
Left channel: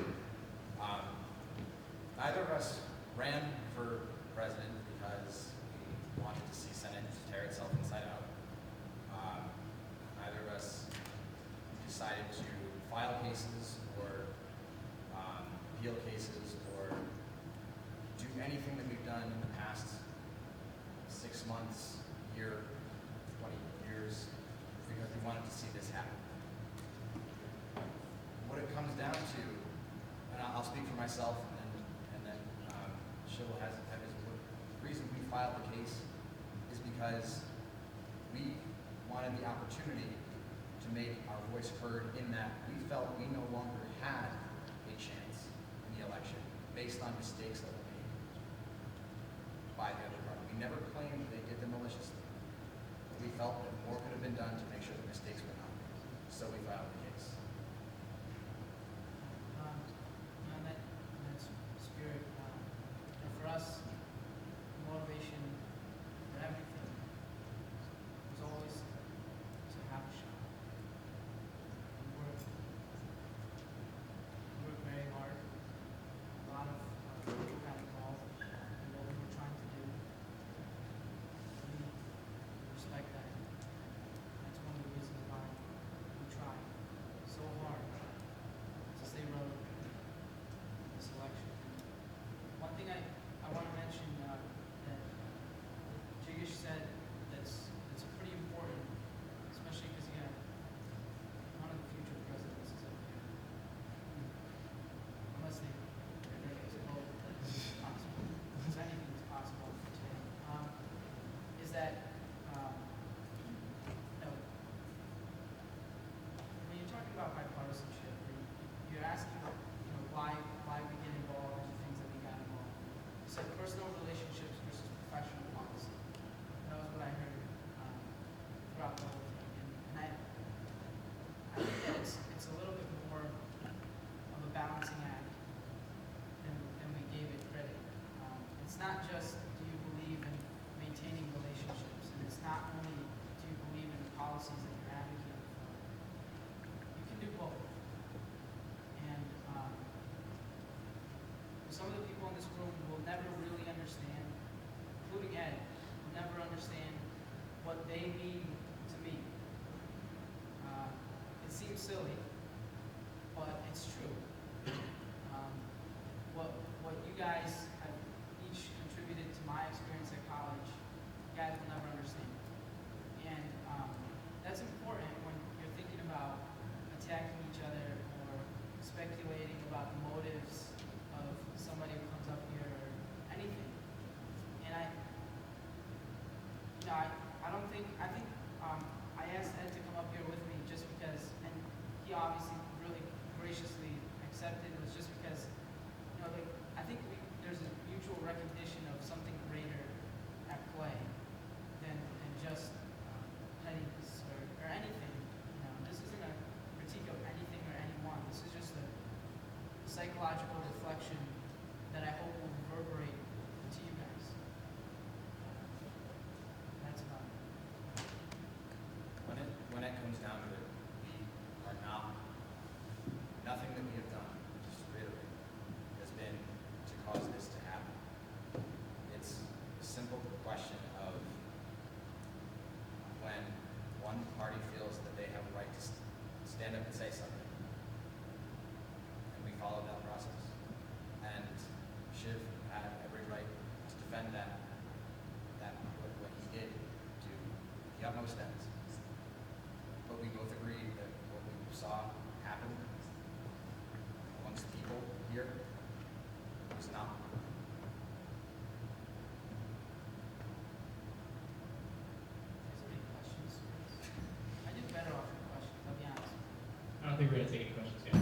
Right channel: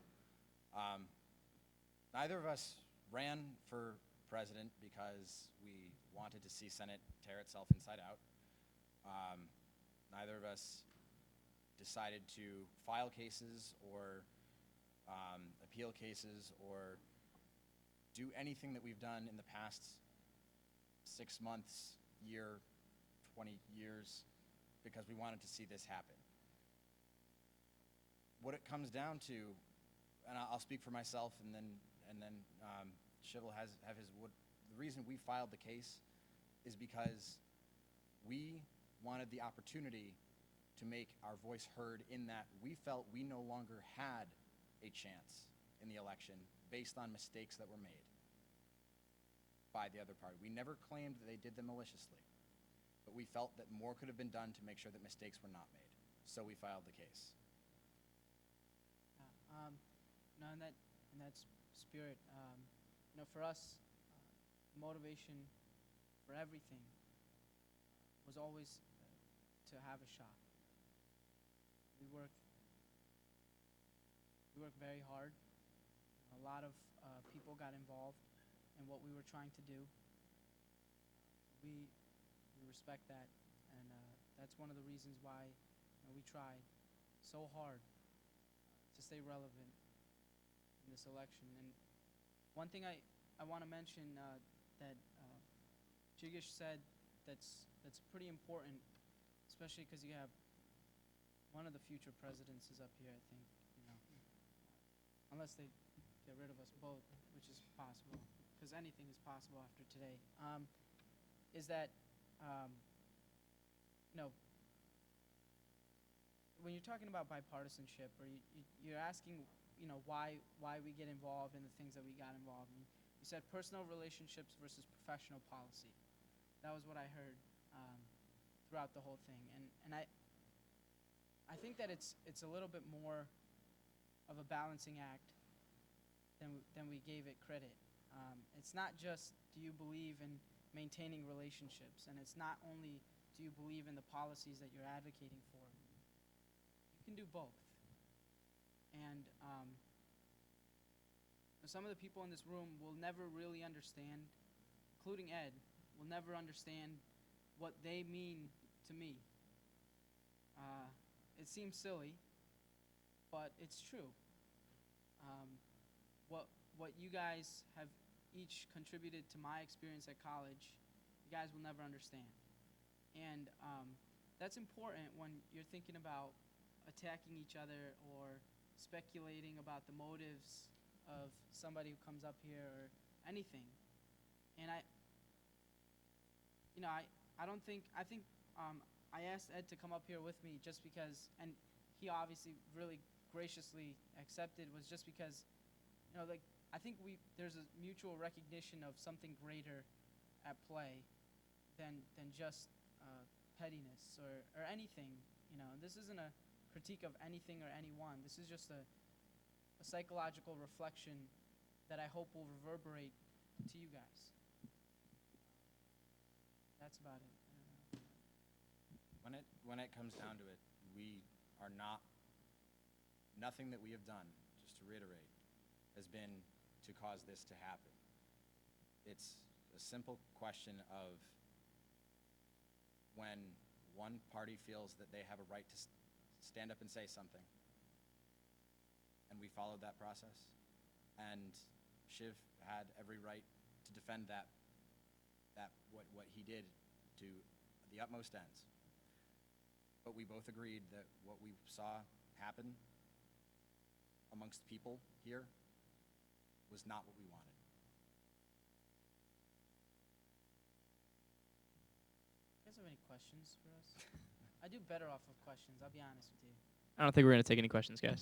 don't think we're going to take any questions, guys.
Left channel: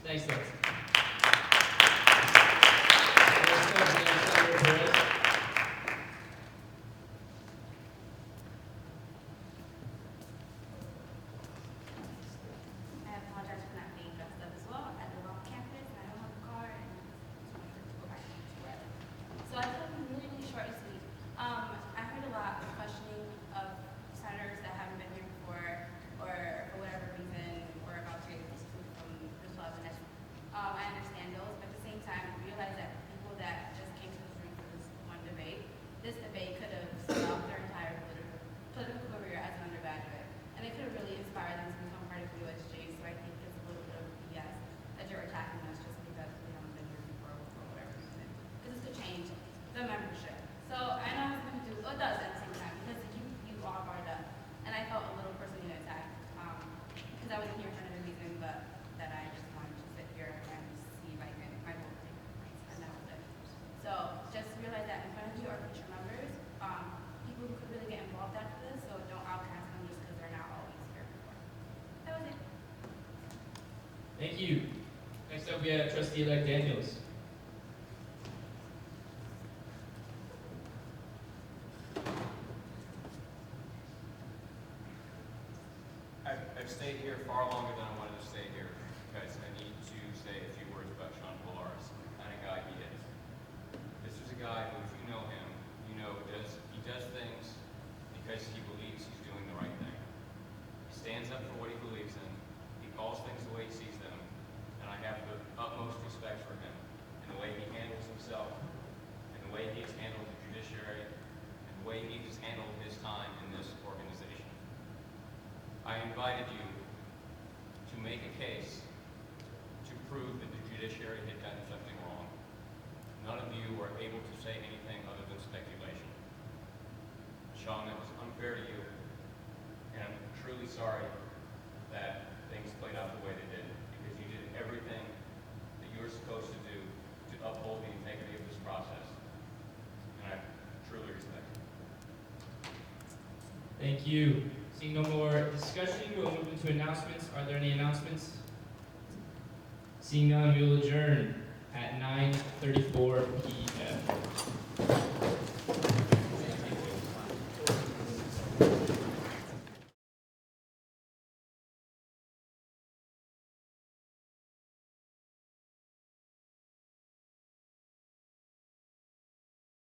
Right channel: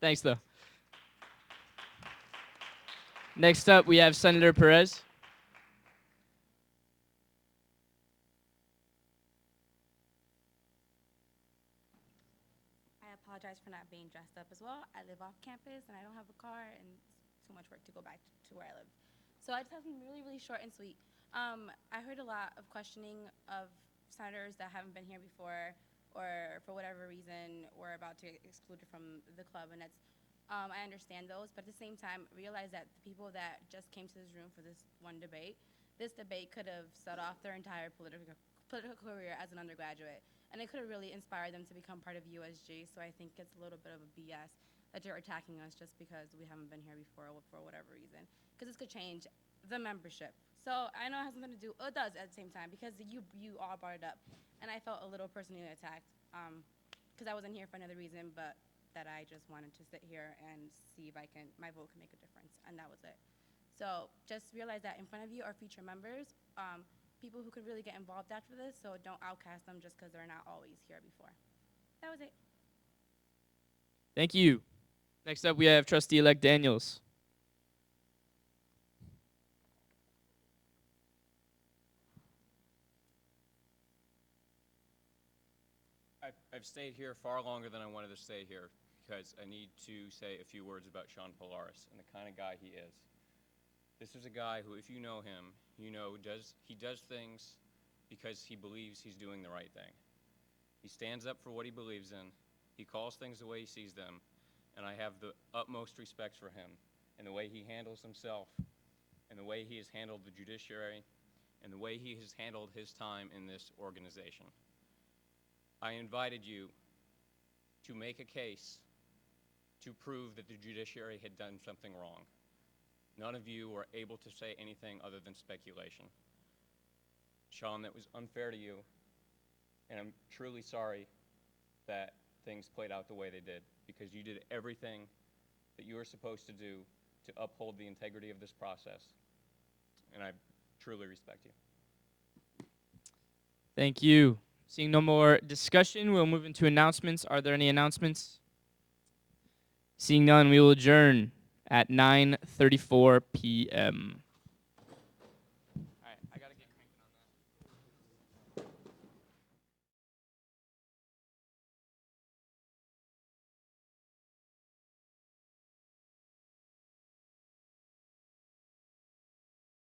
Thanks, though. Next up, we have Senator Perez. I apologize for not being dressed up as well. At the wrong campus, I don't have a car, and so I thought I'm really short and sweet. I heard a lot of questioning of senators that haven't been here before, or for whatever reason, we're about to exclude from the club, and that's, I understand those, but at the same time, realize that people that just came to this room for this one debate, this debate could have stopped their entire political career as an undergraduate, and it could have really inspired them to become part of USG. So I think it's a little bit of BS that you're attacking us just because we haven't been here before for whatever reason. Because it's a change the membership. So I know it's going to do it does at the same time because it keeps you all fired up, and I felt a little personally attacked because I wasn't here for another reason, but that I just wanted to sit here and see if I can get my vote in, and that was it. So just realize that in front of you are future members, people who could really get involved after this, so don't outcast them just because they're not always here before. That was it. Thank you. Next up, we have Trustee-elect Daniels. I stayed here far longer than I wanted to stay here because I need to say a few words about Sean Polaris, the kind of guy he is. This is a guy who, if you know him, you know he does things because he believes he's doing the right thing. He stands up for what he believes in. He calls things the way he sees them, and I have the utmost respect for him and the way he handles himself, and the way he has handled the judiciary, and the way he has handled his time in this organization. I invited you to make a case to prove that the judiciary had done something wrong. None of you were able to say anything other than speculation. Sean, it was unfair to you, and I'm truly sorry that things played out the way they did, because you did everything that you were supposed to do to uphold the integrity of this process, and I truly respect it. Thank you. Seeing no more discussion, we'll move into announcements. Are there any announcements? Seeing none, we will adjourn at 9:34 p.m.